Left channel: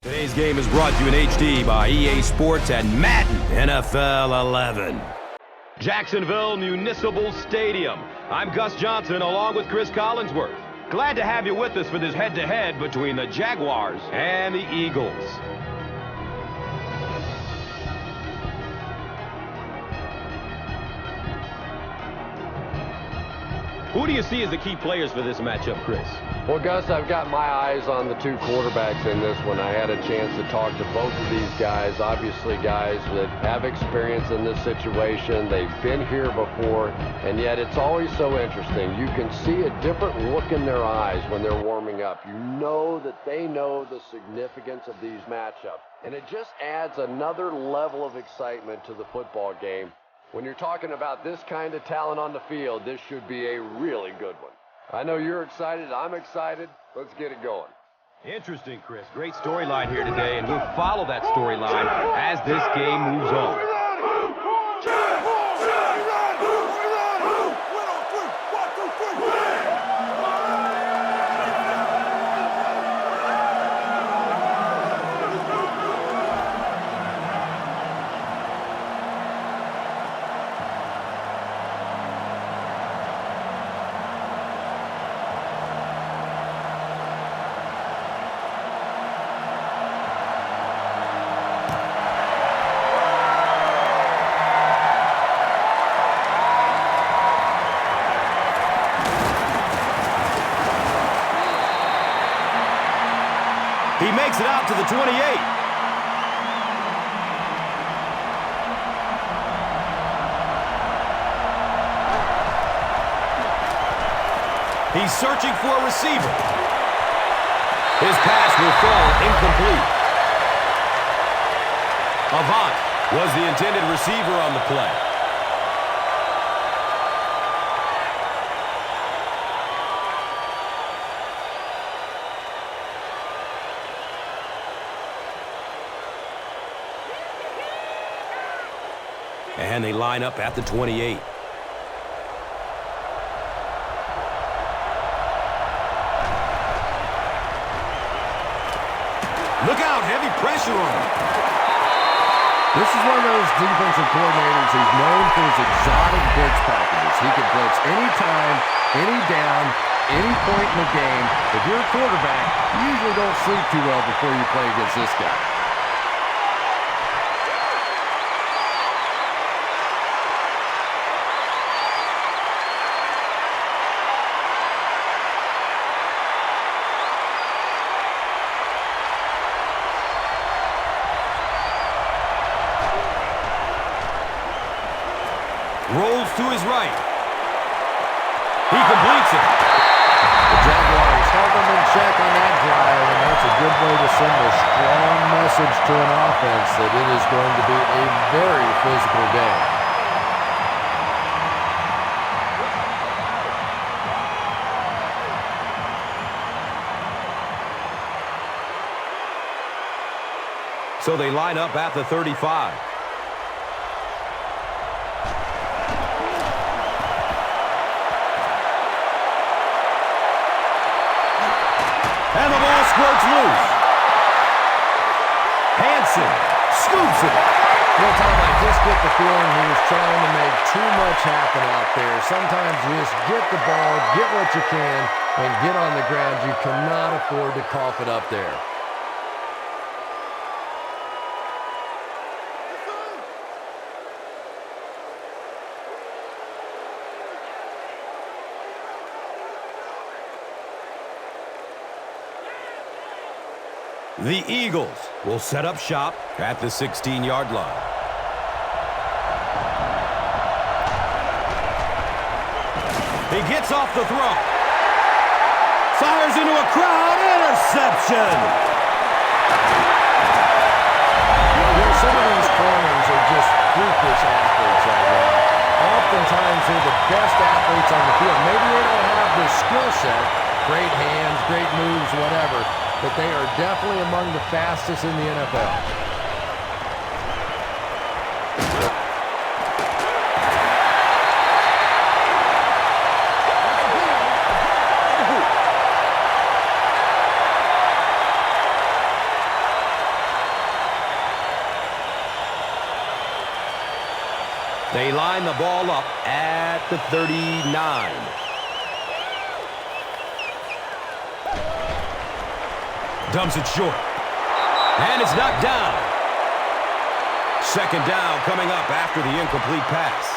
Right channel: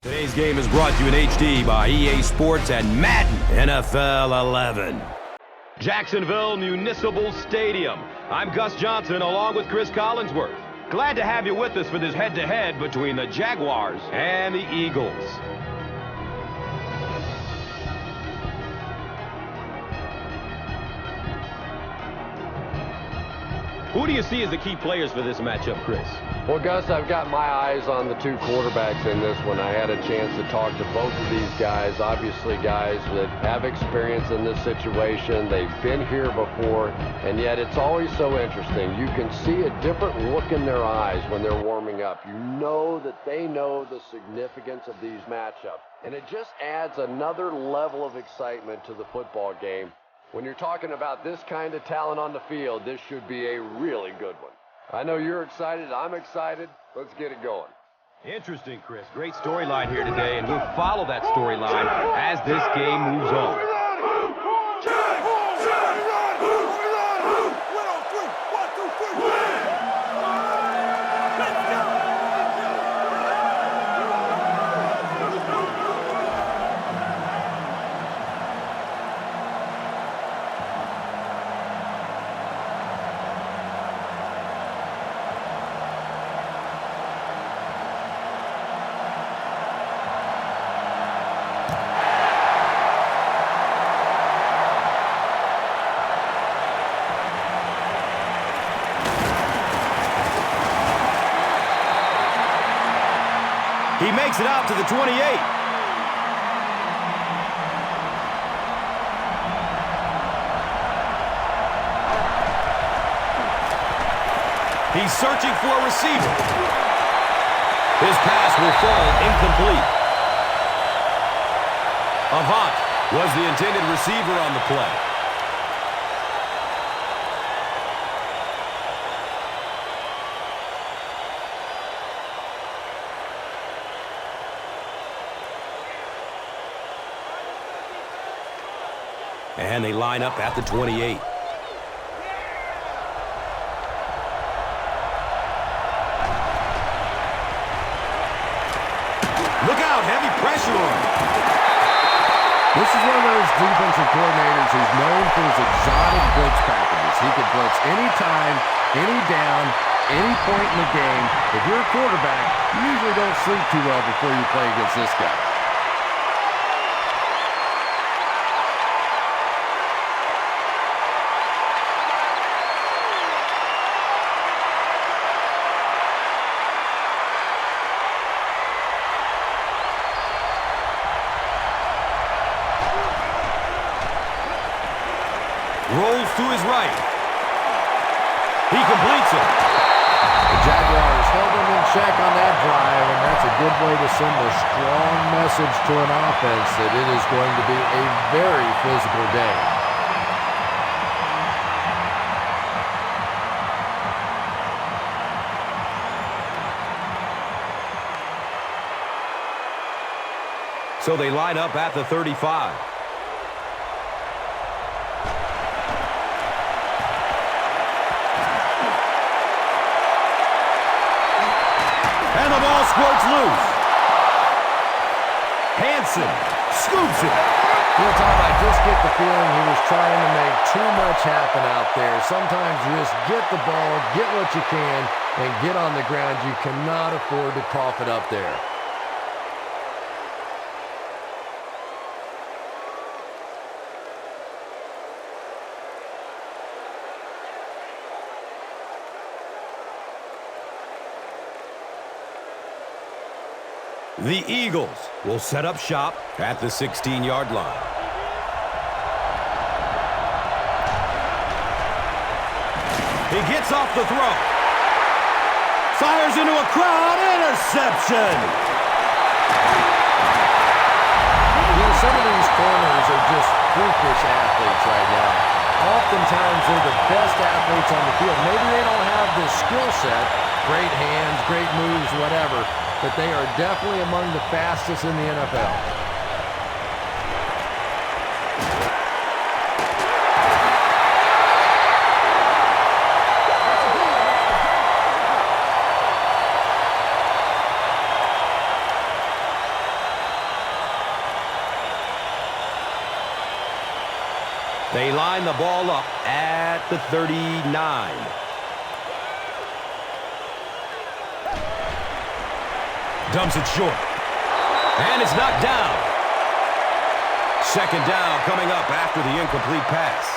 Today's game is brought to you in HD by EA Sports and Madden NFL 11. Jacksonville Municipal Stadium. I'm Gus Johnson along with Chris Collinsworth. Glad to have you with us for this head-to-head between the Jaguars and the Eagles. Who do you see as the key players for this matchup, Chris? Well, Gus, I've got my eyes on the two quarterbacks in this one. I had a chance to talk to both of these guys, obviously guys that have experience in this situation. They've been here before, and yet it's always so interesting. You can see a different look in their eyes when they're warming up. You know that they know the significance of these matchups, and it just adds another level of excitement to the football game. When you're talking about this kind of talent on the field, this should be a really good one. I know you're excited. I'm excited. Let's get it going. Interesting, Chris. Great storyline here today, and we'll follow that storyline as this game moves on. Win on three. 1, 2, 3. He makes it out to the 28. He's searching for a receiver. His pass will fall incomplete. Avant was the intended receiver on the play. And they line up at the 28. Look out, heavy pressure on him. This is one of those defensive coordinators who's known for his exotic blitz packages. He can blitz anytime, any down, any point in the game. If you're a quarterback, you usually don't sleep too well before you play against this guy. Rolls to his right. He completes it. The Jaguars held them in check on that drive, and that's a good way to send a strong message to an offense that it is going to be a very physical game. So they line up at the 35. And the ball squirts loose. Hansen scoops it. You know, Tom, I just get the feeling he was trying to make too much happen out there. Sometimes you just get the ball, get what you can, and get on the ground. You cannot afford to cough it up there. The Eagles will set up shop at the 16-yard line. He gets off the throw. Fires into a crowd. Interception. You know, some of these corners are just freakish athletes right now. Oftentimes, they're the best athletes on the field. Maybe they don't have the skill set, great hands, great moves, whatever, but they are definitely among the fastest in the NFL. They line the ball up at the 39. Dumps it short. And it's knocked down. Second down coming up after the incomplete pass.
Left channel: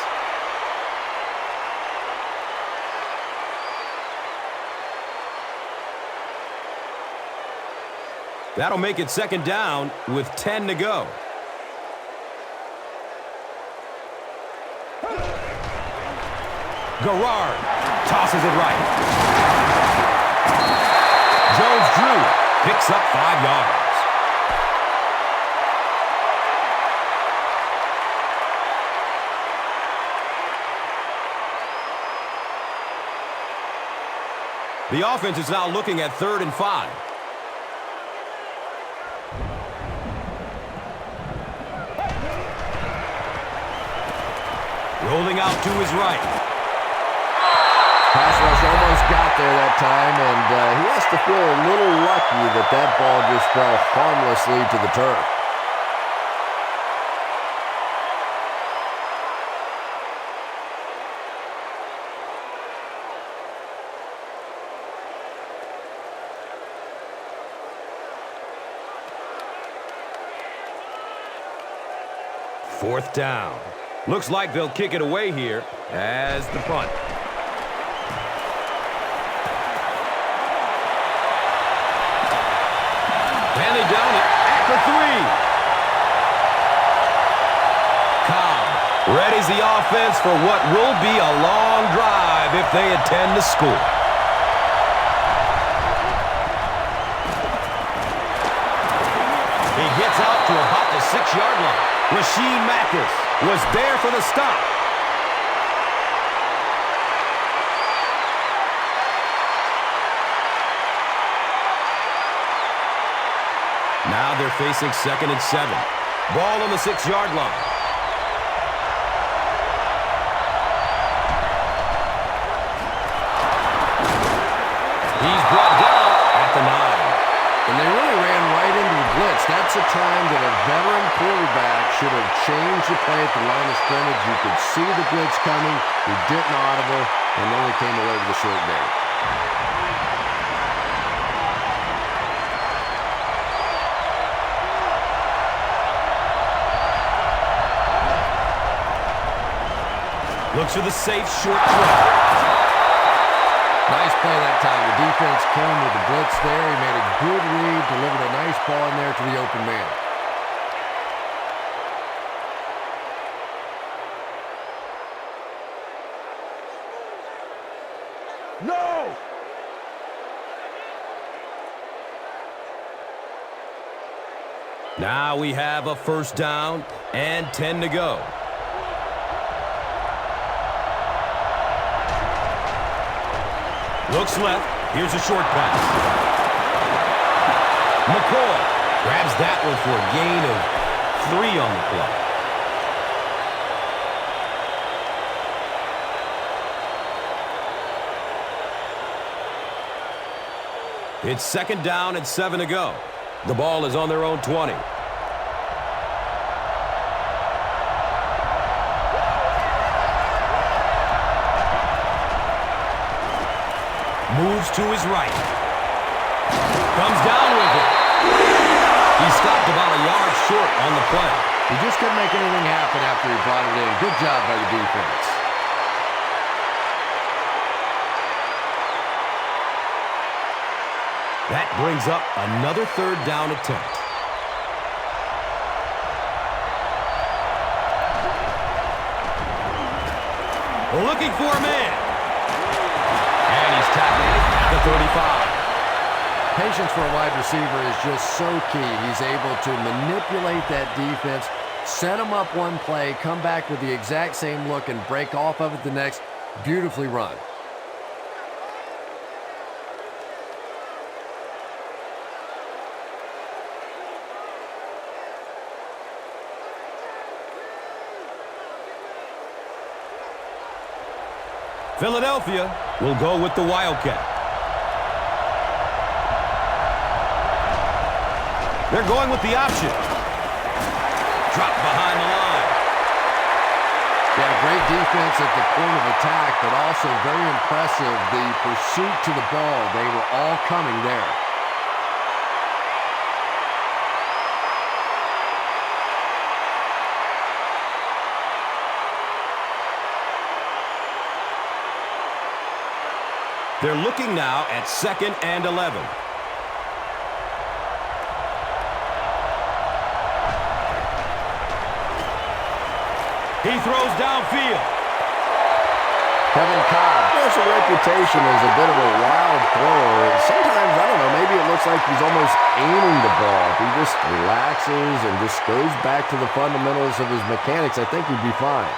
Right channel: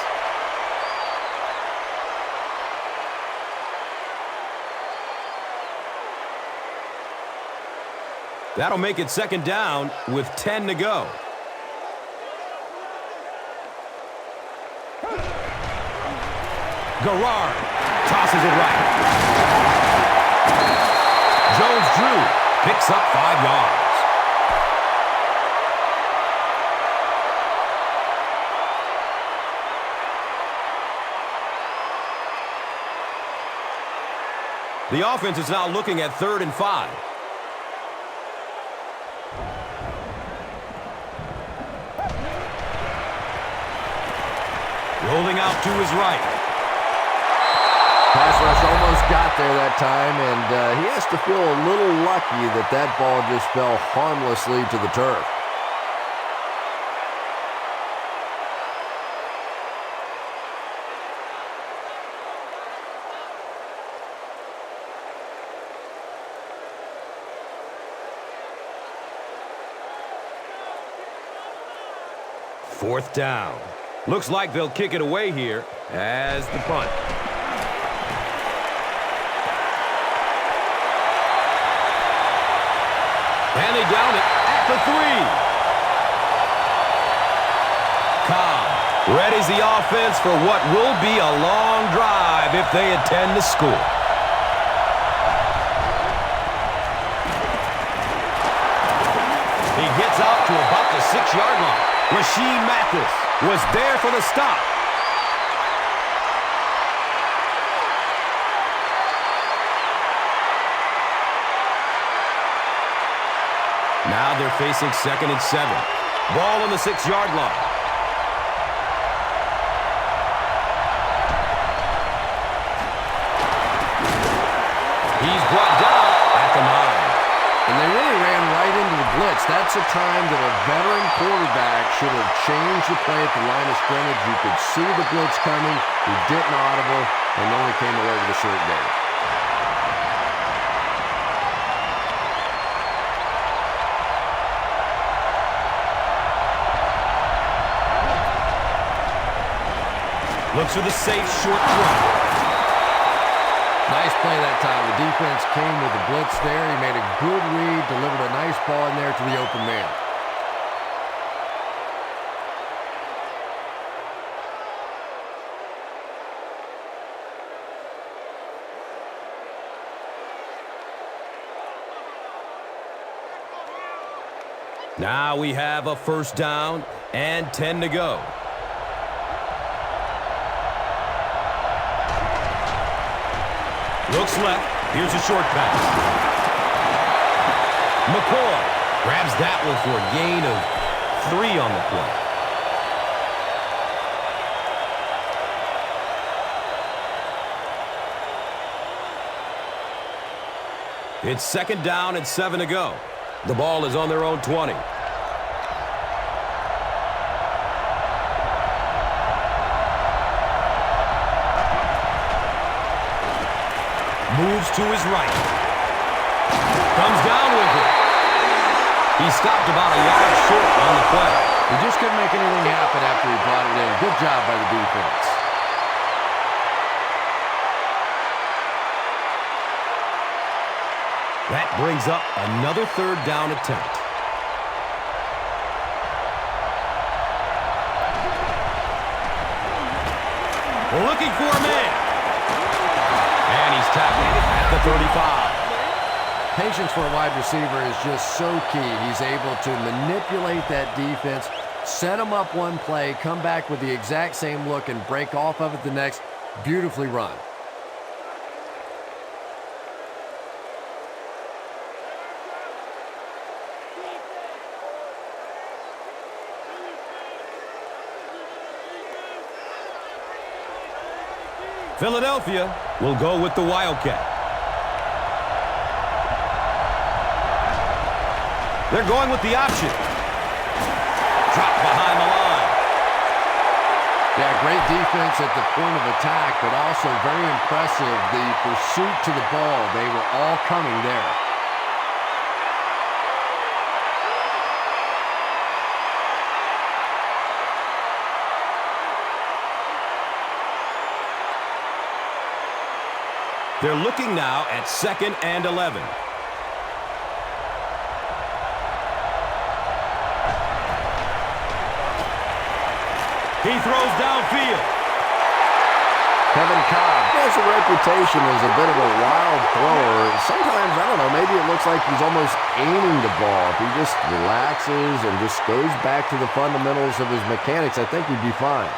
That'll make it second down with 10 to go. Garrard tosses it right. Jones-Drew picks up 5 yards. The offense is now looking at 3rd and 5. Rolling out to his right. Pass rush almost got there that time, and he has to feel a little lucky that that ball just fell harmlessly to the turf. Fourth down. Looks like they'll kick it away here as the punt. And they down it at the 3. Cobb readies the offense for what will be a long drive if they intend to score. He gets out to about the 6-yard line. Rasheed Mathis was there for the stop. Now they're facing 2nd and 7. Ball on the 6-yard line. He's brought down at the 9. And they really ran right into the blitz. That's a time that a veteran quarterback should have changed the play at the line of scrimmage. You could see the blitz coming. He didn't audible and only came away with a short gain. Looks for the safe short throw. Nice play that time. The defense came with the blitz there. He made a good read, delivered a nice ball in there to the open man. No! Now we have a first down and 10 to go. Looks left. Here's a short pass. McCoy grabs that one for a gain of 3 on the play. It's second down and 7 to go. The ball is on their own 20. Moves to his right. Comes down with it. He stopped about a yard short on the play. He just couldn't make anything happen after he brought it in. Good job by the defense. That brings up another third down attempt. Looking for a man. And he's tackled at the 35. Patience for a wide receiver is just so key. He's able to manipulate that defense, set them up one play, come back with the exact same look, and break off of it the next. Beautifully run. Philadelphia will go with the Wildcat. They're going with the option. Dropped behind the line. Yeah, great defense at the point of attack, but also very impressive, the pursuit to the ball. They were all coming there. They're looking now at 2nd and 11. He throws downfield. Kevin Cobb has a reputation as a bit of a wild thrower. Sometimes, I don't know, maybe it looks like he's almost aiming the ball. If he just relaxes and just goes back to the fundamentals of his mechanics, I think he'd be fine.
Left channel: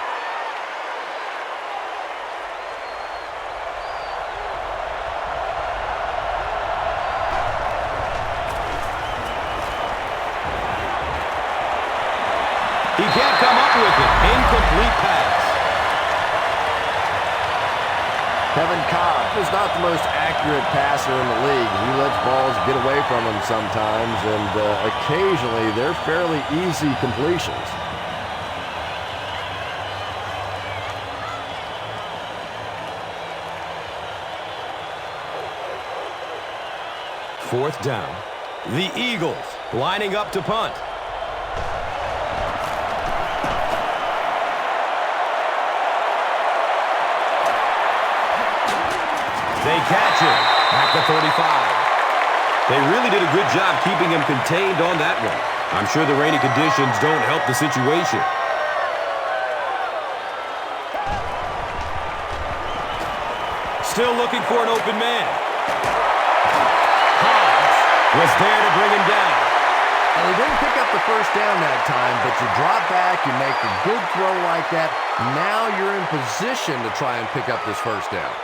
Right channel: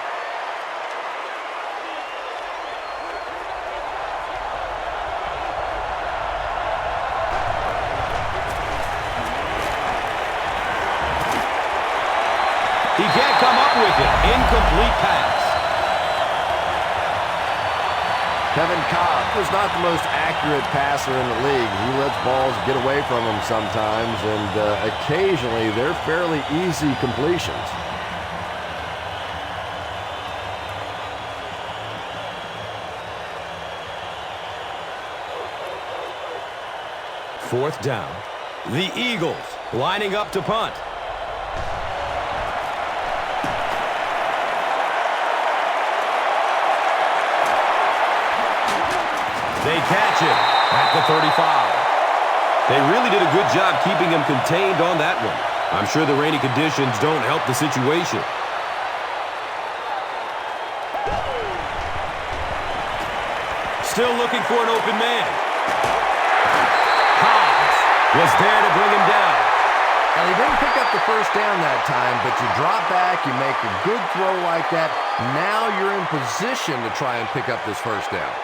He can't come up with it. Incomplete pass. Kevin Cobb is not the most accurate passer in the league. He lets balls get away from him sometimes, and occasionally they're fairly easy completions. Fourth down. The Eagles lining up to punt. They catch him at the 35. They really did a good job keeping him contained on that one. I'm sure the rainy conditions don't help the situation. Still looking for an open man. Hobbs was there to bring him down. And he didn't pick up the first down that time, but you drop back, you make a good throw like that. Now you're in position to try and pick up this first down.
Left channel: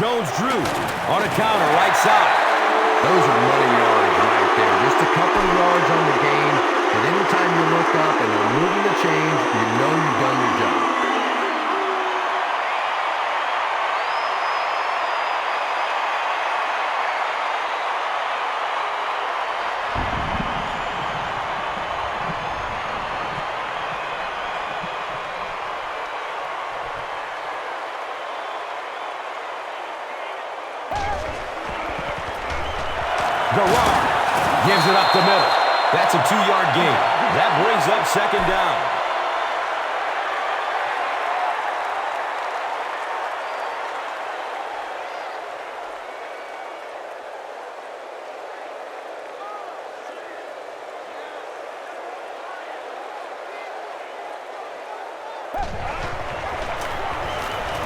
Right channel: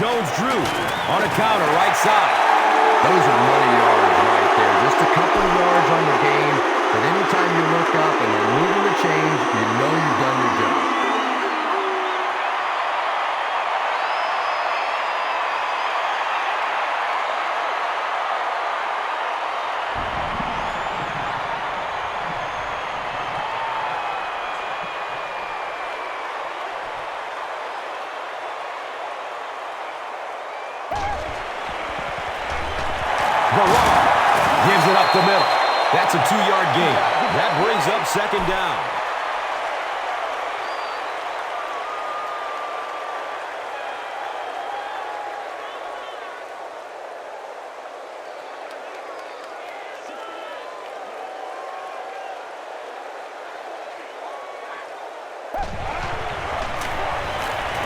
Jones-Drew on a counter right side. Those are money yards right there. Just a couple of yards on the game. But anytime you look up and they're moving the chains, you know you've done your job. Garrard gives it up the middle. That's a 2-yard gain. That brings up 2nd down.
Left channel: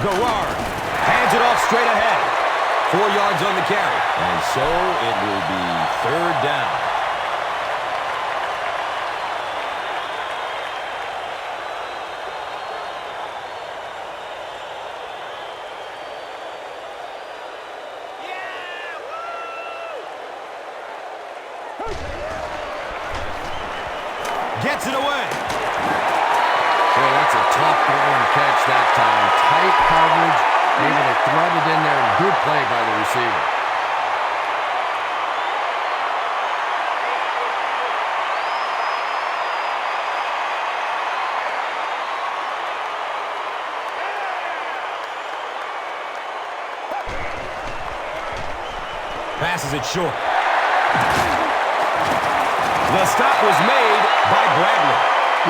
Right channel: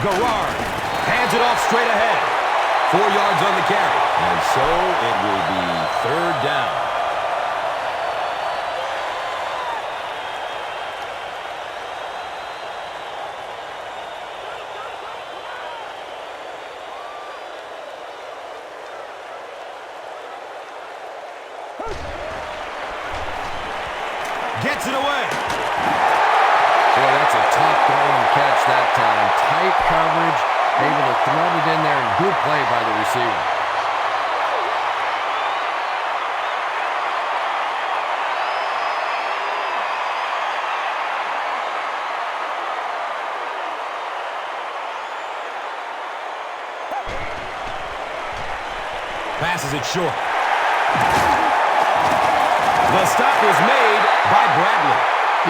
Garrard hands it off straight ahead. 4 yards on the carry. And so it will be 3rd down. Gets it away. Boy, that's a tough throw and catch that time. Tight coverage, able to thread it in there, and good play by the receiver. Passes it short. The stop was made by Bradley.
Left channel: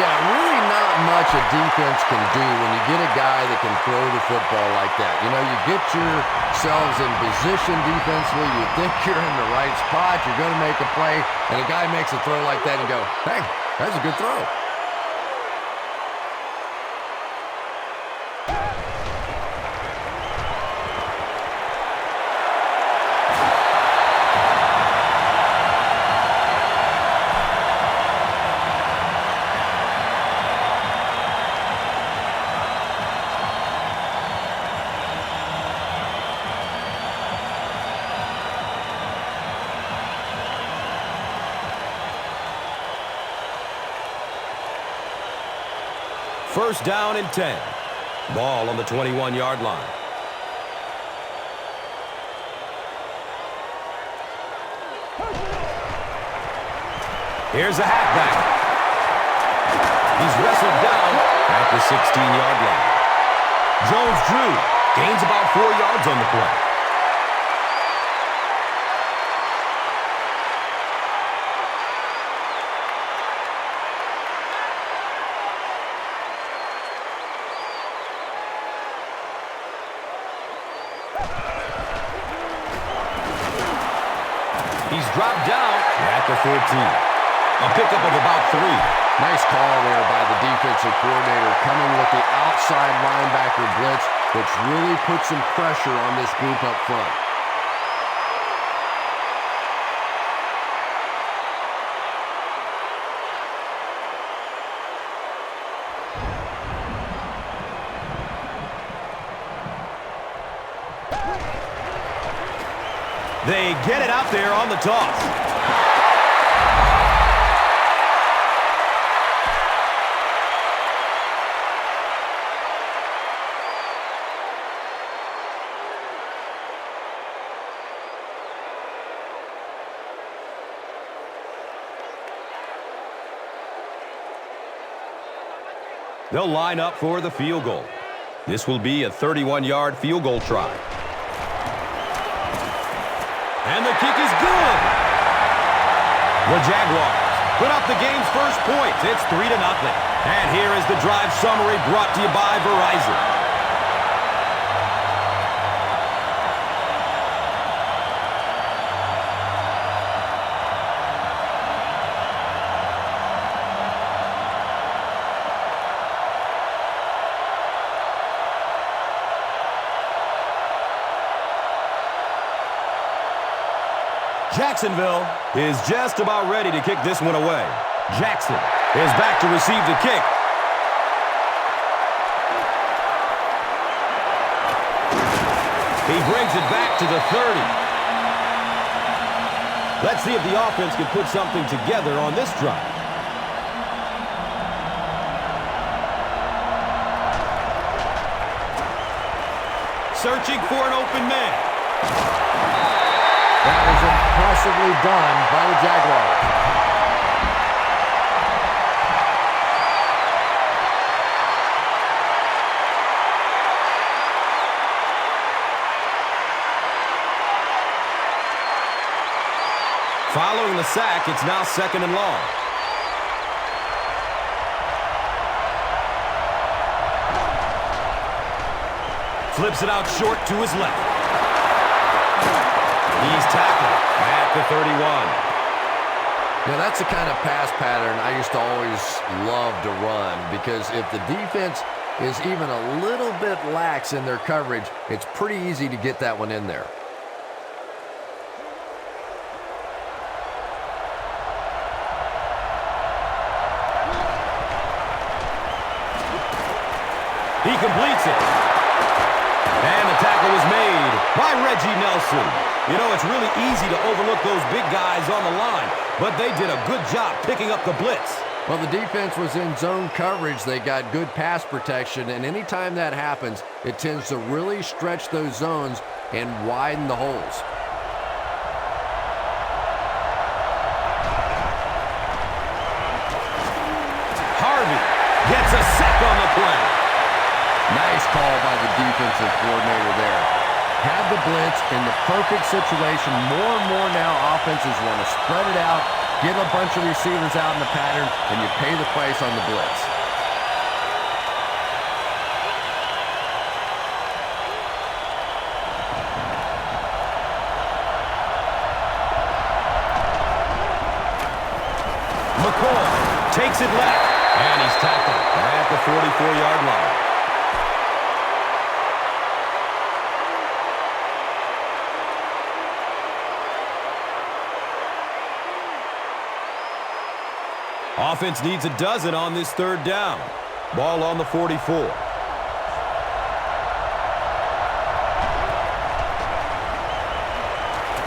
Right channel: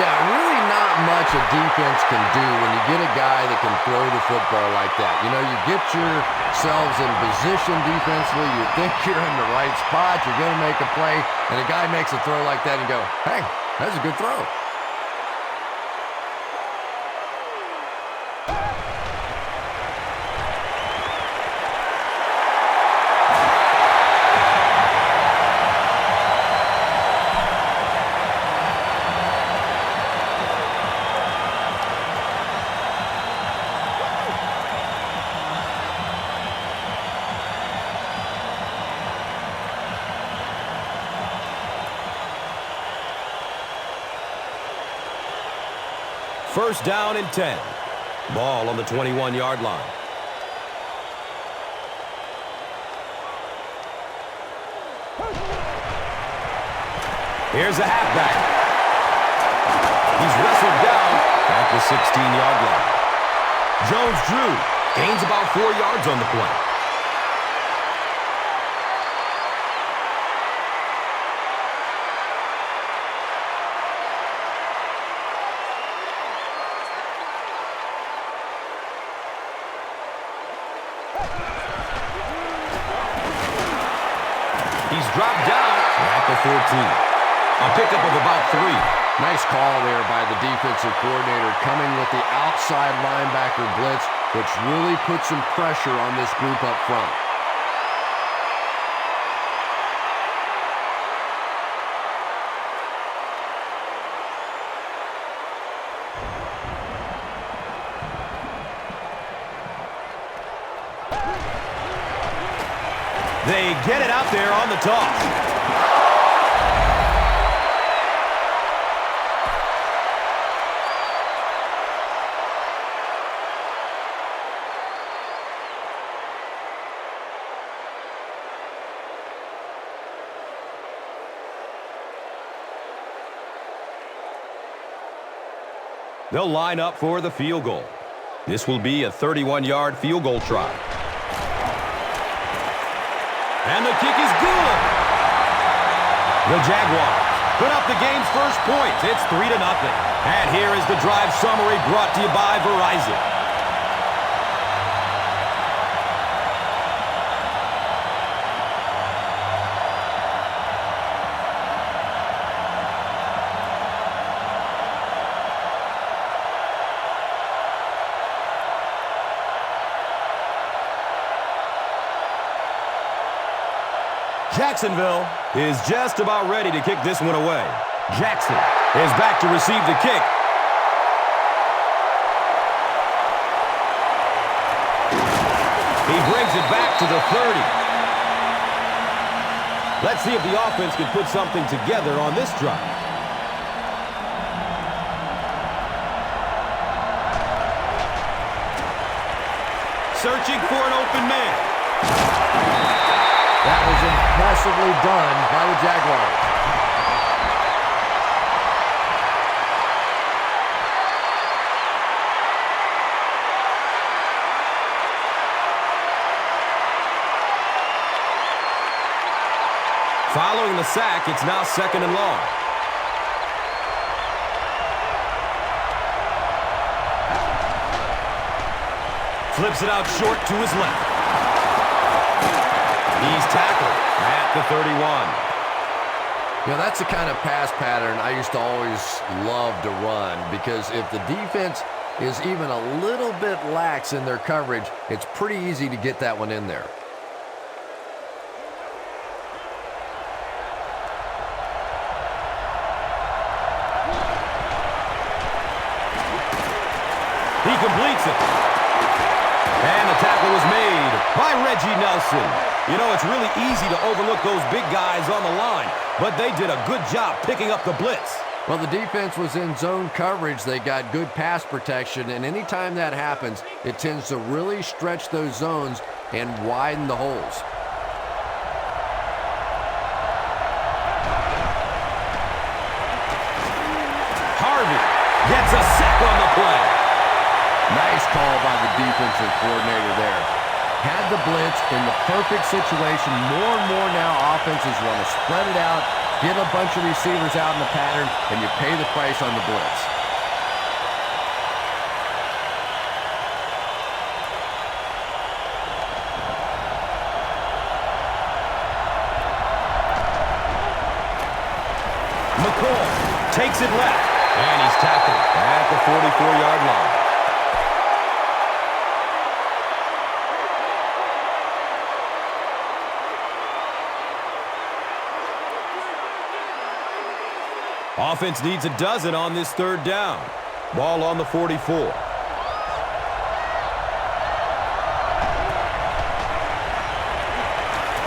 Yeah, really not much a defense can do when you get a guy that can throw the football like that. You know, you get yourselves in position defensively, you think you're in the right spot, you're going to make a play, and a guy makes a throw like that and you go, hey, that's a good throw. First down and 10. Ball on the 21-yard line. Here's the halfback. He's wrestled down at the 16-yard line. Jones-Drew gains about 4 yards on the play. He's dropped down at the 14. A pickup of about 3. Nice call there by the defensive coordinator, coming with the outside linebacker blitz, which really puts some pressure on this group up front. They get it out there on the toss. They'll line up for the field goal. This will be a 31-yard field goal try. And the kick is good. The Jaguars put up the game's first points. It's 3-0. And here is the drive summary brought to you by Verizon. Jacksonville is just about ready to kick this one away. Jackson is back to receive the kick. He brings it back to the 30. Let's see if the offense can put something together on this drive. Searching for an open man. That was impressively done by the Jaguars. Following the sack, it's now 2nd and long. Flips it out short to his left. He's tackled at the 31. You know, that's the kind of pass pattern I used to always love to run, because if the defense is even a little bit lax in their coverage, it's pretty easy to get that one in there. He completes it. And the tackle was made by Reggie Nelson. You know, it's really easy to overlook those big guys on the line, but they did a good job picking up the blitz. Well, the defense was in zone coverage. They got good pass protection, and anytime that happens, it tends to really stretch those zones and widen the holes. Harvey gets a sack on the play. Nice call by the defensive coordinator there. Had the blitz in the perfect situation. More and more now offenses want to spread it out, get a bunch of receivers out in the pattern, and you pay the price on the blitz. McCoy takes it left, and he's tackled at the 44-yard line. Offense needs a dozen on this 3rd down. Ball on the 44.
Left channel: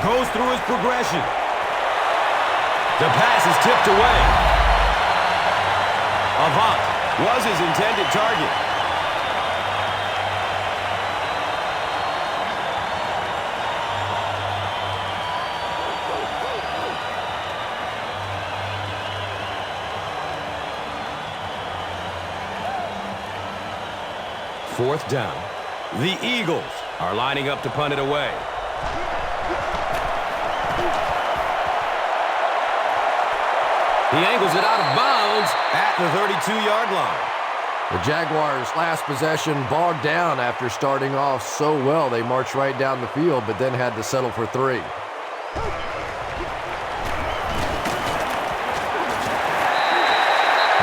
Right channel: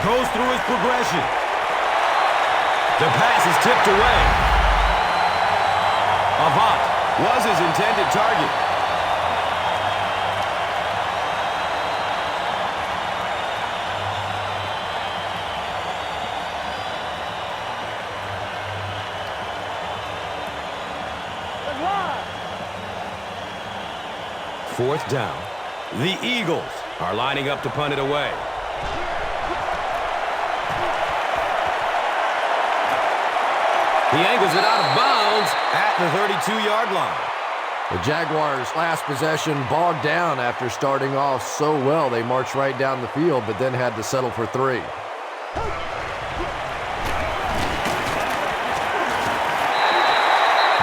Goes through his progression. The pass is tipped away. Avant was his intended target. 4th down. The Eagles are lining up to punt it away. He angles it out of bounds at the 32-yard line. The Jaguars' last possession bogged down after starting off so well. They marched right down the field, but then had to settle for 3.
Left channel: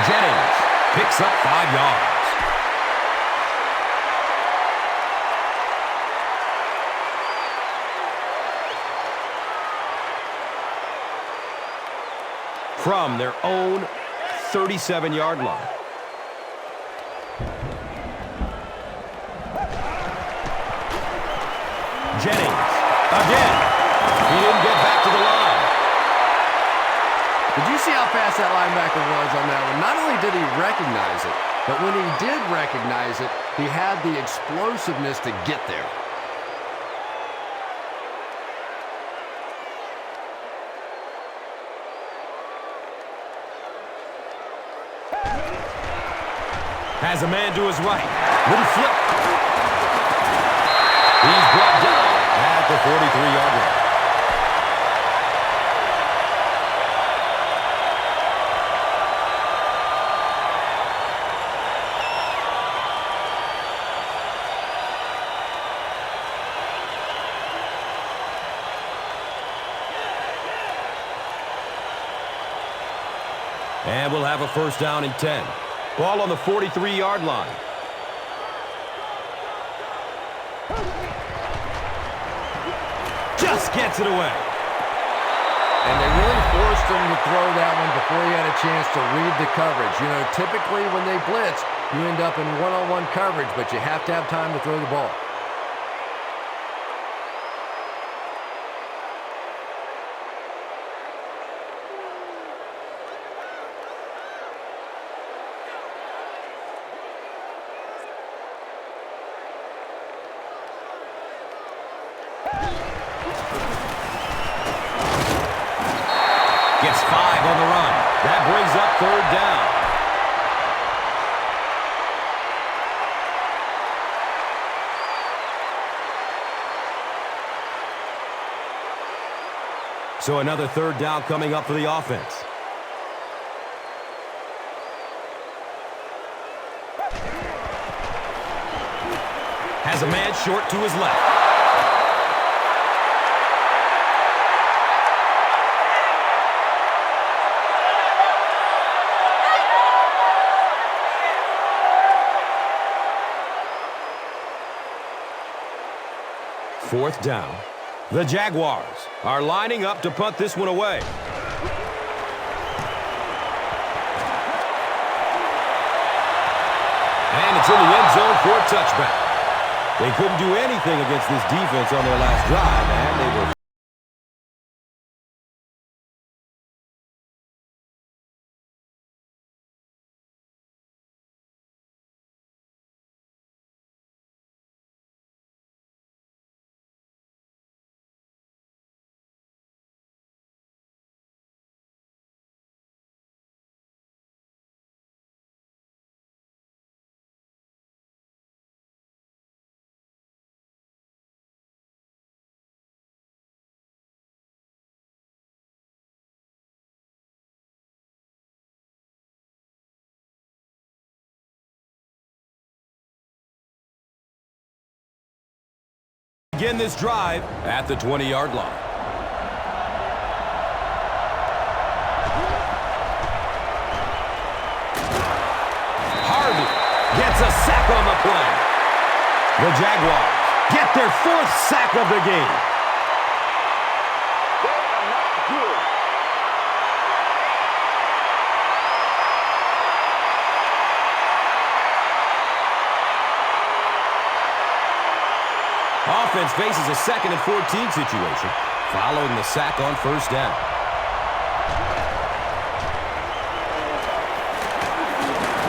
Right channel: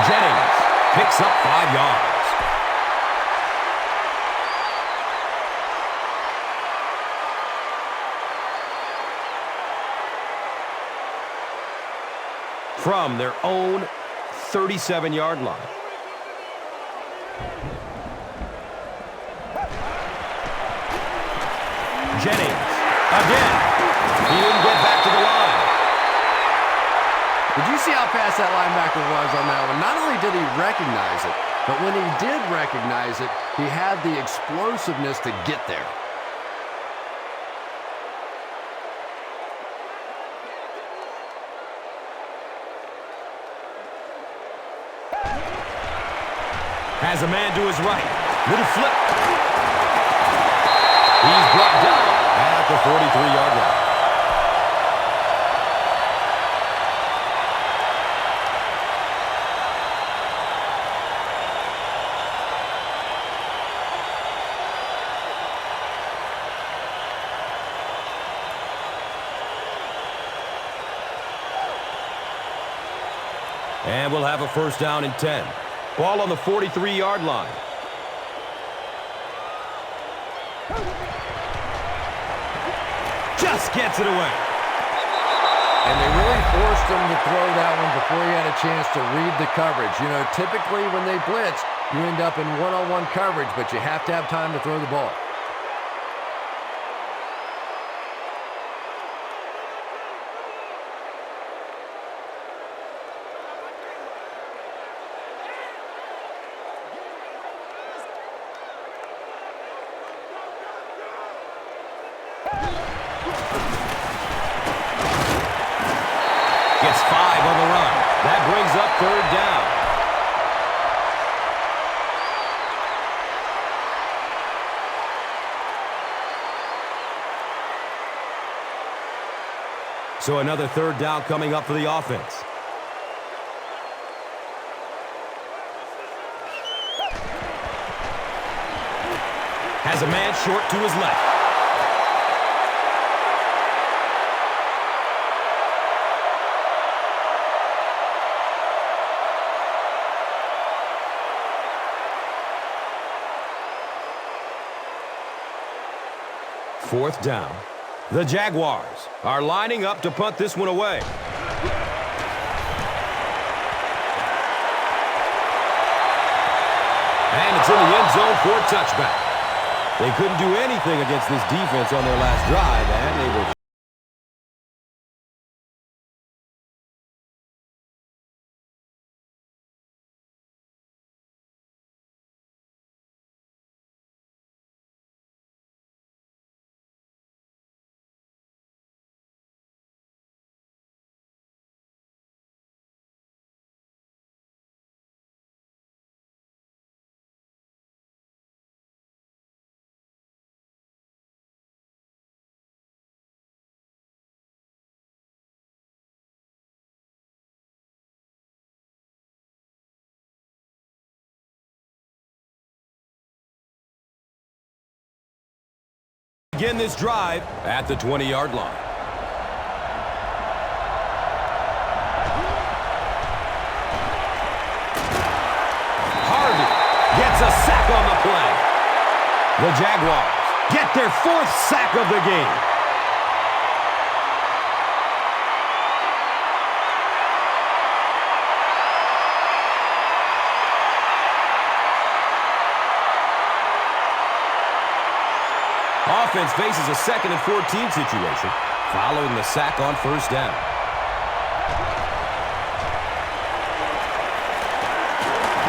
Jennings picks up 5 yards. From their own 37-yard line. Jennings, again. He didn't get back to the line. Did you see how fast that linebacker was on that one? Not only did he recognize it, but when he did recognize it, he had the explosiveness to get there. Has a man to his right. Little flip. He's brought down at the 43-yard line. And we'll have a 1st down and 10. Ball on the 43-yard line. Just gets it away. And they really forced him to throw that one before he had a chance to read the coverage. You know, typically when they blitz, you end up in one-on-one coverage, but you have to have time to throw the ball. Gets 5 on the run. That brings up 3rd down. So another 3rd down coming up for the offense. Has a man short to his left. Fourth down. The Jaguars are lining up to punt this one away. And it's in the end zone for a touchback. They couldn't do anything against this defense on their last drive, and they were begin this drive at the 20-yard line. Harvey gets a sack on the play. The Jaguars get their 4th sack of the game. Offense faces a 2nd and 14 situation following the sack on 1st down.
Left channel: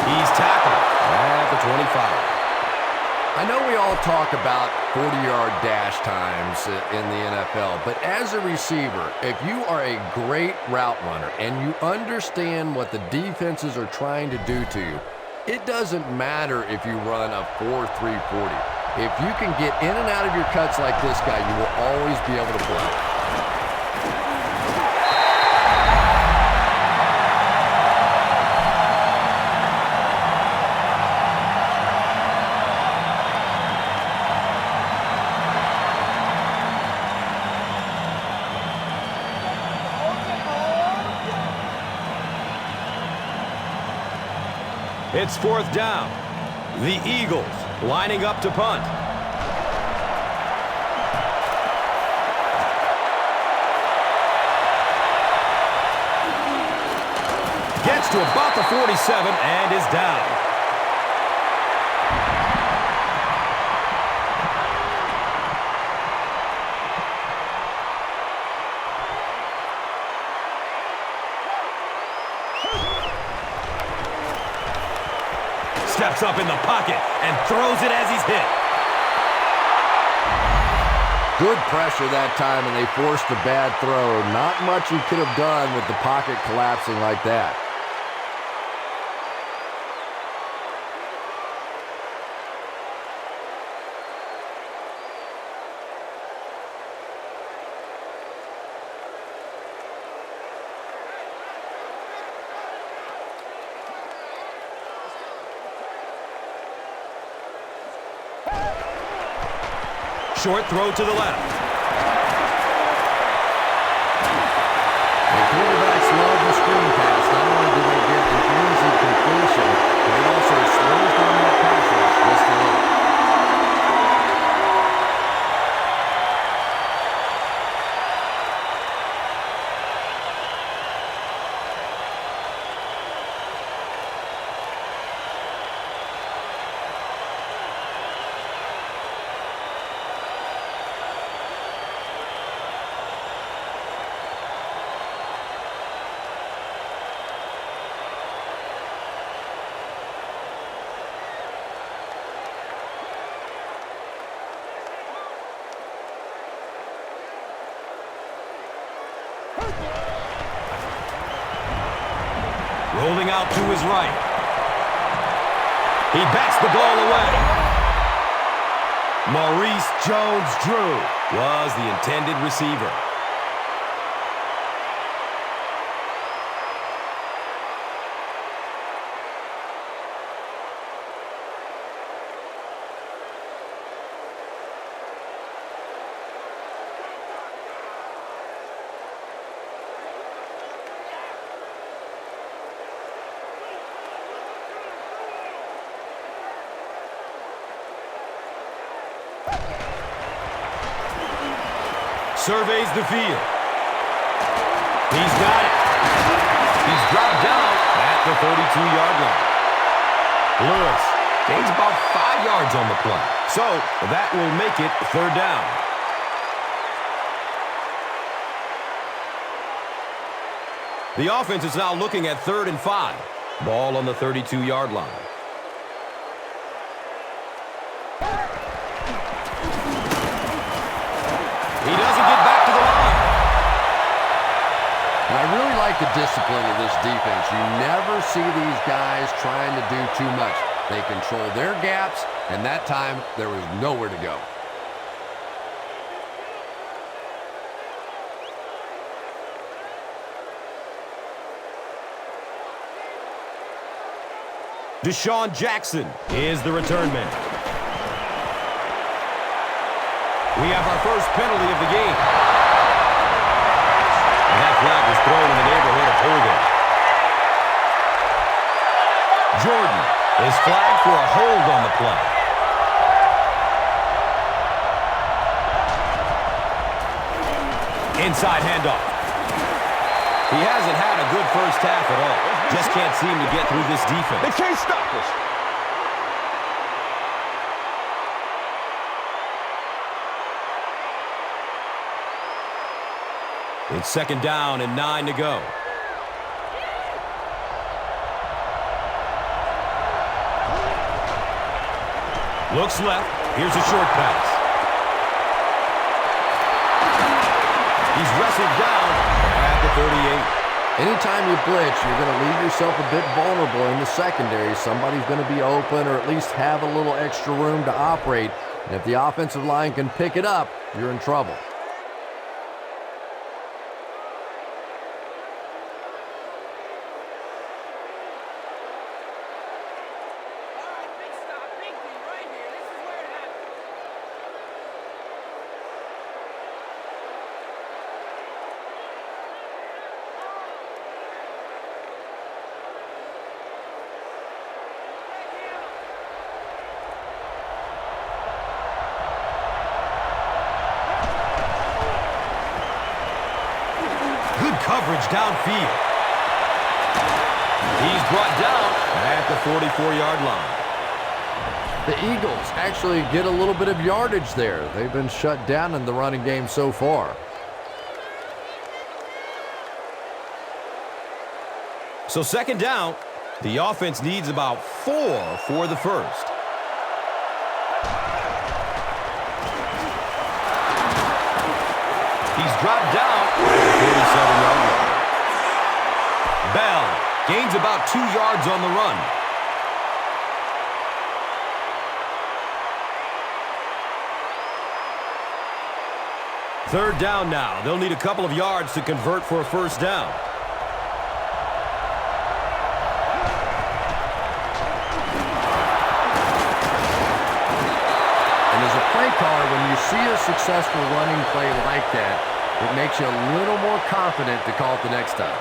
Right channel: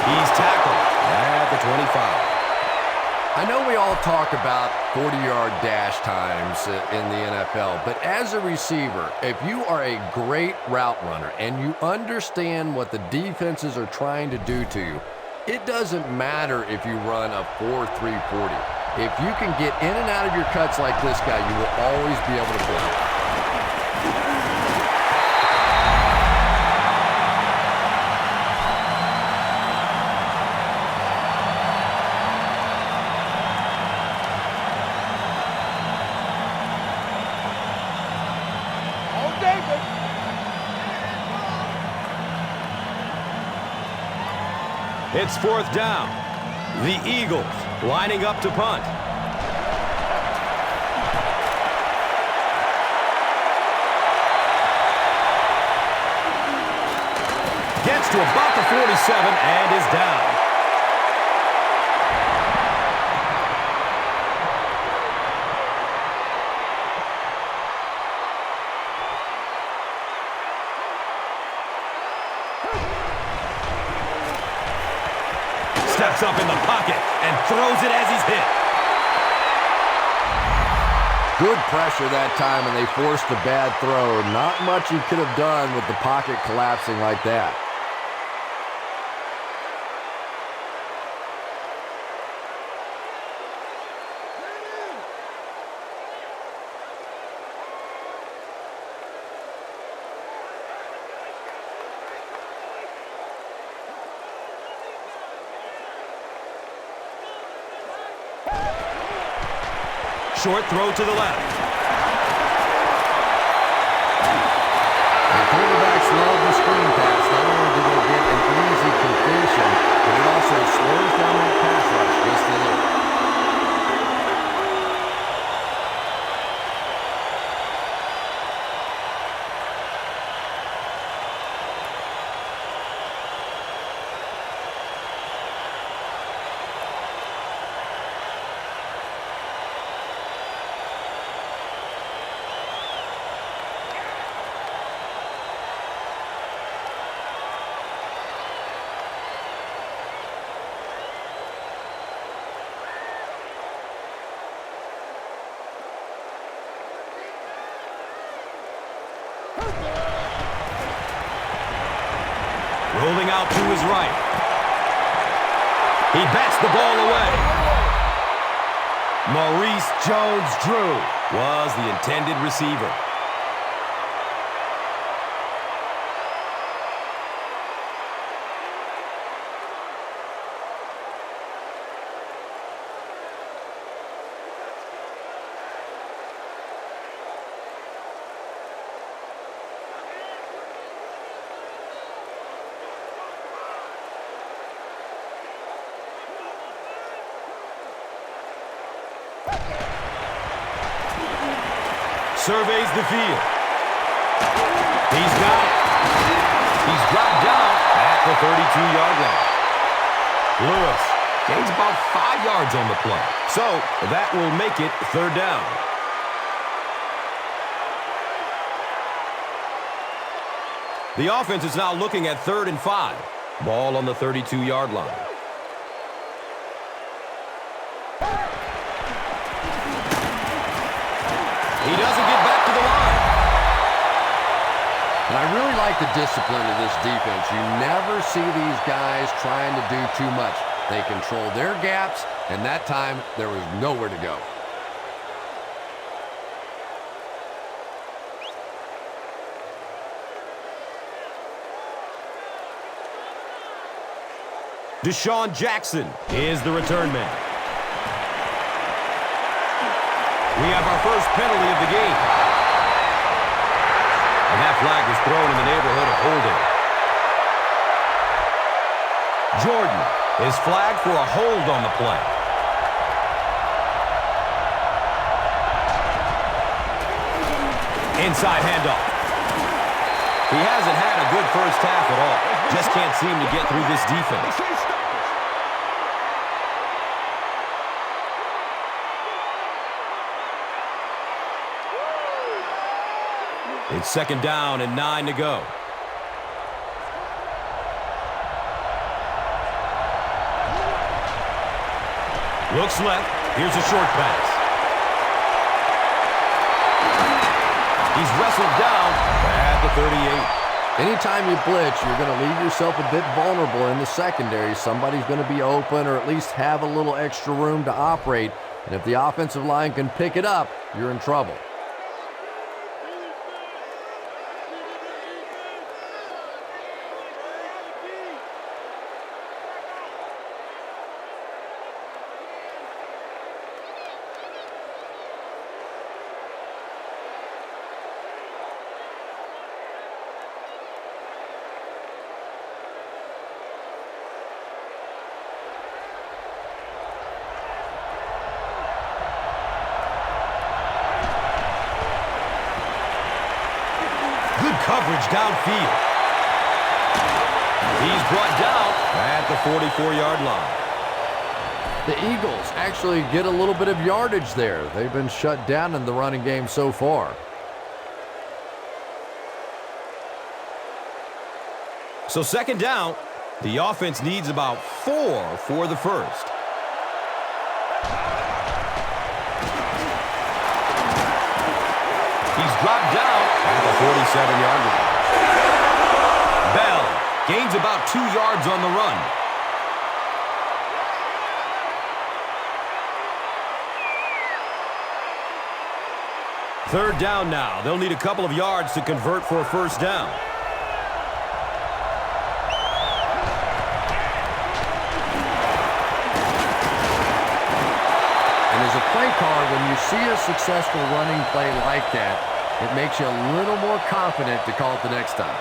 He's tackled at the 25. I know we all talk about 40-yard dash times in the NFL, but as a receiver, if you are a great route runner and you understand what the defenses are trying to do to you, It doesn't matter if you run a 4.3 40. If you can get in and out of your cuts like this guy, you will always be able to play. It's 4th down. The Eagles lining up to punt. Gets to about the 47 and is down. Steps up in the pocket and throws it as he's hit. Good pressure that time, and they forced a bad throw. Not much he could have done with the pocket collapsing like that. Short throw to the left. And quarterbacks love the screen pass. Not only do they get an easy completion, but it also slows down that pass rush just a little. Rolling out to his right. He bats the ball away. Maurice Jones-Drew was the intended receiver. Surveys the field. He's got it. He's dropped down at the 32-yard line. Lewis gains about 5 yards on the play. So that will make it 3rd down. The offense is now looking at 3rd and 5. Ball on the 32-yard line. He doesn't get back to the line. And I really like the discipline of this defense. You never see these guys trying to do too much. They control their gaps, and that time there was nowhere to go. Deshaun Jackson is the return man. We have our first penalty of the game. And that flag was thrown in the neighborhood of holding. Jordan is flagged for a hold on the play. Inside handoff. He hasn't had a good first half at all. Just can't seem to get through this defense. They can't stop us. It's 2nd down and 9 to go. Looks left. Here's a short pass. He's wrestled down at the 38. Anytime you blitz, you're going to leave yourself a bit vulnerable in the secondary. Somebody's going to be open or at least have a little extra room to operate. And if the offensive line can pick it up, you're in trouble. Good coverage downfield. He's brought down at the 44-yard line. The Eagles actually get a little bit of yardage there. They've been shut down in the running game so far. So second down, the offense needs about 4 for the first. He's dropped down at the 47-yard line. Bell gains about 2 yards on the run. Third down now. They'll need a couple of yards to convert for a first down. And as a play caller, when you see a successful running play like that, it makes you a little more confident to call it the next time.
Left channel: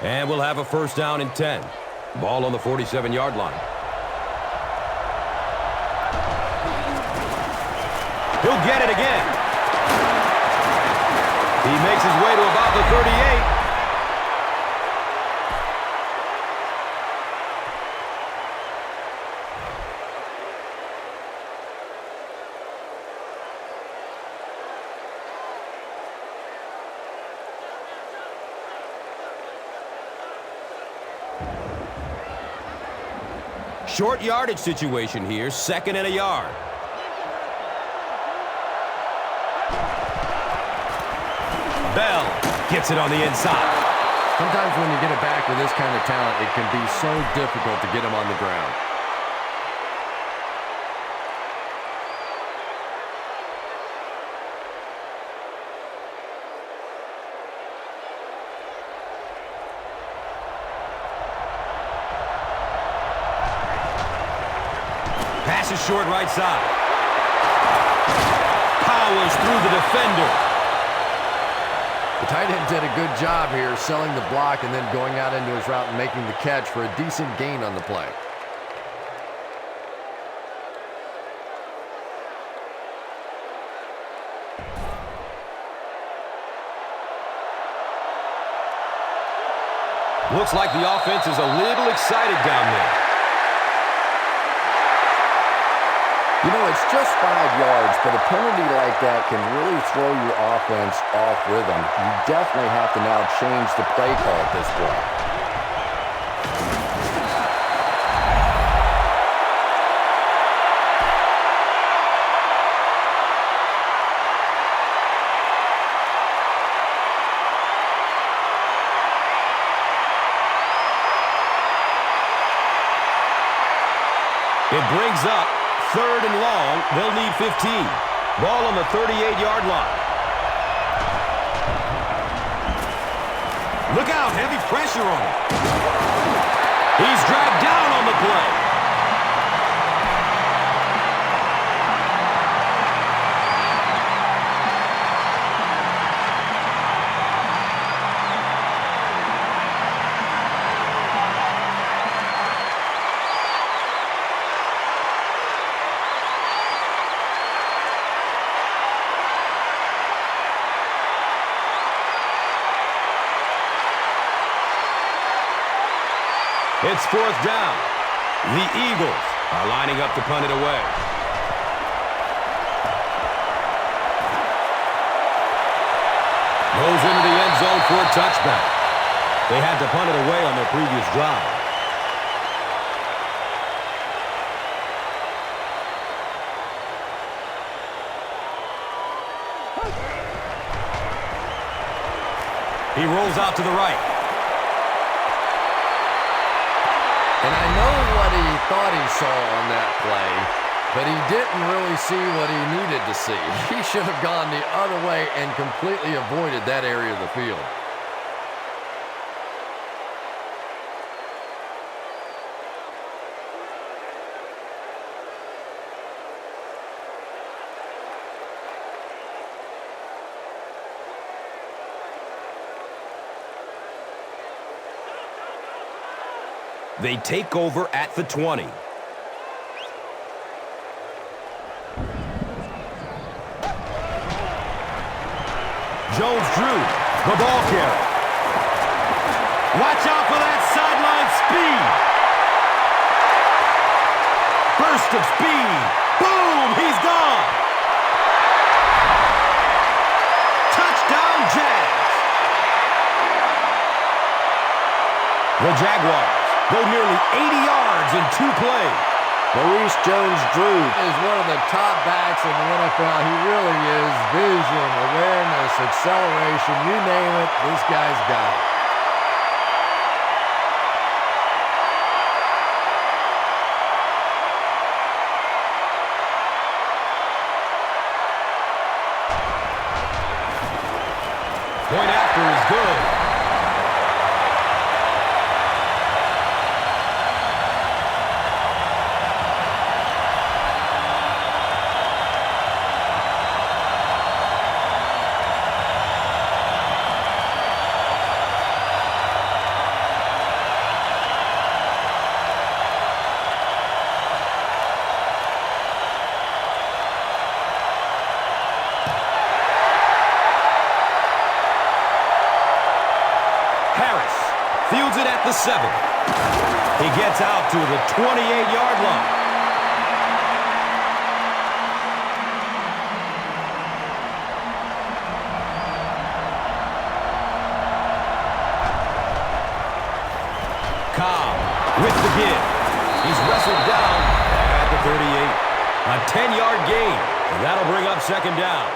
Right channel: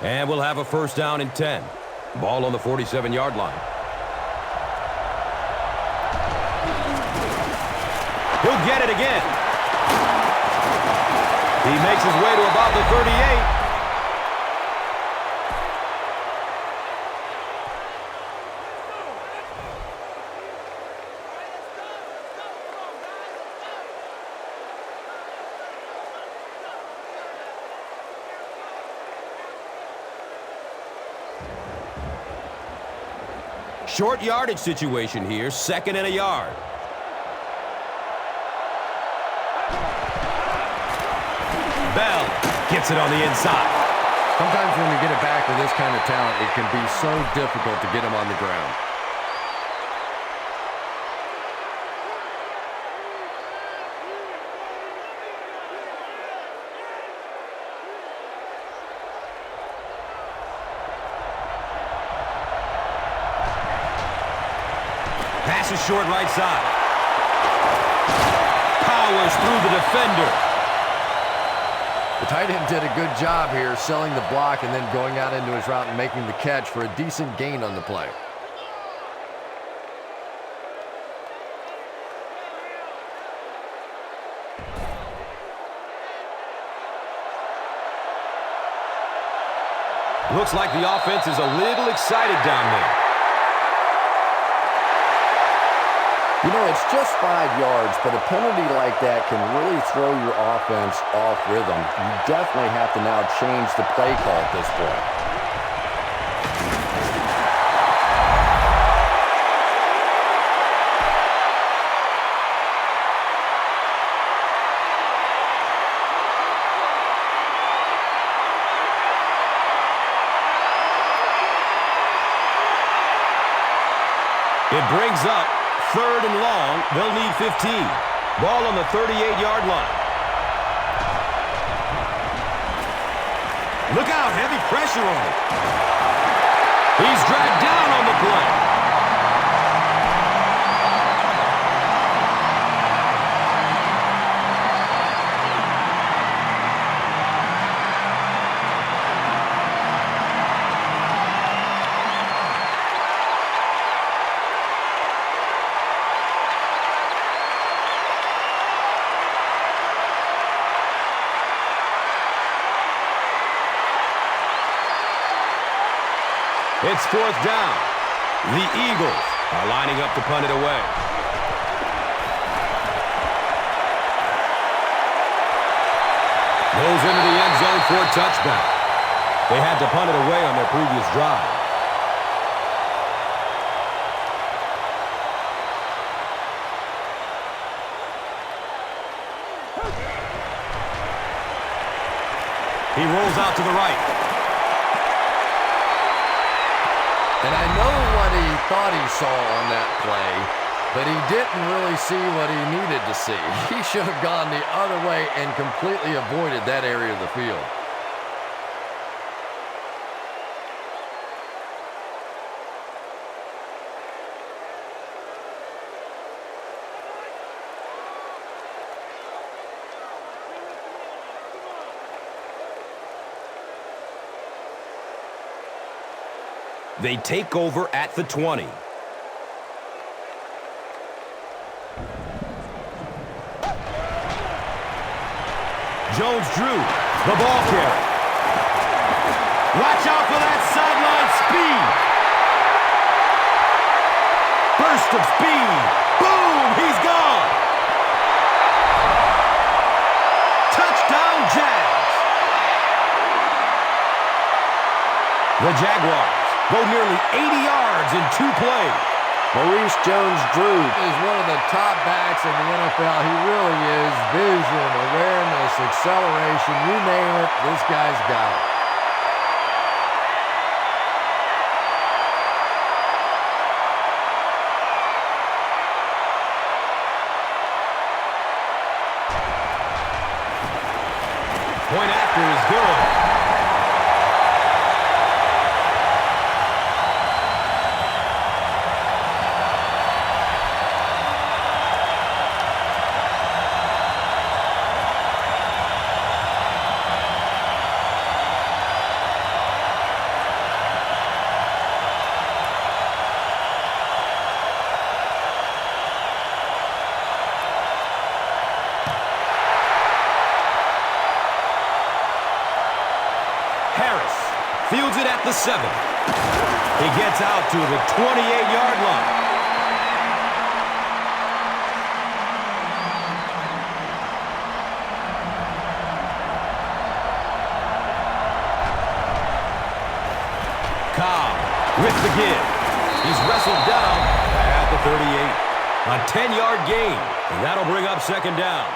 And we'll have a first down and 10. Ball on the 47-yard line. He'll get it again. He makes his way to about the 38. Short yardage situation here, second and a yard. Bell gets it on the inside. Sometimes when you get it back with this kind of talent, it can be so difficult to get him on the ground. Pass is short right side. Powers through the defender. The tight end did a good job here selling the block and then going out into his route and making the catch for a decent gain on the play. Looks like the offense is a little excited down there. You know, it's just 5 yards, but a penalty like that can really throw your offense off rhythm. You definitely have to now change the play call at this point. It brings up third and long. They'll need 15. Ball on the 38-yard line. Look out, heavy pressure on him. He's dragged down on the play. It's fourth down. The Eagles are lining up to punt it away. Goes into the end zone for a touchback. They had to punt it away on their previous drive. He rolls out to the right. And I know what he thought he saw on that play, but he didn't really see what he needed to see. He should have gone the other way and completely avoided that area of the field. They take over at the 20. Jones drew the ball carrier. Watch out for that sideline speed. Burst of speed. Boom, he's gone. Touchdown, Jags. The Jaguars go nearly 80 yards in 2 plays. Maurice Jones-Drew is one of the top backs in the NFL. He really is. Vision, awareness, acceleration, you name it, this guy's got it. Point after is good. Harris fields it at the 7. He gets out to the 28-yard line. Cobb with the give. He's wrestled down at the 38. A 10-yard gain, and that'll bring up second down.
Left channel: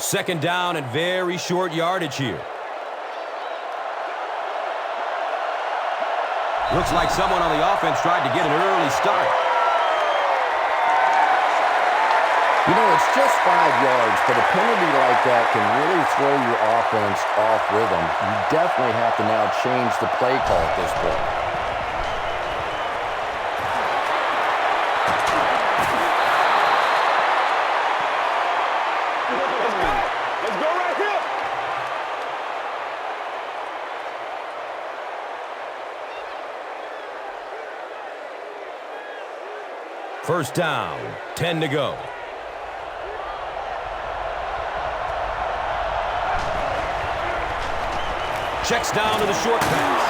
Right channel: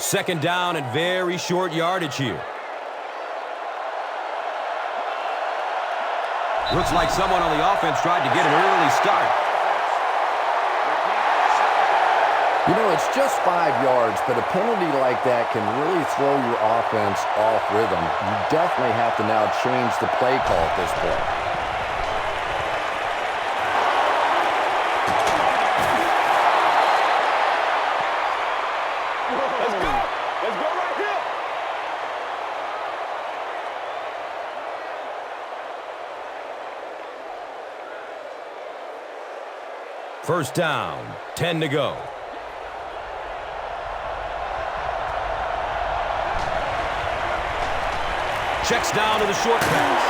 Second down and very short yardage here. Looks like someone on the offense tried to get an early start. You know, it's just 5 yards, but a penalty like that can really throw your offense off rhythm. You definitely have to now change the play call at this point. Let's go. Let's go right here. First down, 10 to go. Checks down to the short pass.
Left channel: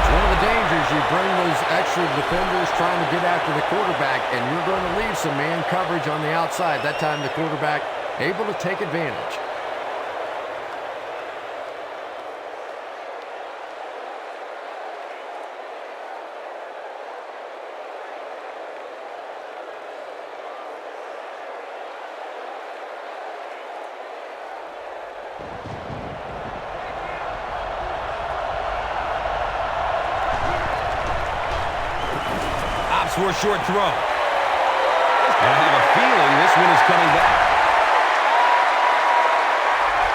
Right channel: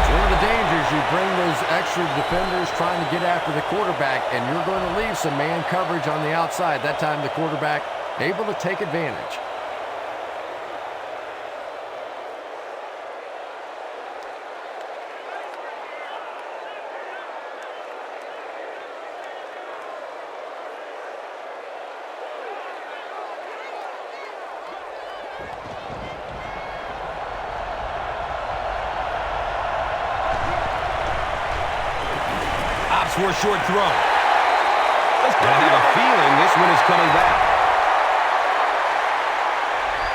It's one of the dangers. You bring those extra defenders trying to get after the quarterback, and you're going to leave some man coverage on the outside. That time the quarterback able to take advantage. Opts for a short throw. And I have a feeling this one is coming back.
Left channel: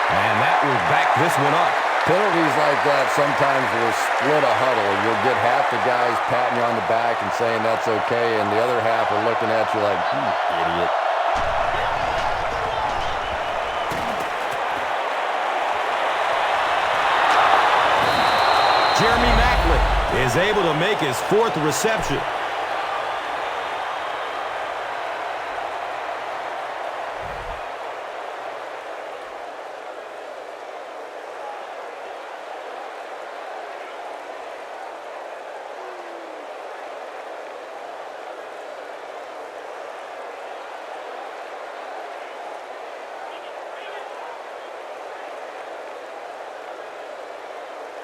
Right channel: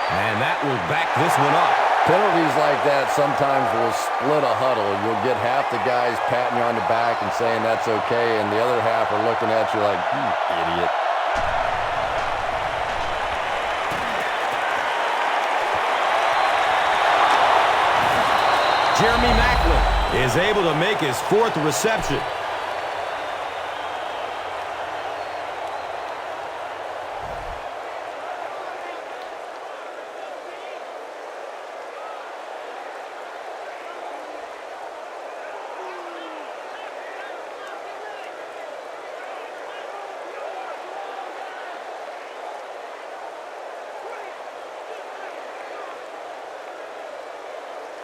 And that will back this one up. Penalties like that sometimes will split a huddle. You'll get half the guys patting you on the back and saying that's okay, and the other half are looking at you like, you idiot. Jeremy Maclin is able to make his 4th reception.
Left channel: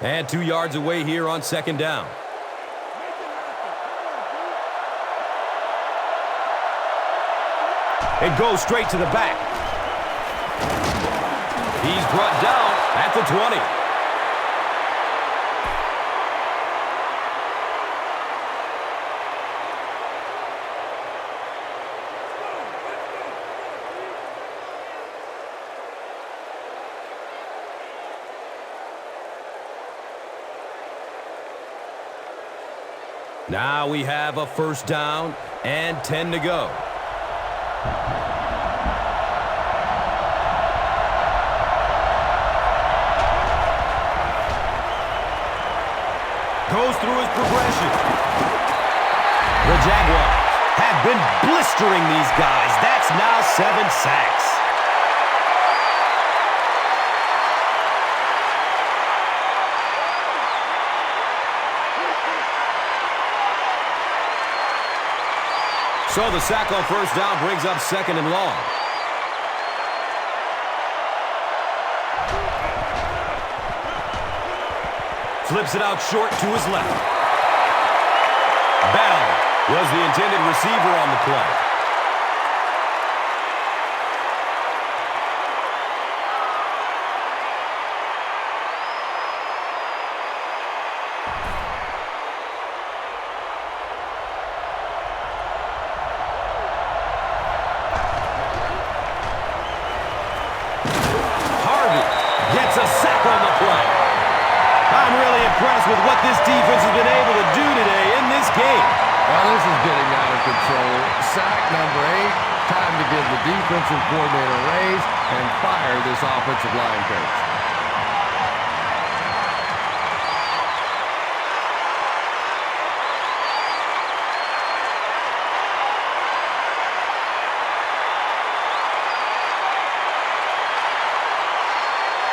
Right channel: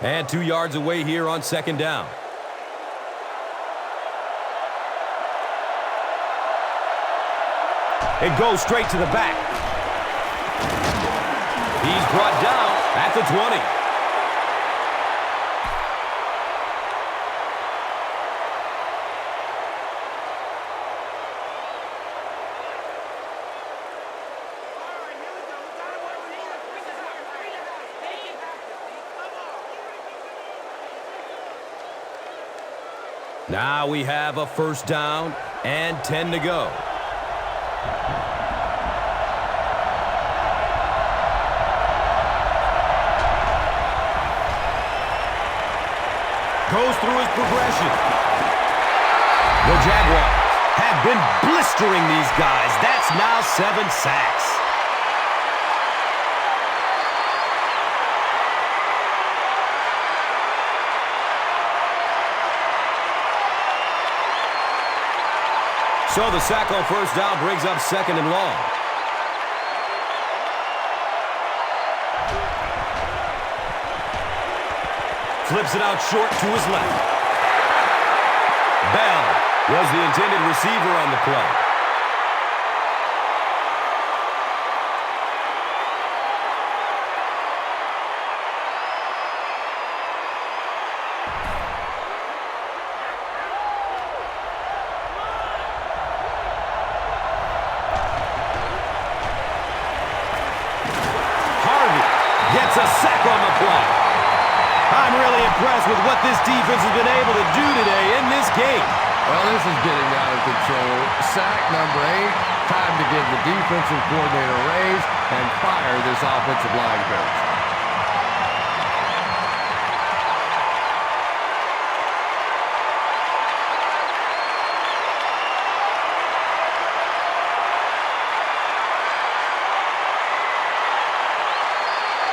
And 2 yards away here on second down. It goes straight to the back. He's brought down at the 20. Now we have a first down and 10 to go. Goes through his progression. The Jaguars have been blistering these guys. That's now 7 sacks. So the sack on first down brings up second and long. Flips it out short to his left. Bell was the intended receiver on the play. Gets a sack on the play. I'm really impressed with what this defense has been able to do today in this game. Well, this is getting out of control. Sack number 8. Time to give the defensive coordinator a raise and fire this offensive line coach.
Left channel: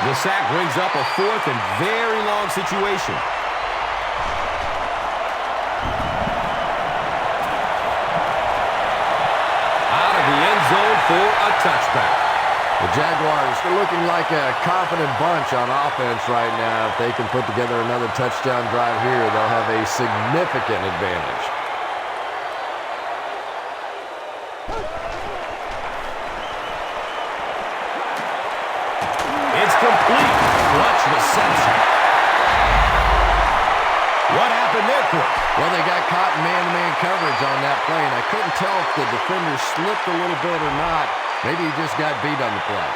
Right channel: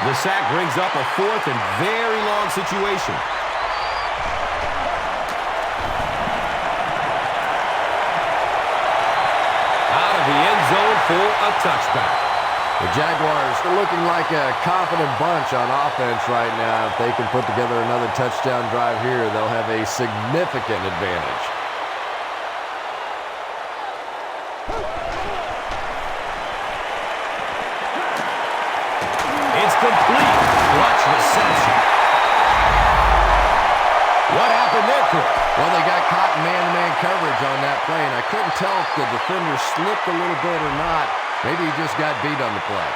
The sack brings up a fourth and very long situation. Out of the end zone for a touchback. The Jaguars are looking like a confident bunch on offense right now. If they can put together another touchdown drive here, they'll have a significant advantage. It's complete. Clutch reception. What happened there, Chris? Well, they got caught in man-to-man coverage on that play, and I couldn't tell if the defender slipped a little bit or not. Maybe he just got beat on the play.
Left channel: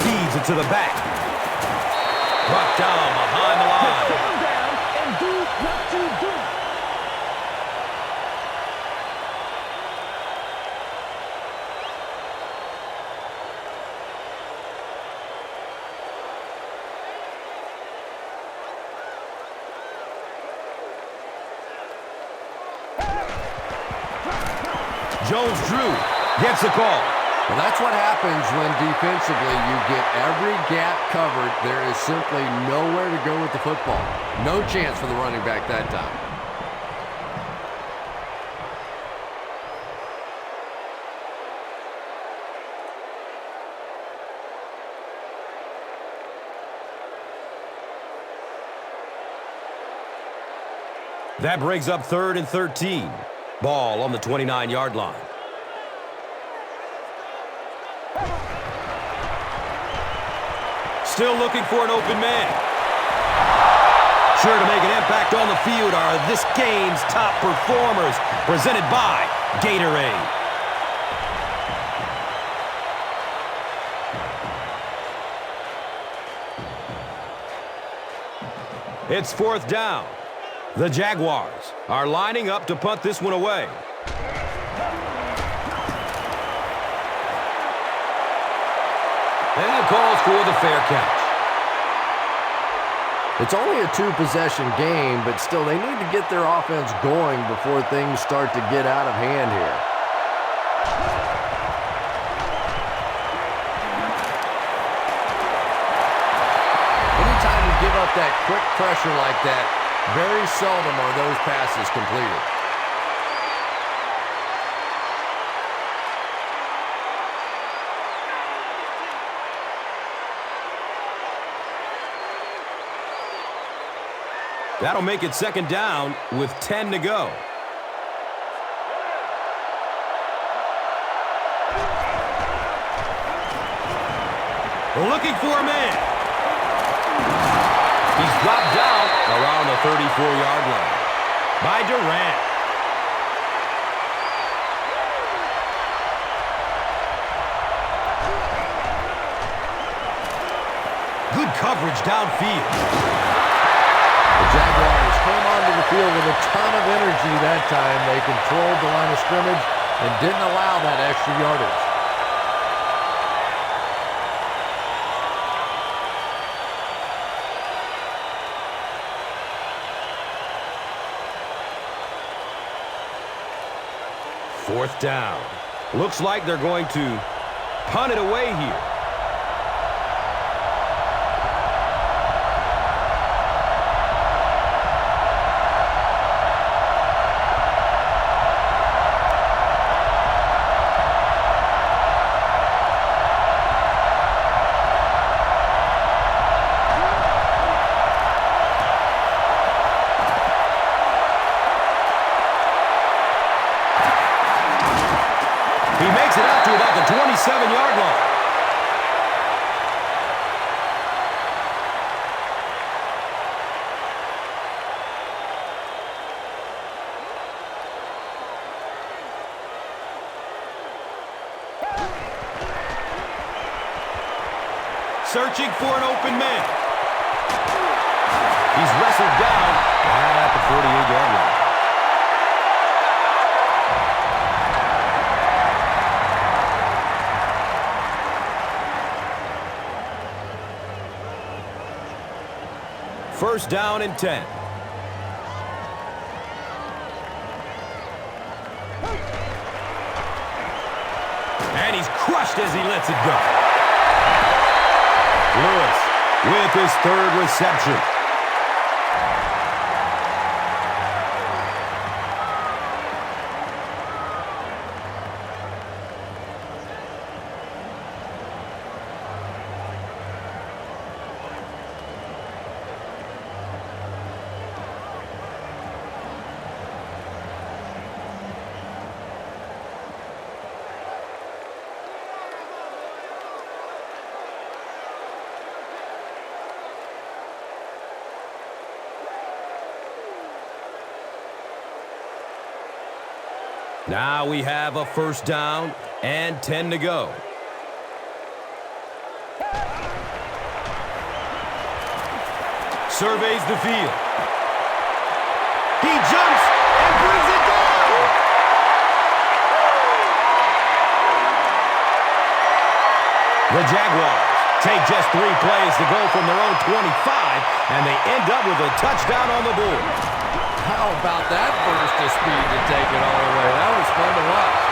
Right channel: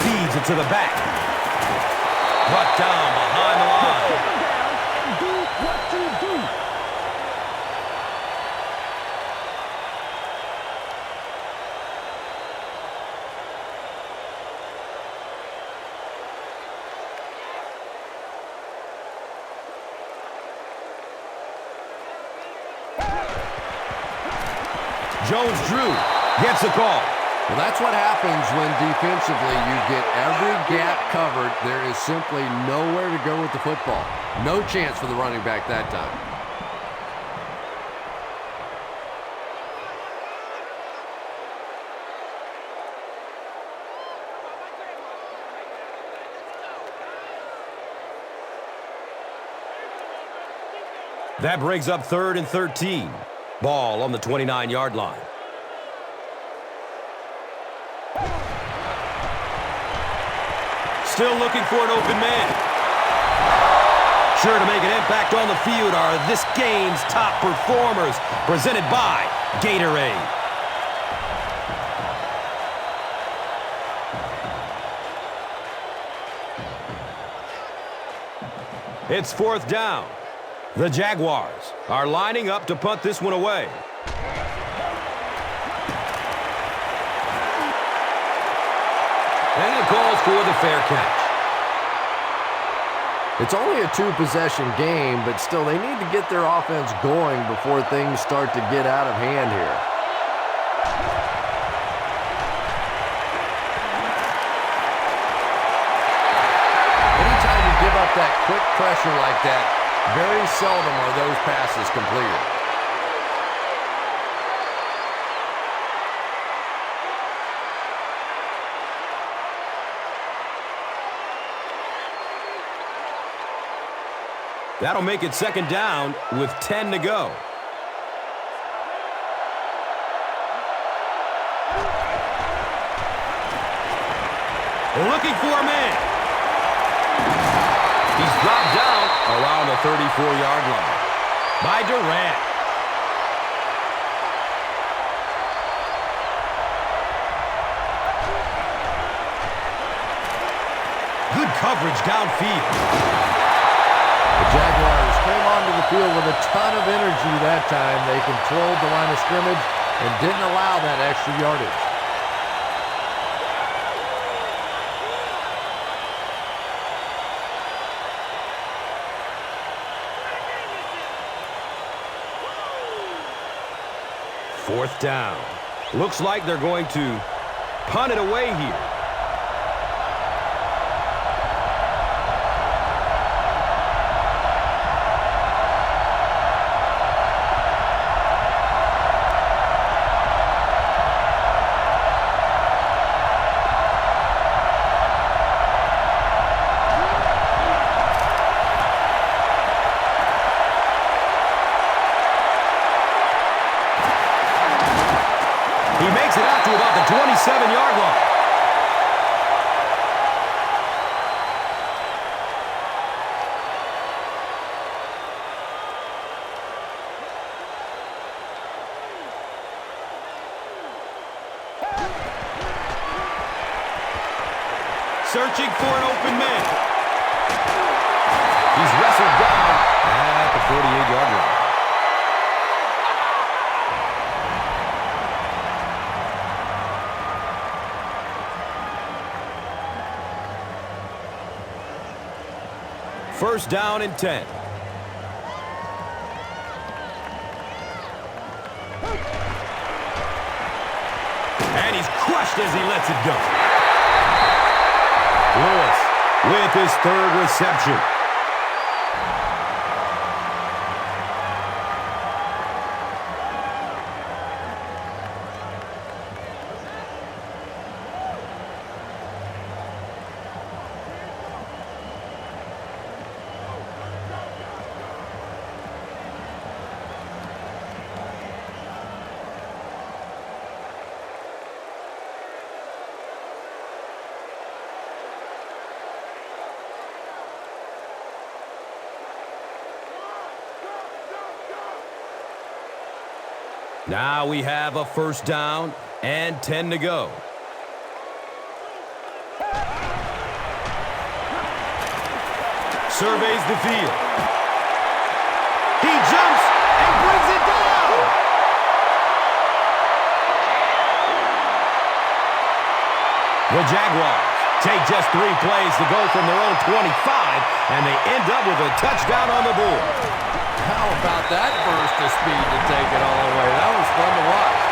Feeds it to the back. Brought down behind the line. Take him down and do what you do. Jones-Drew gets a call. Well, that's what happens when defensively you get every gap covered. There is simply nowhere to go with the football. No chance for the running back that time. That brings up 3rd and 13. Ball on the 29-yard line. Still looking for an open man. Sure to make an impact on the field are this game's top performers, presented by Gatorade. It's 4th down. The Jaguars are lining up to punt this one away. And it calls for the fair catch. It's only a two-possession game, but still they need to get their offense going before things start to get out of hand here. Anytime you give up that quick pressure like that, very seldom are those passes completed. That'll make it second down with 10 to go. Looking for a man. He's dropped down around the 34-yard line by Durant. Good coverage downfield. The Jaguars came onto the field with a ton of energy that time. They controlled the line of scrimmage and didn't allow that extra yardage. Fourth down. Looks like they're going to punt it away here. He makes it out to about the 27-yard line. Searching for an open man. He's wrestled down at the 48-yard line. First down and 10. And he's crushed as he lets it go. Lewis with his third reception. Now we have a first down and 10 to go. Surveys the field. He jumps and brings it down. The Jaguars take just 3 plays to go from their own 25, and they end up with a touchdown on the board. How about that burst of speed to take it all the way? That was fun to watch.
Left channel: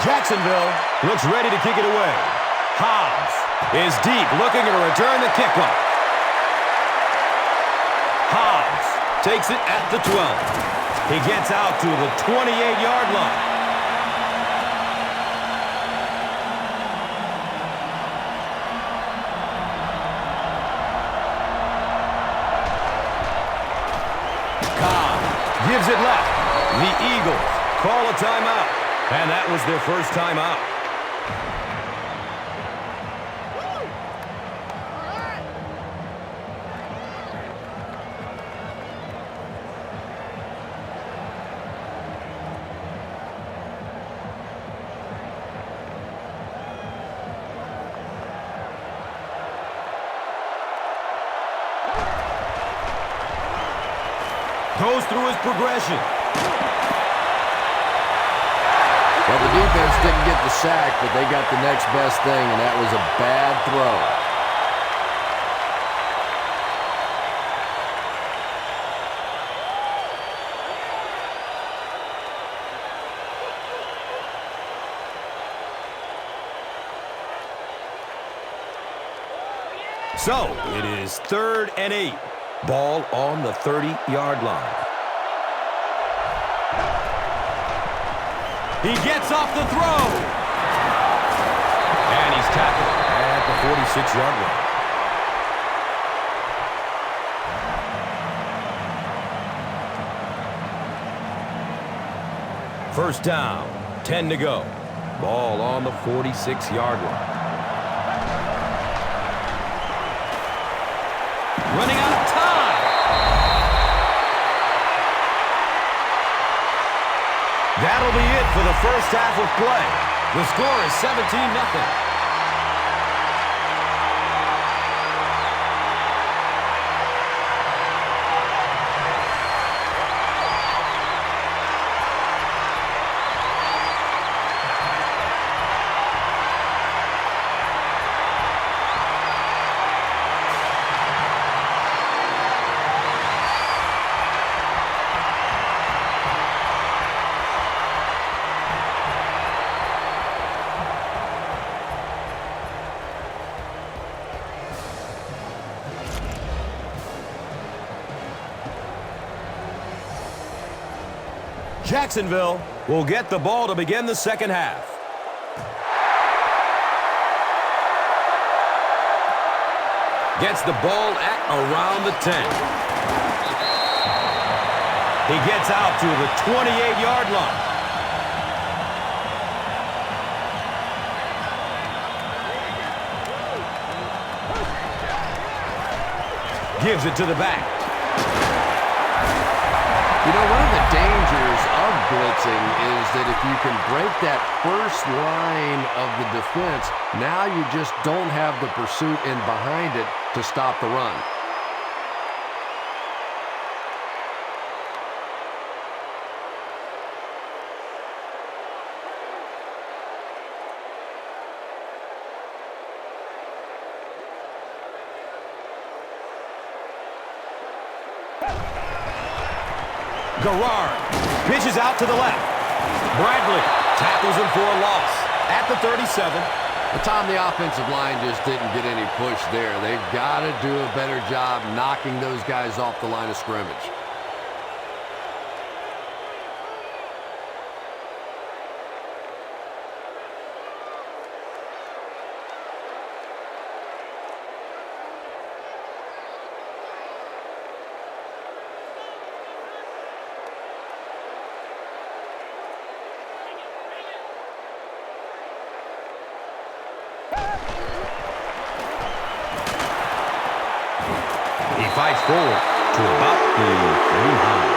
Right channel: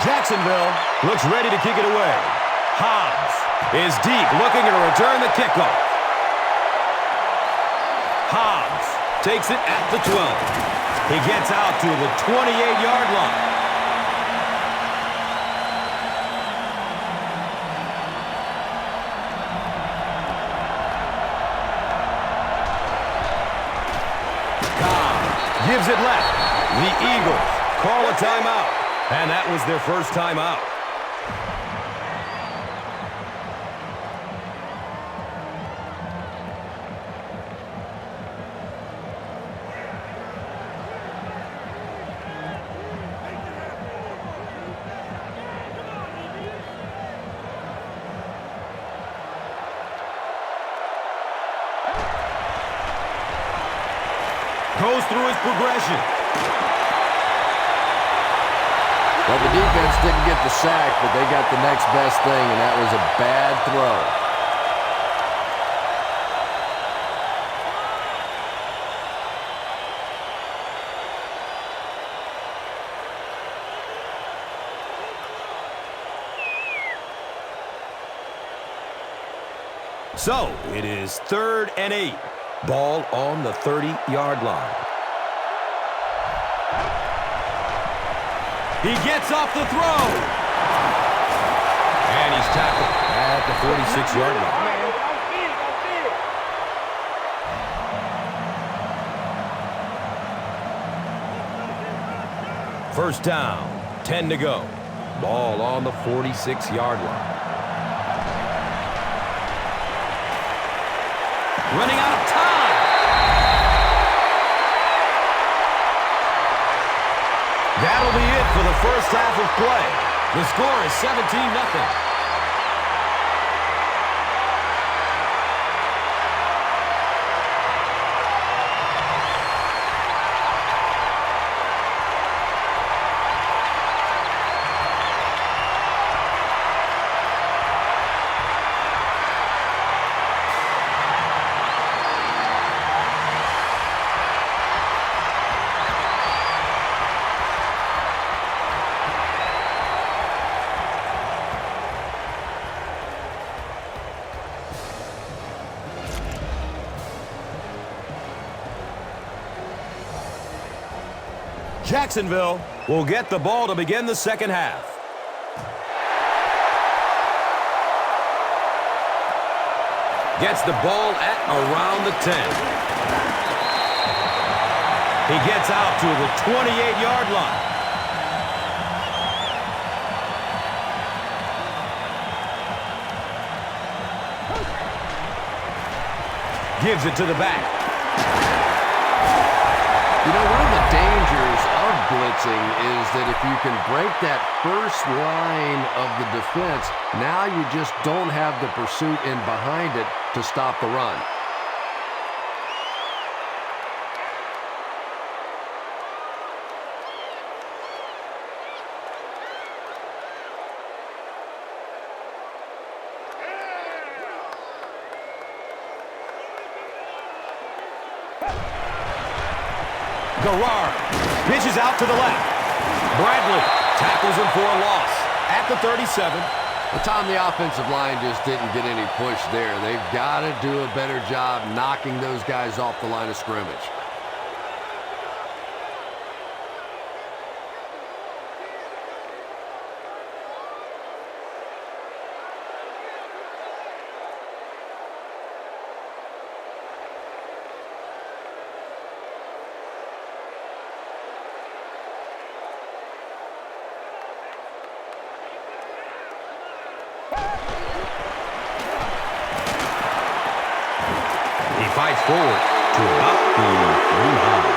Jacksonville looks ready to kick it away. Hobbs is deep, looking to return the kickoff. Hobbs takes it at the 12. He gets out to the 28-yard line. Cobb gives it left. The Eagles call a timeout, and that was their first timeout. goes through his progression. Well, the defense didn't get the sack, but they got the next best thing, and that was a bad throw. So, it is 3rd and 8. Ball on the 30-yard line. He gets off the throw. And he's tackled at the 46-yard line. First down, 10 to go. Ball on the 46-yard line. Running out of time. That'll be it for the first half of play. The score is 17-0. Jacksonville will get the ball to begin the second half. Gets the ball at around the 10. He gets out to the 28-yard line. Gives it to the back. You know, one of the dangers of blitzing is that if you can break that first line of the defense, now you just don't have the pursuit in behind it to stop the run. Garrard pitches out to the left. Bradley tackles him for a loss at the 37. But Tom, the offensive line just didn't get any push there. They've got to do a better job knocking those guys off the line of scrimmage. He fights forward to about the 39.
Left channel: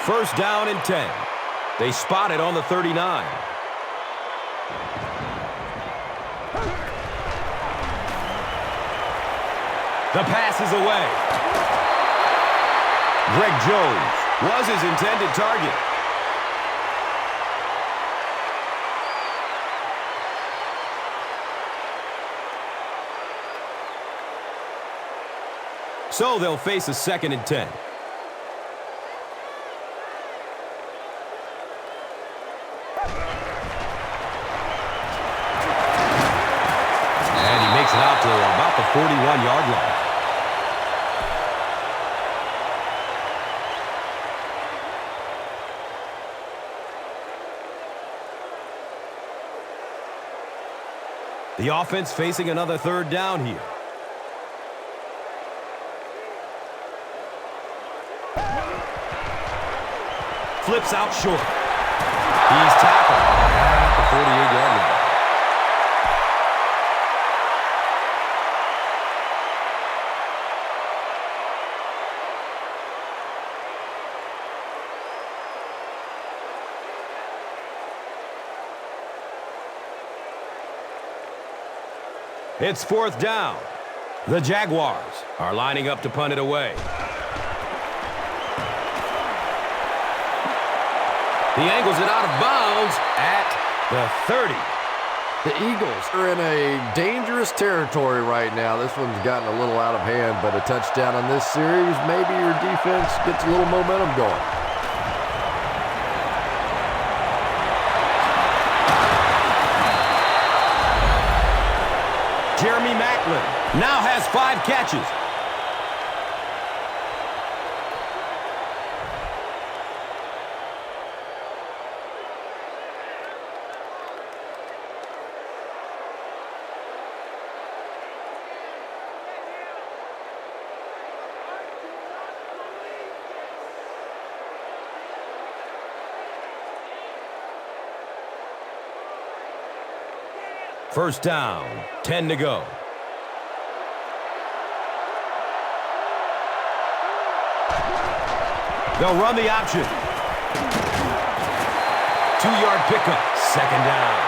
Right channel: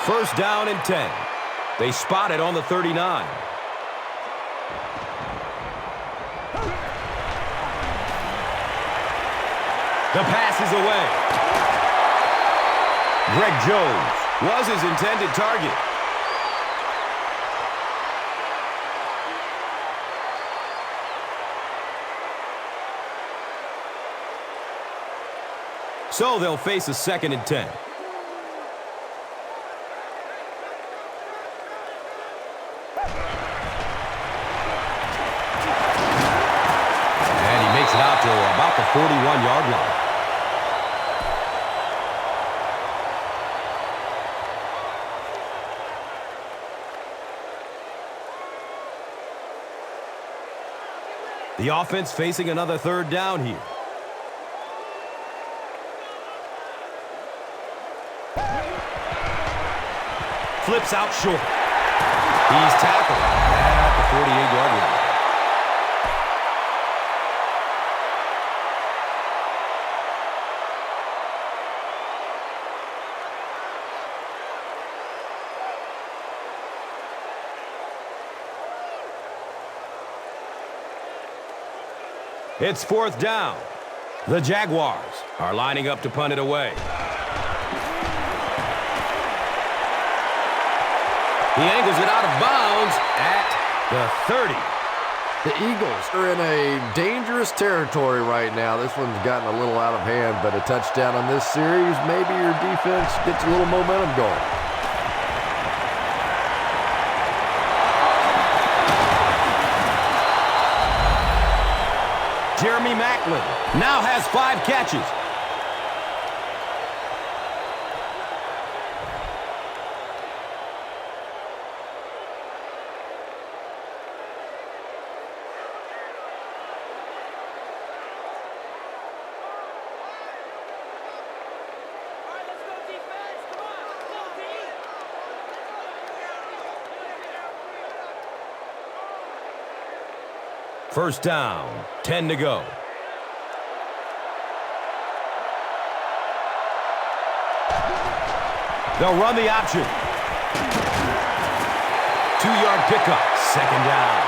First down and 10. They spot it on the 39. The pass is away. Greg Jones was his intended target. So they'll face a 2nd and 10. And he makes it out to about the 41-yard line. The offense facing another 3rd down here. Flips out short. He's tackled at the 48-yard line. It's 4th down. The Jaguars are lining up to punt it away. He angles it out of bounds at the 30. The Eagles are in a dangerous territory right now. This one's gotten a little out of hand, but a touchdown on this series, maybe your defense gets a little momentum going. Jeremy Maclin now has 5 catches. First down, 10 to go. They'll run the option. 2-yard pickup, 2nd down.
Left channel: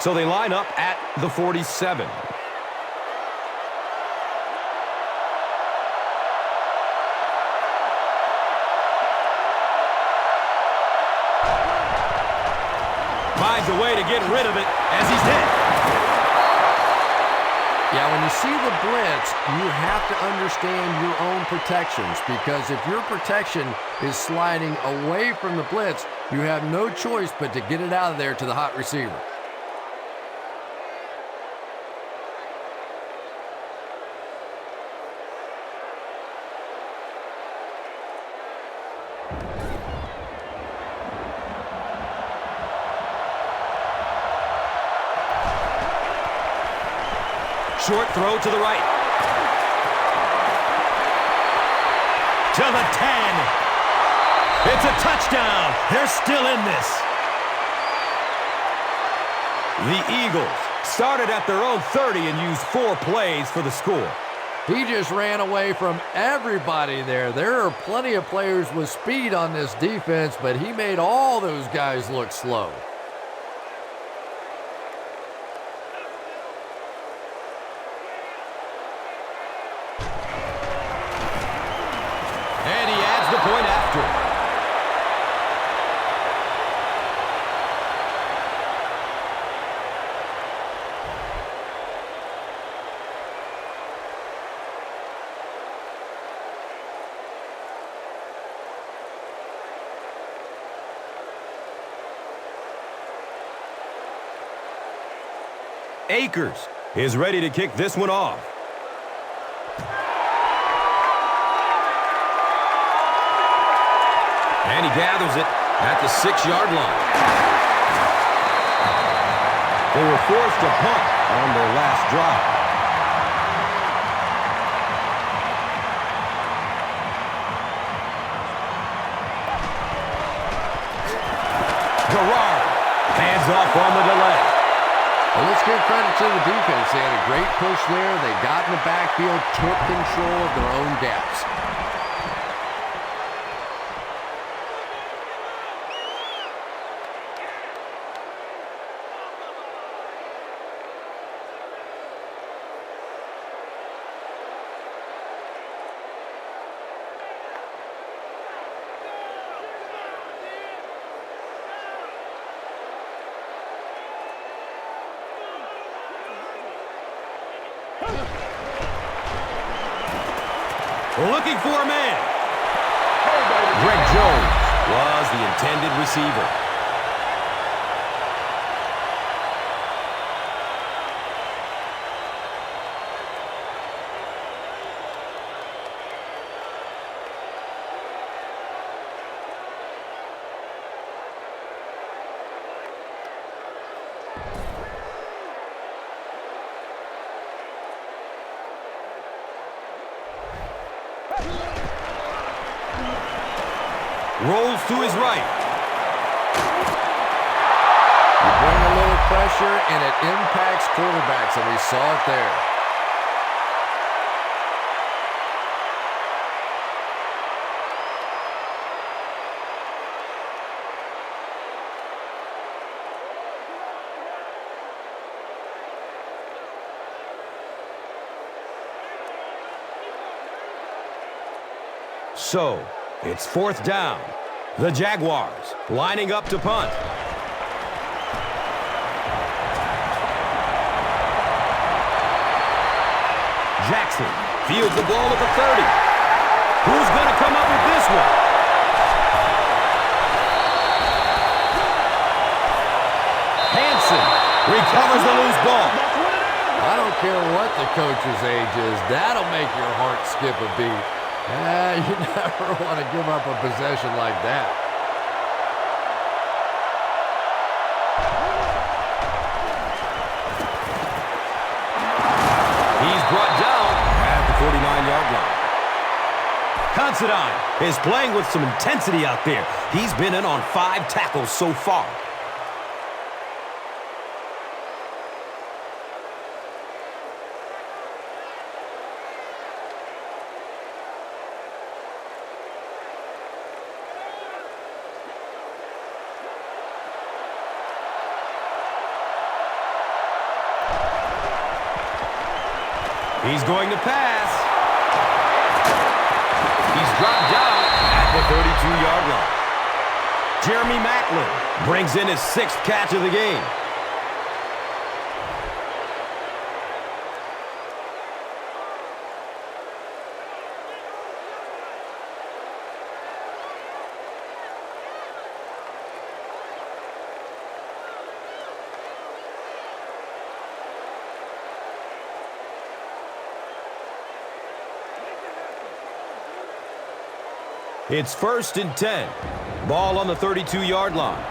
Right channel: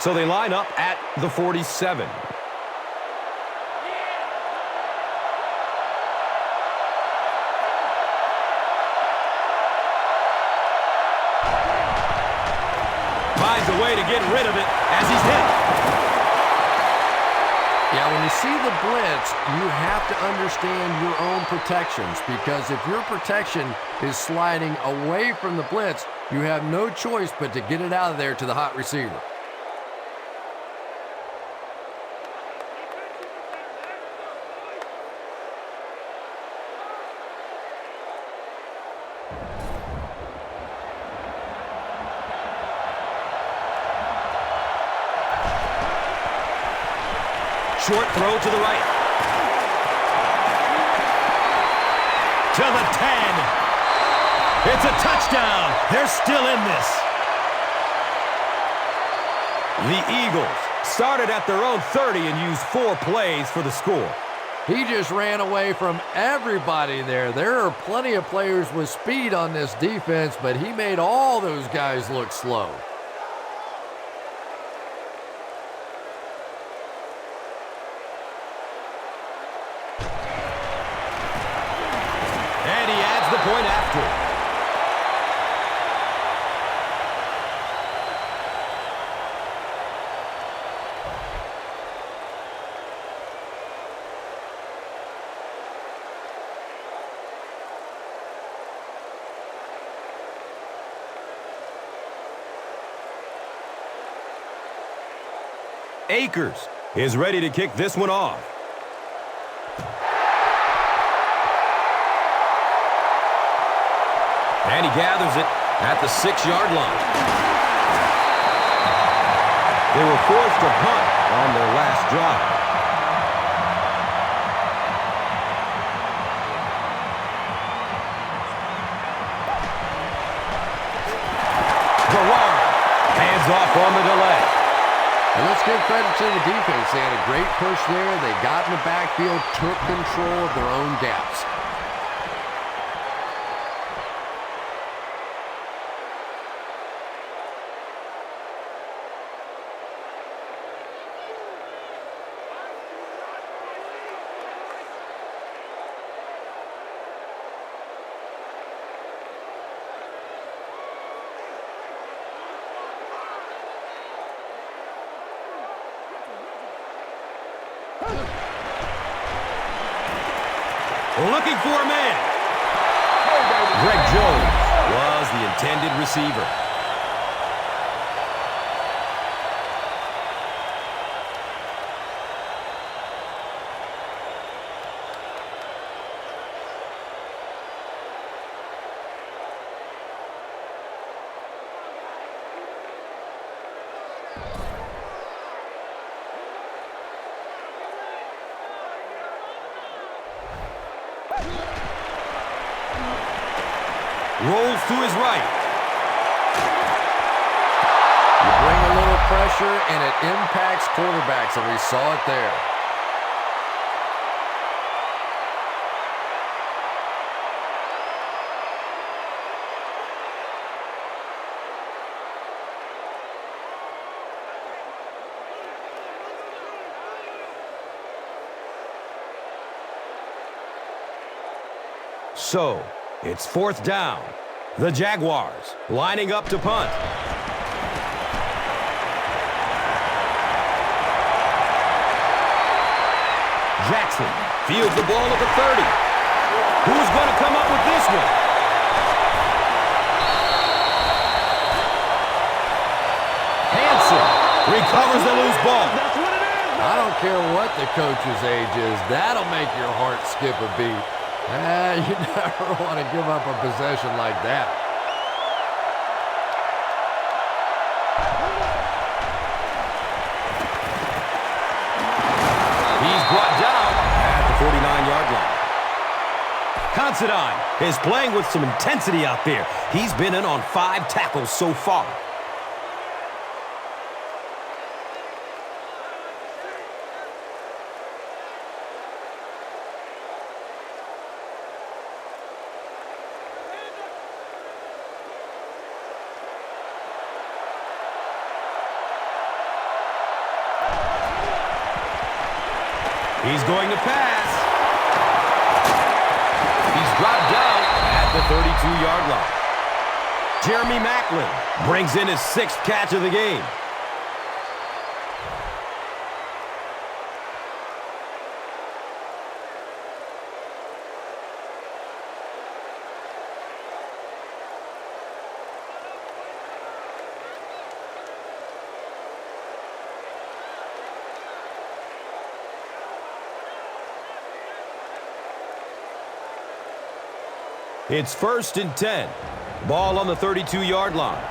So they line up at the 47. Finds a way to get rid of it as he's hit. Yeah, when you see the blitz, you have to understand your own protections, because if your protection is sliding away from the blitz, you have no choice but to get it out of there to the hot receiver. Short throw to the right. To the 10. It's a touchdown. They're still in this. The Eagles started at their own 30 and used 4 plays for the score. He just ran away from everybody there. There are plenty of players with speed on this defense, but he made all those guys look slow. And he adds the point after. Akers is ready to kick this one off. And he gathers it at the 6-yard line. They were forced to punt on their last drive. Garrard hands off on the delay. And let's give credit to the defense. They had a great push there. They got in the backfield, took control of their own gaps. Looking for a man. Greg Jones was the intended receiver. Rolls to his right. You bring a little pressure, and it impacts quarterbacks, and we saw it there. So, it's 4th down. The Jaguars lining up to punt. Jackson fields the ball at the 30. Who's going to come up with this one? Hanson recovers the loose ball. That's what it is, man. I don't care what the coach's age is. That'll make your heart skip a beat. You never want to give up a possession like that. He's brought down at the 49-yard line. Considine is playing with some intensity out there. He's been in on 5 tackles so far. He's going to pass. He's dropped down at the 32-yard line. Jeremy Maclin brings in his 6th catch of the game. It's 1st and 10. Ball on the 32-yard line.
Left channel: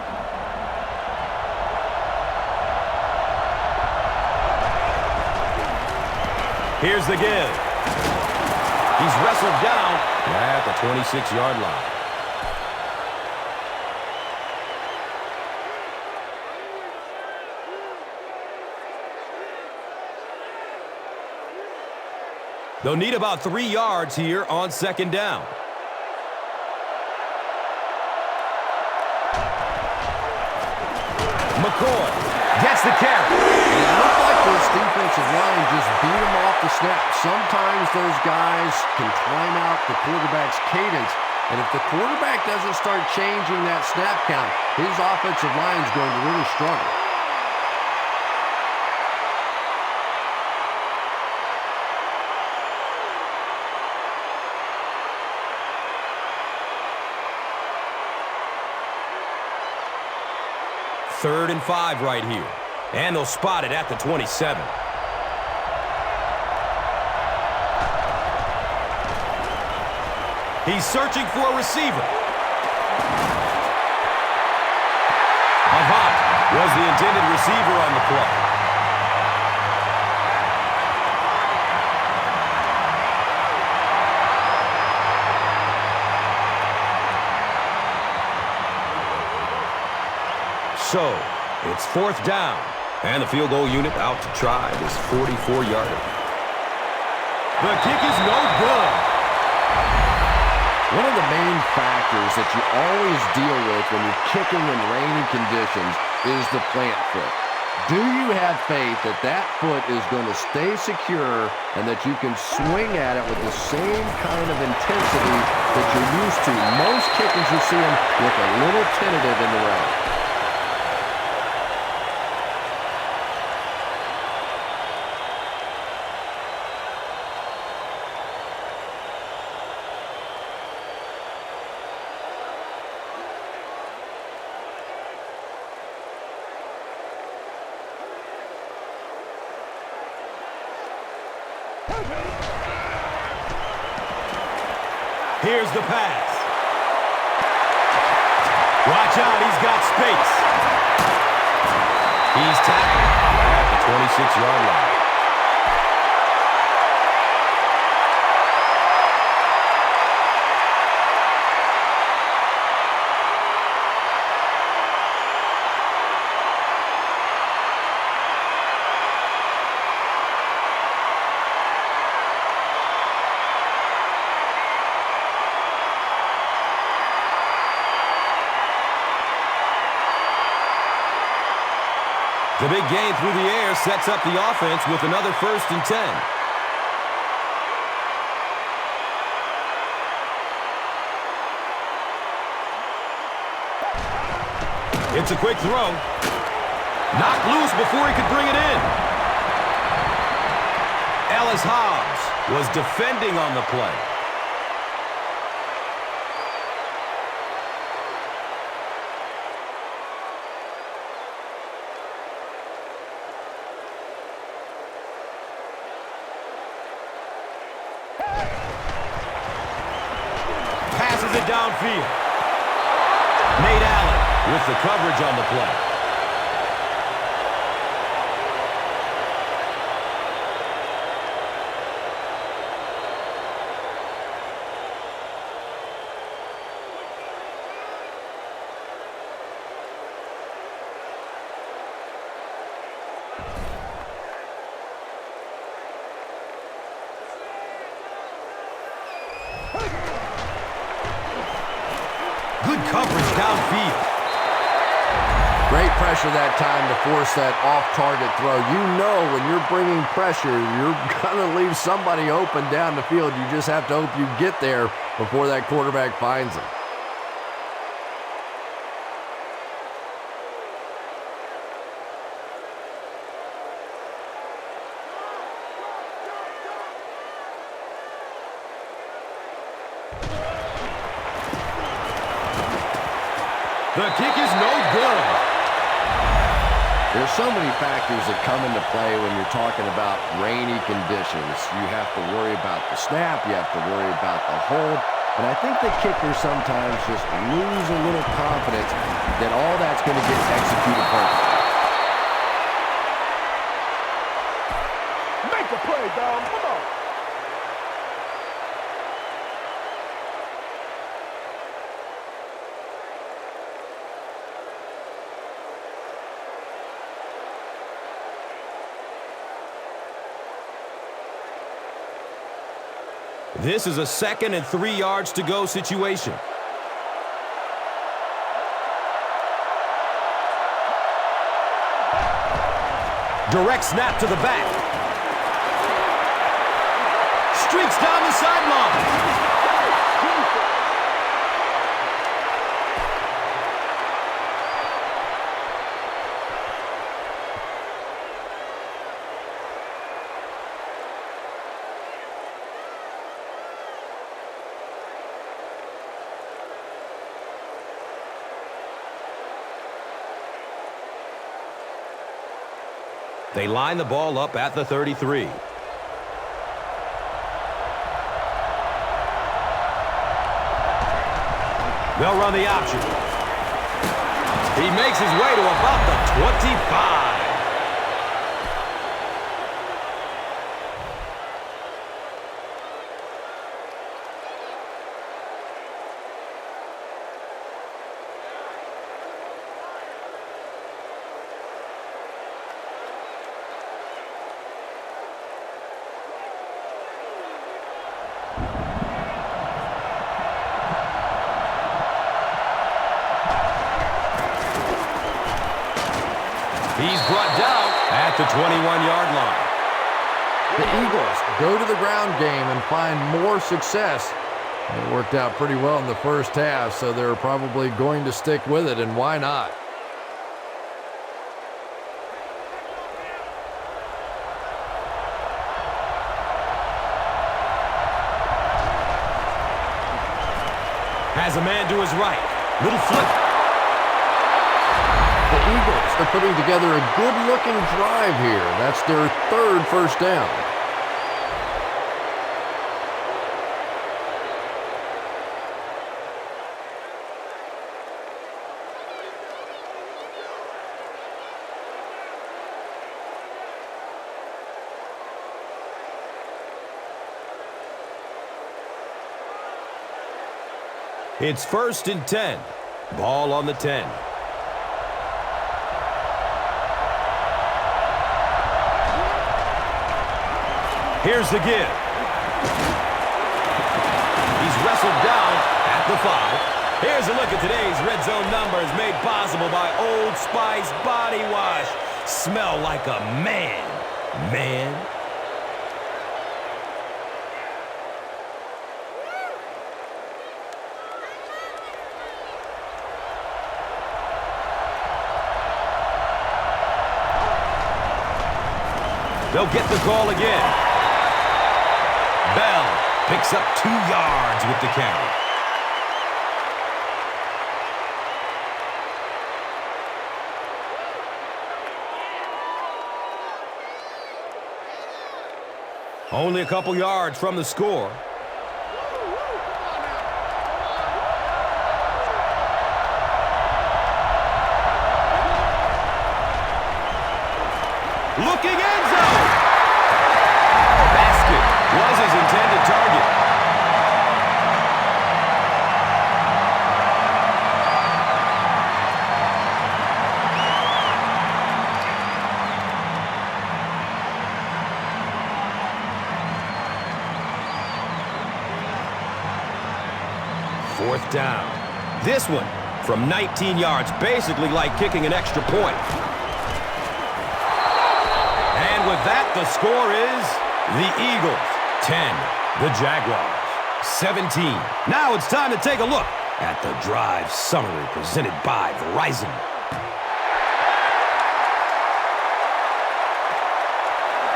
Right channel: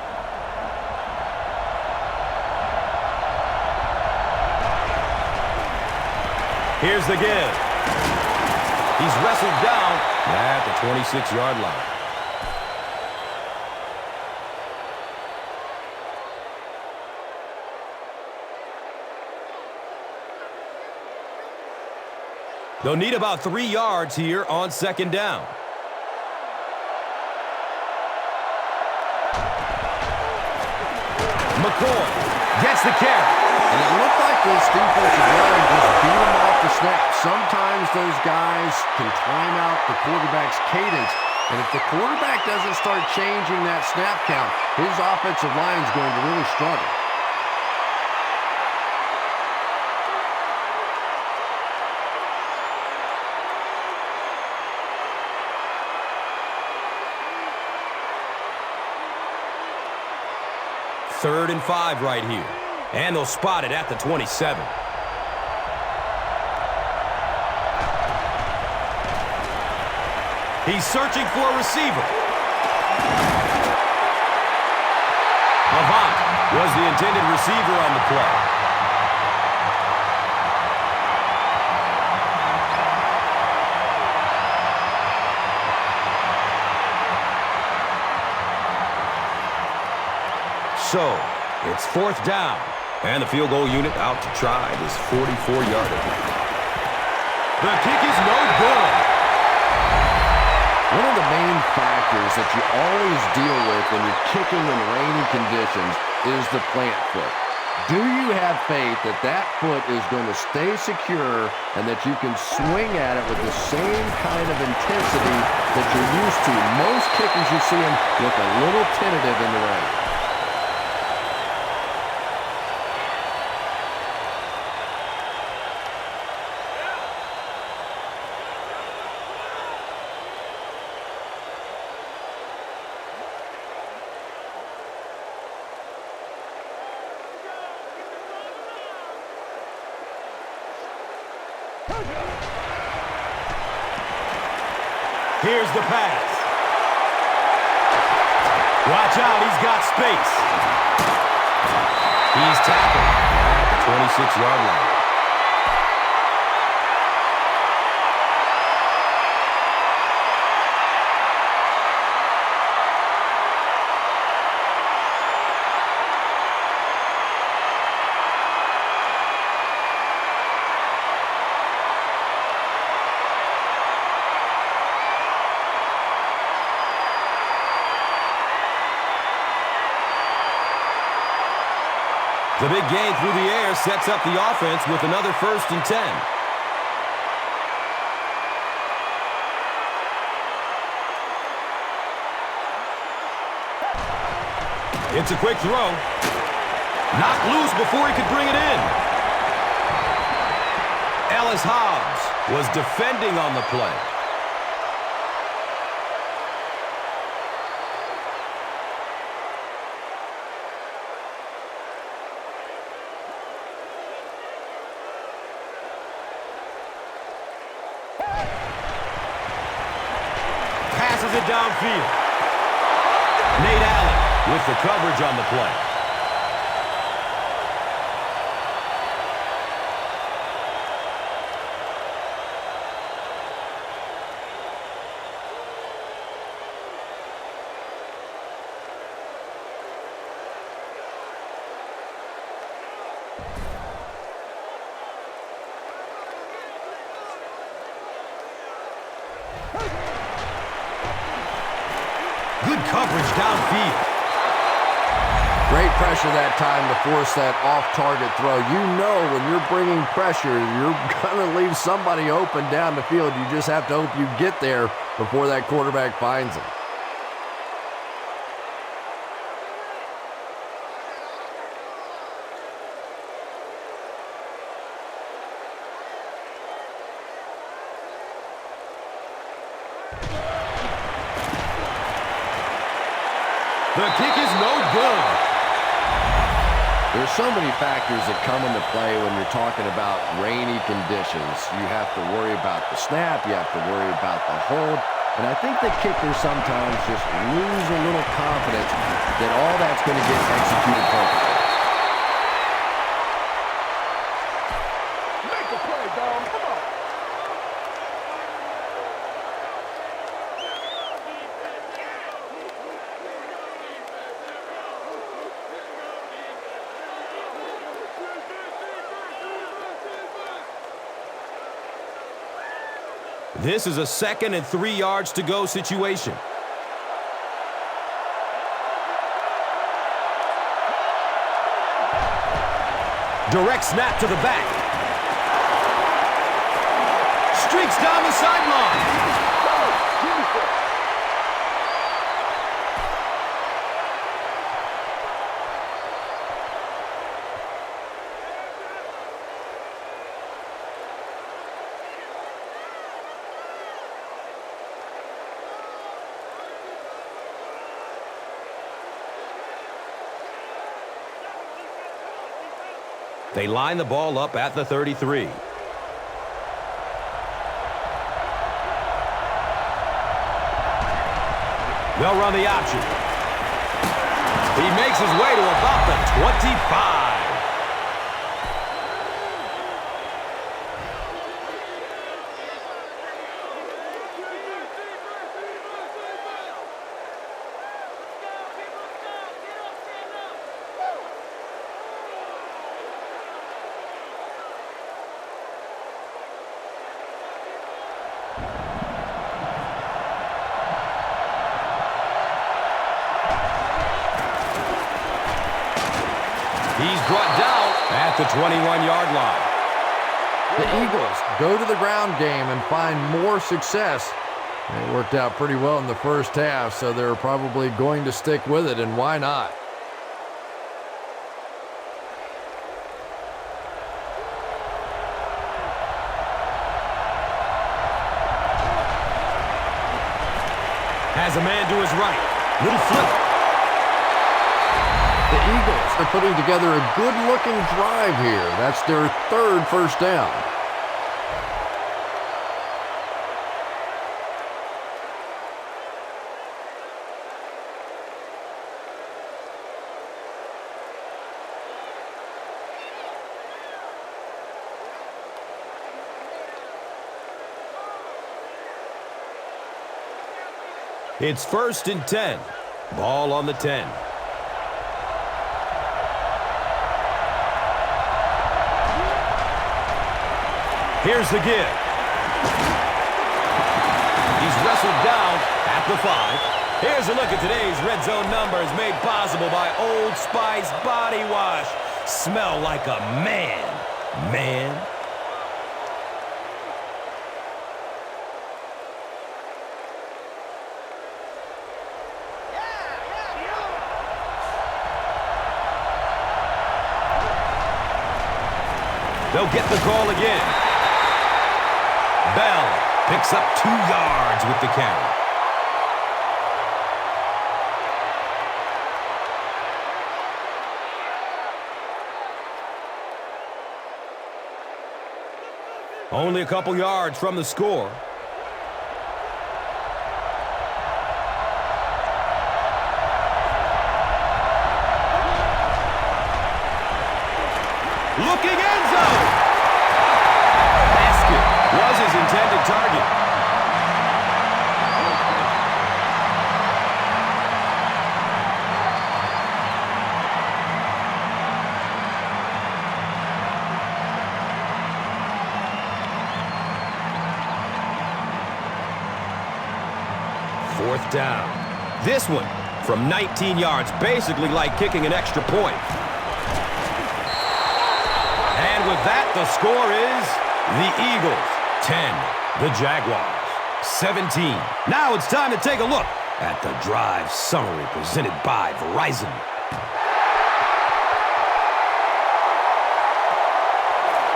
Here's the give. He's wrestled down at the 26-yard line. They'll need about 3 yards here on 2nd down. McCoy gets the carry. And it looked like this defensive line just beat him off the snap. Sometimes those guys can time out the quarterback's cadence. And if the quarterback doesn't start changing that snap count, his offensive line is going to really struggle. Third and 5 right here. And they'll spot it at the 27. He's searching for a receiver. Avant was the intended receiver on the play. So, it's 4th down, and the field goal unit out to try this 44-yarder. The kick is no good. One of the main factors that you always deal with when you're kicking in rainy conditions is the plant foot. Do you have faith that that foot is going to stay secure and that you can swing at it with the same kind of intensity that you're used to? Most kickers, you see them look a little tentative in the rain. Here's the pass. Watch out, he's got space. He's tackled at the 26-yard line. The big gain through the air sets up the offense with another 1st and 10. It's a quick throw. Knocked loose before he could bring it in. Ellis Hobbs was defending on the play. Passes it downfield. Nate Allen with the coverage on the play. Good coverage downfield. Great pressure that time to force that off-target throw. You know when you're bringing pressure, you're going to leave somebody open down the field. You just have to hope you get there before that quarterback finds them. The kick is no good. There's so many factors that come into play when you're talking about rainy conditions. You have to worry about the snap. You have to worry about the hold. And I think the kickers sometimes just lose a little confidence that all that's going to get executed perfectly. Make a play, dog. Come on. This is a 2nd and 3 yards to go situation. Direct snap to the back. Streaks down the sideline. They line the ball up at the 33. They'll run the option. He makes his way to about the 25. He's brought down at the 21-yard line. The Eagles go to the ground game and find more success. It worked out pretty well in the first half, so they're probably going to stick with it, and why not? Has a man to his right. Little flip. The Eagles are putting together a good-looking drive here. That's their 3rd first down. It's 1st and 10. Ball on the 10. Here's the give. He's wrestled down at the 5. Here's a look at today's red zone numbers made possible by Old Spice Body Wash. Smell like a man. Man. They'll get the call again. Bell picks up 2 yards with the carry. Only a couple yards from the score. Looking end zone. Basket was his intended target. Fourth down. This one from 19 yards, basically like kicking an extra point. And with that, the score is the Eagles 10, the Jaguars 17. Now it's time to take a look at the drive summary presented by Verizon.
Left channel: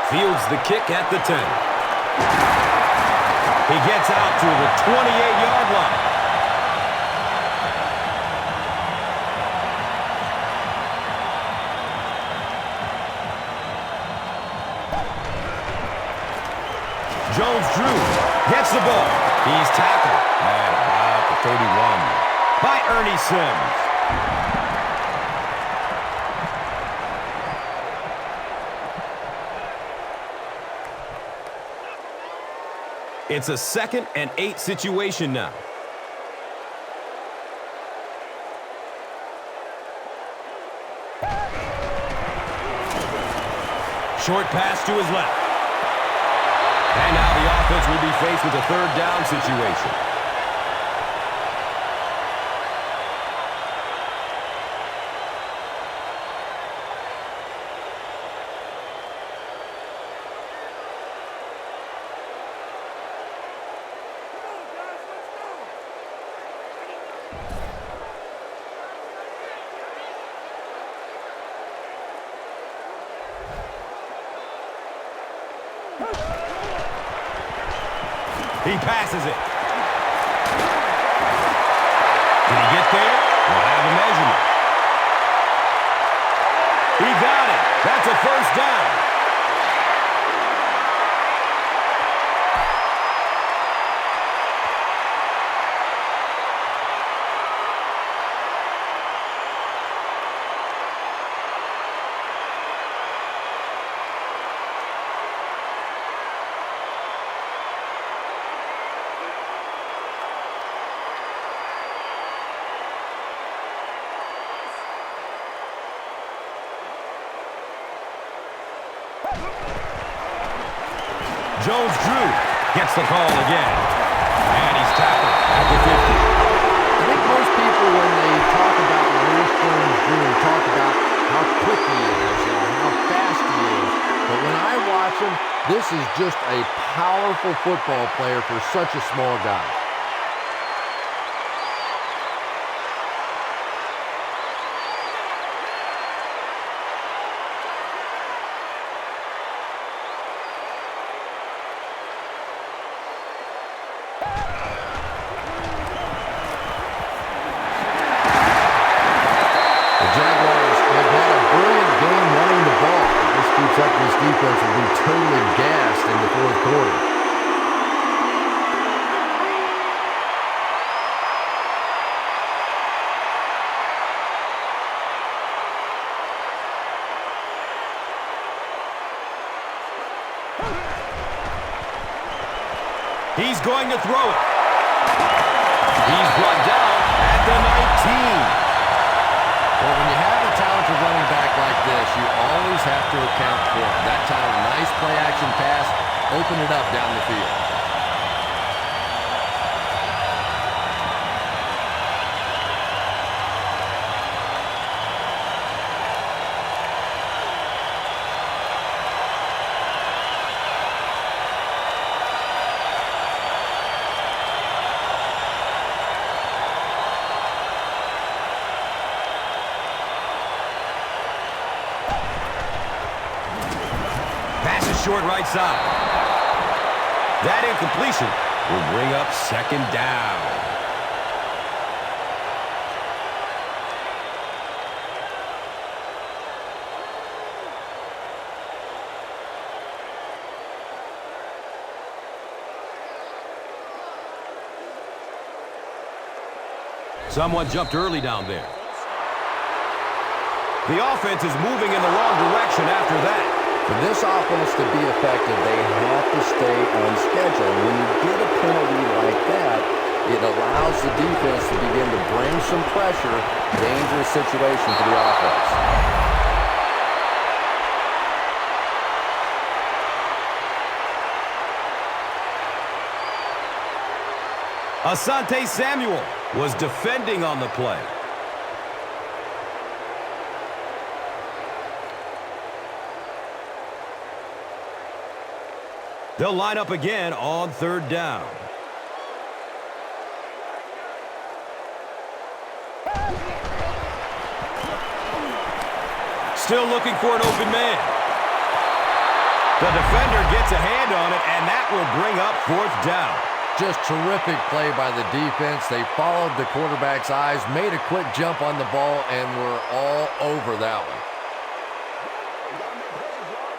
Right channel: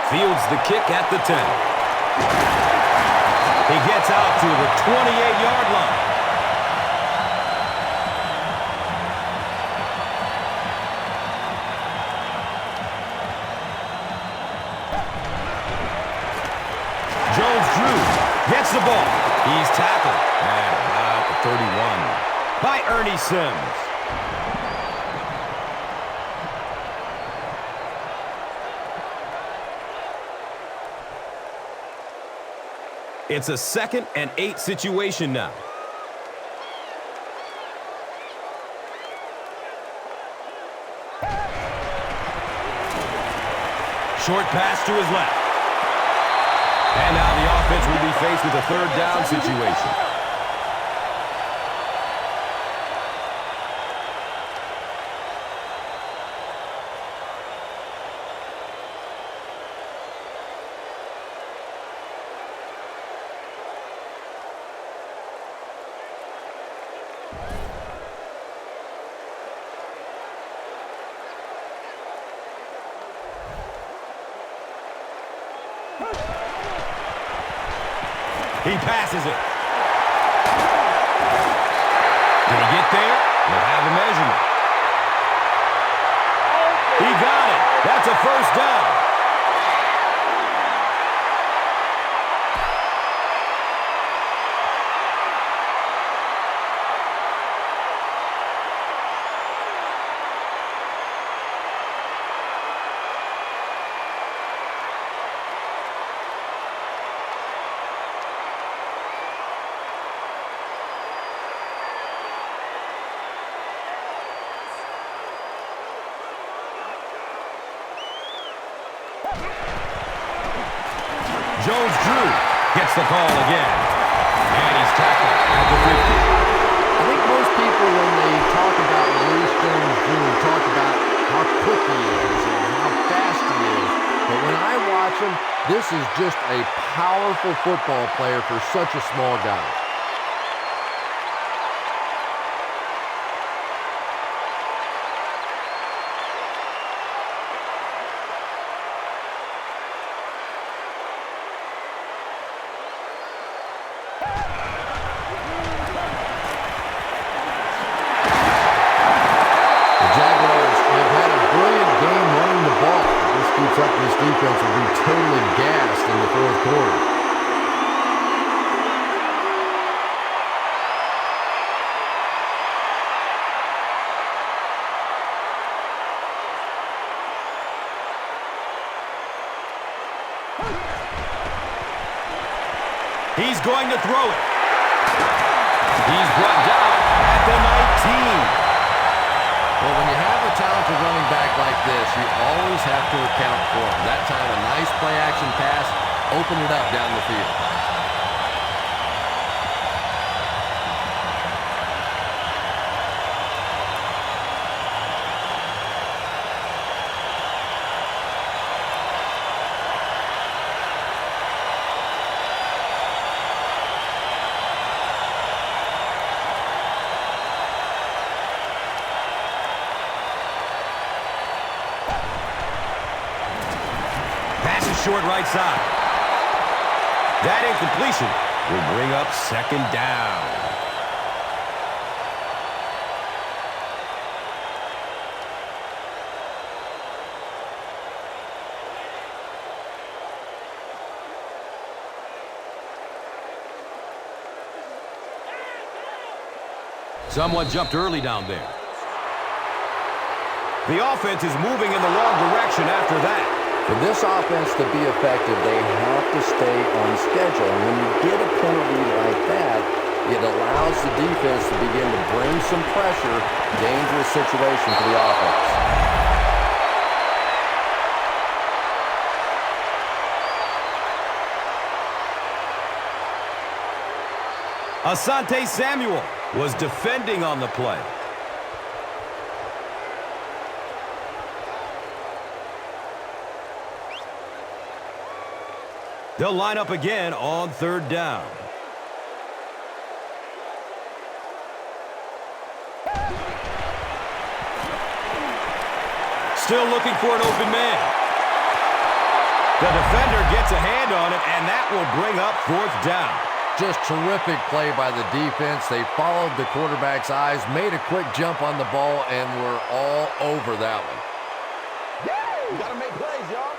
Fields the kick at the 10. He gets out to the 28-yard line. Jones-Drew gets the ball. He's tackled at about the 31 by Ernie Sims. It's a 2nd and 8 situation now. Short pass to his left. And now the offense will be faced with a 3rd down situation. He passes it. Did he get there? We'll have a measurement. He got it. That's a 1st down. Jones-Drew gets the call again. And he's tackled at the 50. I think most people, when they talk about Maurice Jones-Drew, talk about how quick he is and how fast he is. But when I watch him, this is just a powerful football player for such a small guy. Jaguars have had a brilliant game running the ball. If this keeps up, this defense will be totally gassed in the 4th quarter. He's going to throw it. He's brought down at the 19. Well, when you have a talented running back like this, you always have to account for him. That time, a nice play-action pass opened it up down the field. Pass is short right side. That incompletion will bring up second down. Someone jumped early down there. The offense is moving in the wrong direction after that. For this offense to be effective, they have to stay on schedule. And when you get a penalty like that, it allows the defense to begin to bring some pressure. Dangerous situation for the offense. Asante Samuel was defending on the play. They'll line up again on third down. Still looking for an open man. The defender gets a hand on it, and that will bring up fourth down. Just terrific play by the defense. They followed the quarterback's eyes, made a quick jump on the ball, and were all over that one. You gotta make plays, y'all.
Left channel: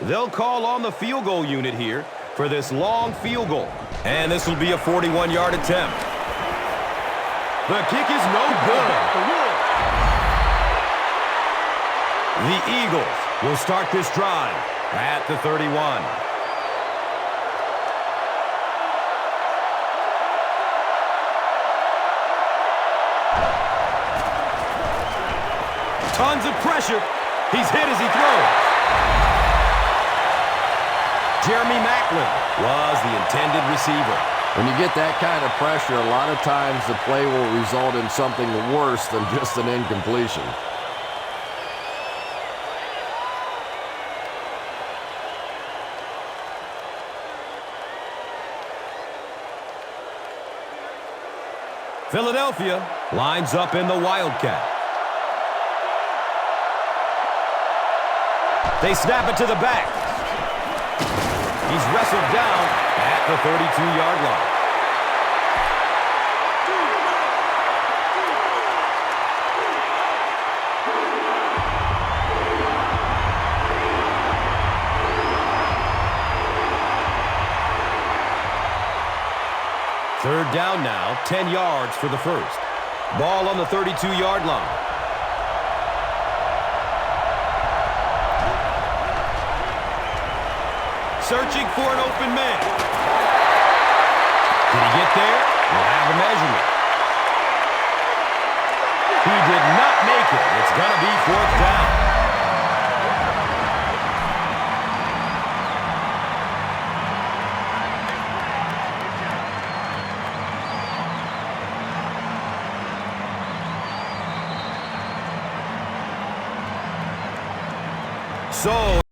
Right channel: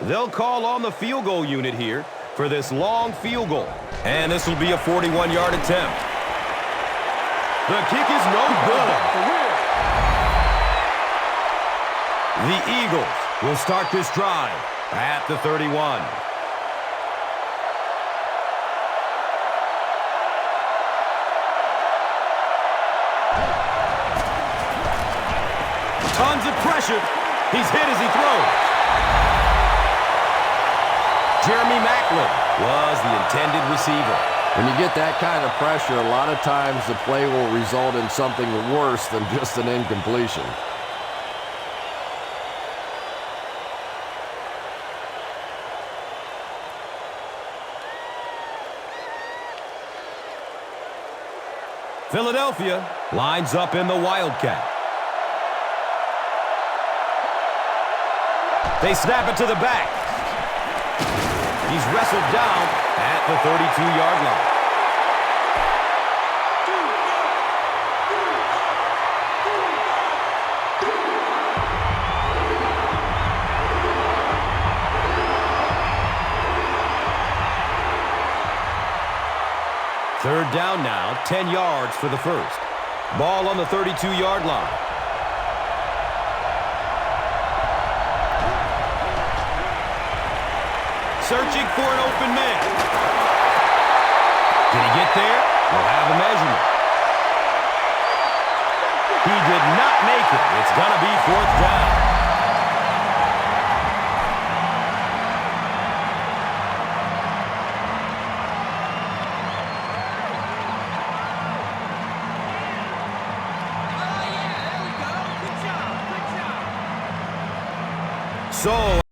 They'll call on the field goal unit here for this long field goal. And this will be a 41-yard attempt. The kick is no good. The Eagles will start this drive at the 31. Tons of pressure. He's hit as he throws. Jeremy Maclin was the intended receiver. When you get that kind of pressure, a lot of times the play will result in something worse than just an incompletion. Philadelphia lines up in the Wildcat. They snap it to the back. He's wrestled down at the 32-yard line. Third down now, 10 yards for the first. Ball on the 32-yard line. Searching for an open man. Did he get there? We'll have a measurement. He did not make it. It's going to be fourth down. So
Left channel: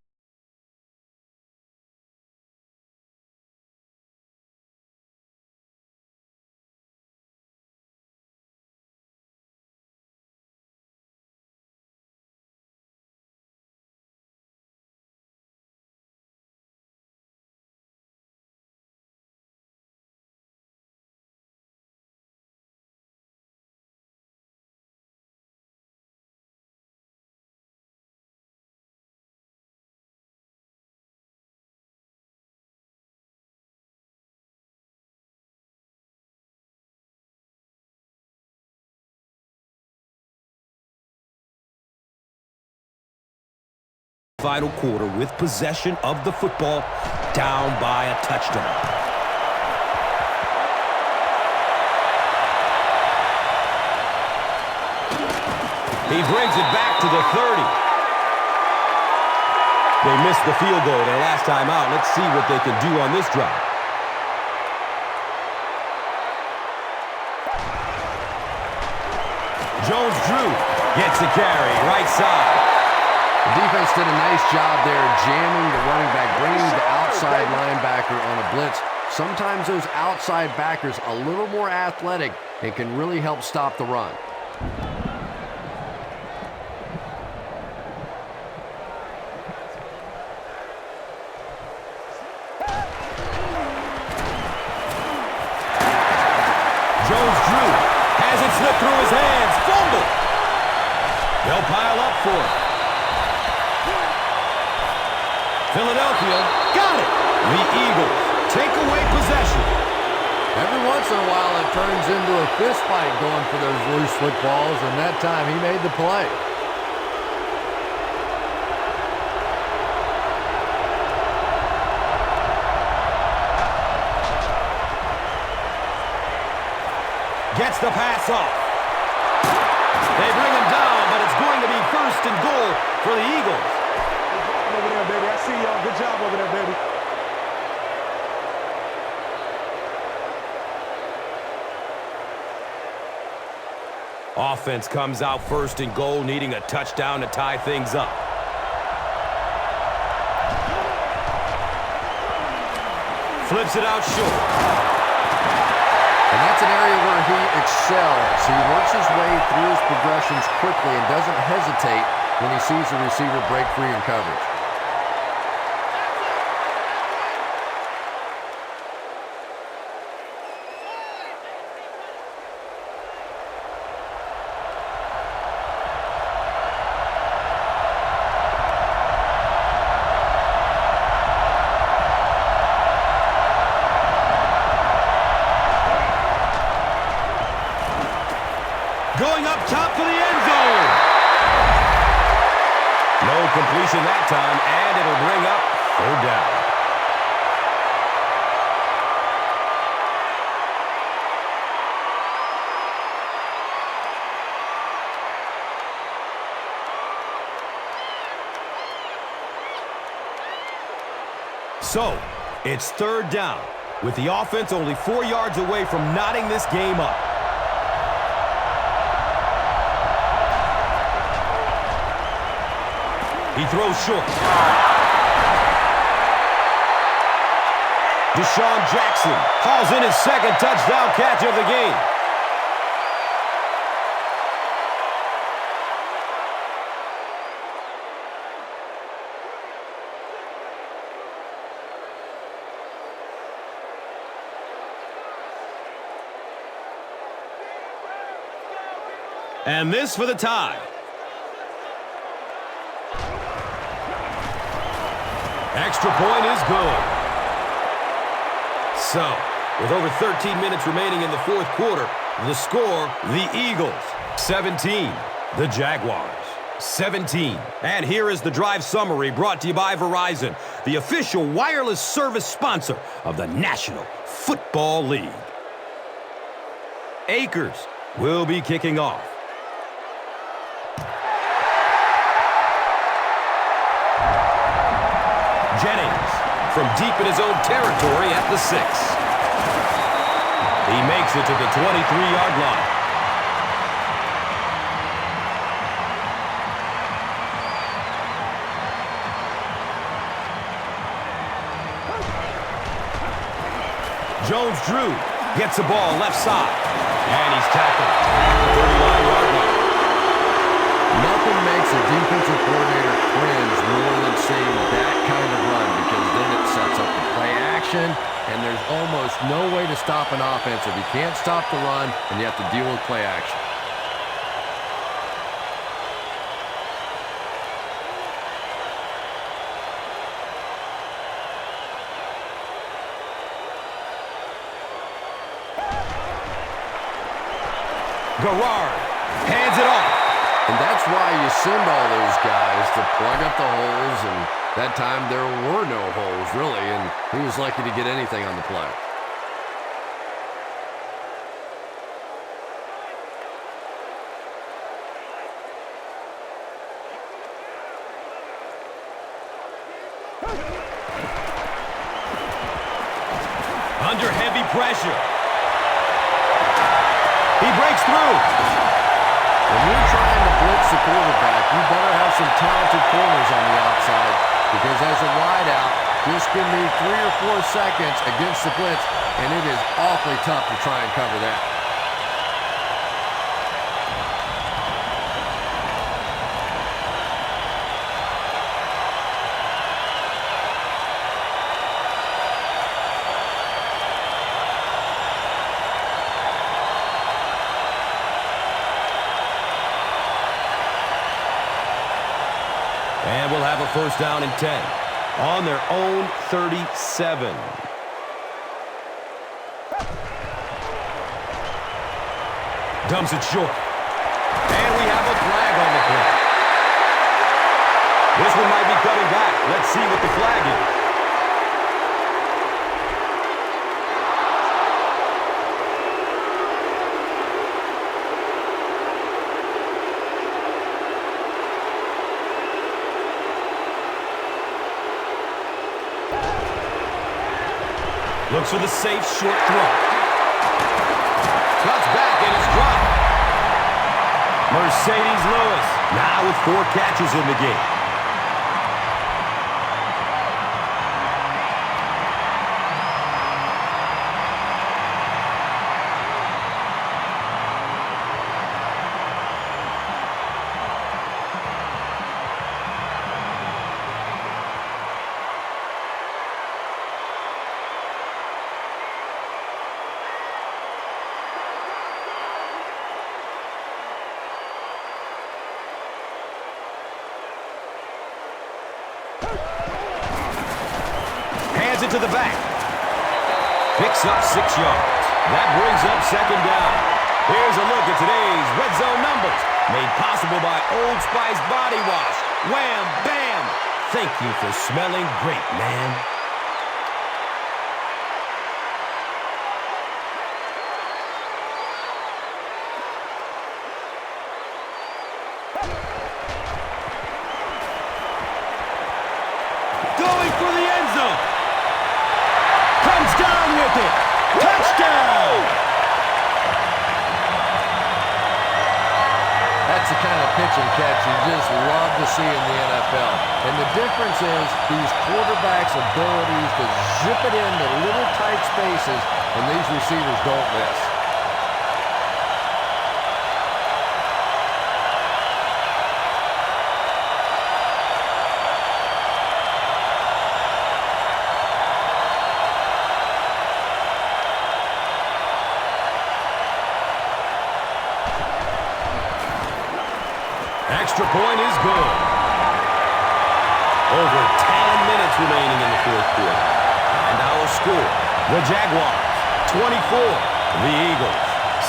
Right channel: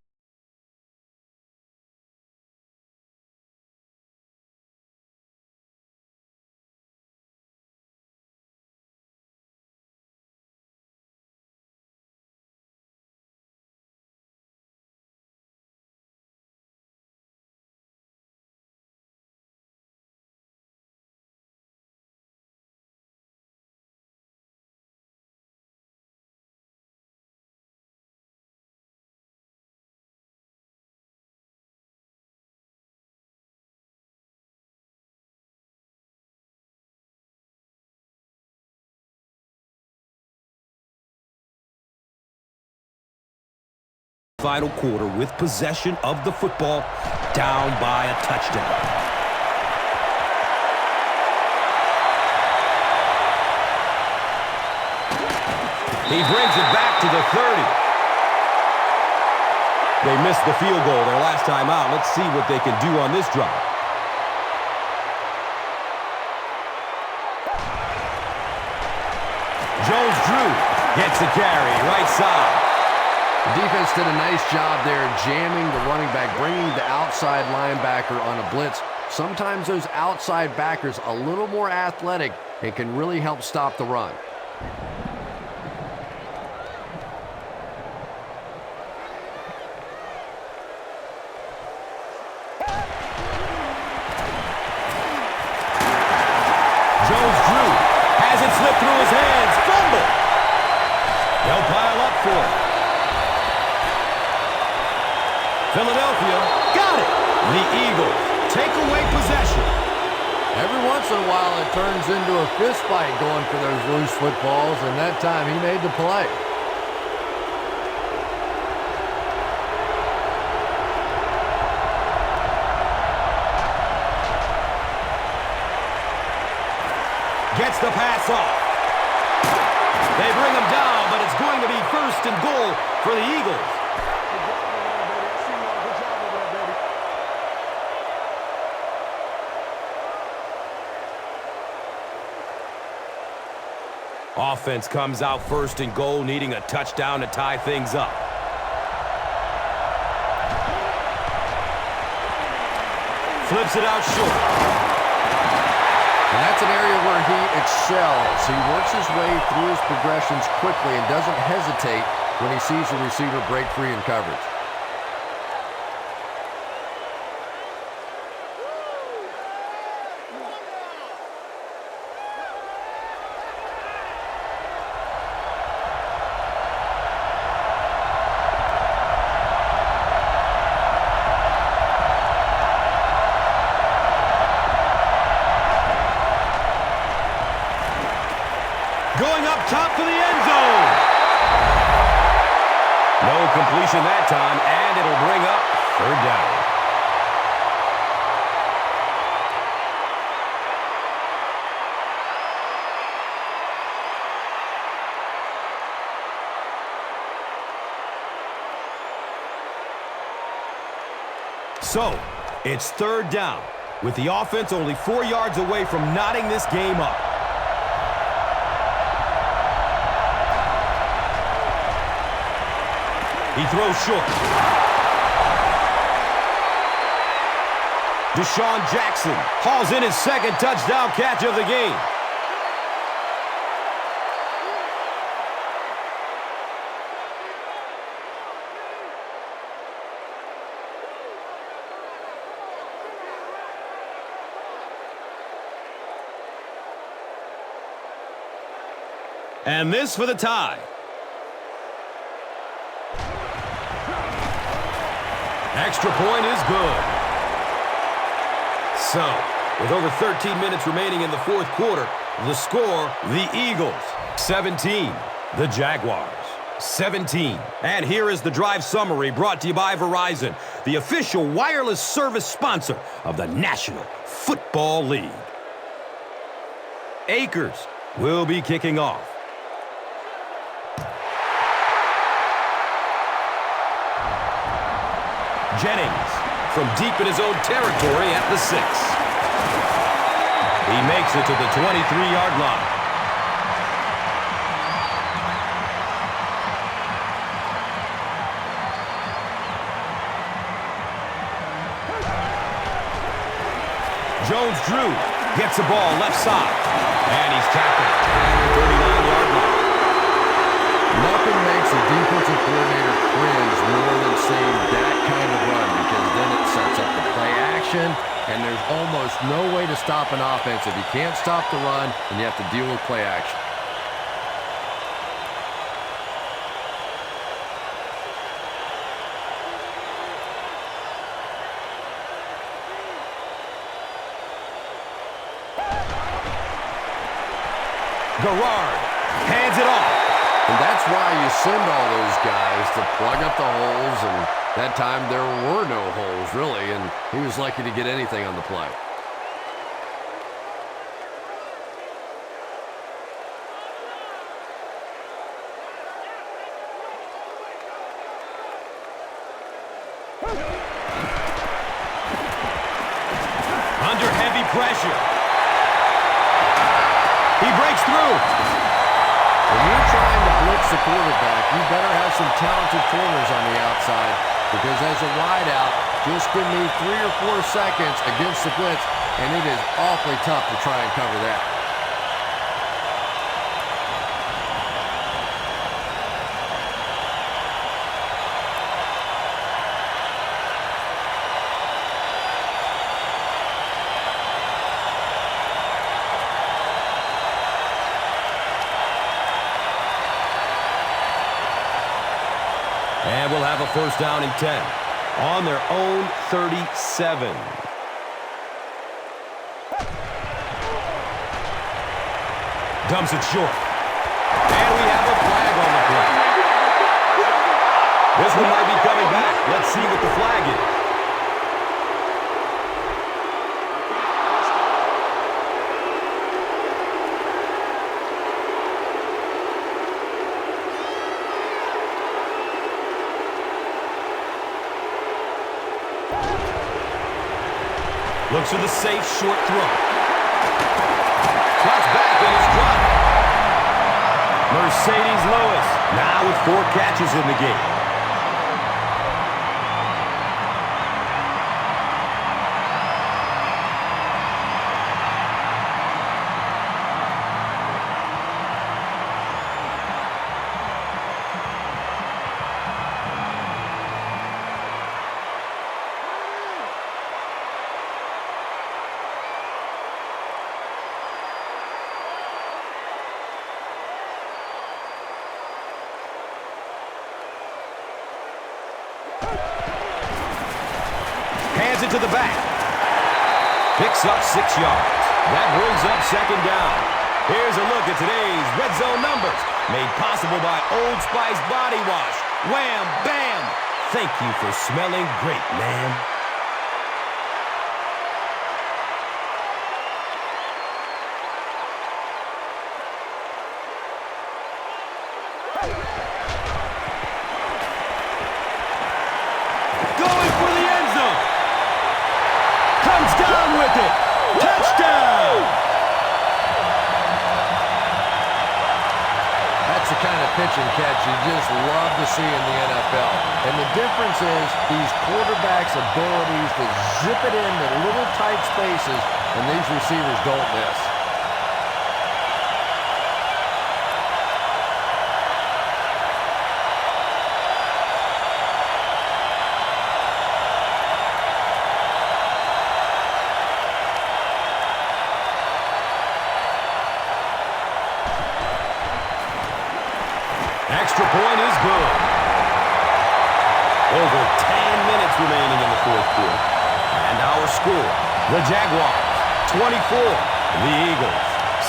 final quarter with possession of the football, down by a touchdown. He brings it back to the 30. They missed the field goal their last time out. Let's see what they can do on this drive. Jones-Drew gets a carry, right side. The defense did a nice job there jamming the running back, bringing the outside linebacker on a blitz. Sometimes those outside backers a little more athletic and can really help stop the run. Jones-Drew has it slip through his hands. Fumble. They'll pile up for it. Philadelphia got it. The Eagles take away possession. Every once in a while, it turns into a fist fight going for those loose footballs, and that time he made the play. Gets the pass off. They bring him down, but it's going to be first and goal for the Eagles. Good job over there, baby. I see y'all. Good job over there, baby. Offense comes out first and goal, needing a touchdown to tie things up. Flips it out short. And that's an area where he excels. He works his way through his progressions quickly and doesn't hesitate when he sees the receiver break free in coverage. Going up top to the end zone. No completion that time, and it'll bring up third down. So, it's third down, with the offense only 4 yards away from knotting this game up. He throws short. Deshaun Jackson hauls in his second touchdown catch of the game. And this for the tie. Extra point is good. So, with over 13 minutes remaining in the fourth quarter, the score, the Eagles, 17. The Jaguars, 17. And here is the drive summary brought to you by Verizon, the official wireless service sponsor of the National Football League. Akers will be kicking off. Jennings from deep in his own territory at the 6. He makes it to the 23-yard line. Jones-Drew gets the ball left side, and he's tackled at the 39-yard line. Nothing makes a defensive coordinator cringe more than seeing that kind of run, because then it sets up the play action, and there's almost no way to stop an offense if you can't stop the run and you have to deal with play action. Garrard hands it off. And that's why you send all those guys to plug up the holes, and that time there were no holes, really, and he was lucky to get anything on the play. Under heavy pressure. He breaks through. When you're trying to blitz the quarterback, you better have some talented corners on the outside, because as a wideout, just give me 3 or 4 seconds against the blitz, and it is awfully tough to try and cover that. And we'll have a first down and 10 on their own 37. Dumps it short. And we have a flag on the play. This one might be coming back. Let's see what the flag is. Looks for the safe short throw. Cuts back and is dropped. Mercedes Lewis now with 4 catches in the game. Hands it to the back. Picks up 6 yards. That brings up second down. Here's a look at today's red zone numbers. Made possible by Old Spice Body Wash. Wham, bam. Thank you for smelling great, man. Going for the end zone. Comes down with it. Touchdown! That's the kind of pitch and catch you just love to see in the NFL. And the difference is these quarterbacks' abilities to zip it into little tight spaces, and these receivers don't miss. Extra point is good. Over 10 minutes remaining in the fourth quarter. And our score, the Jaguars, 24. The Eagles,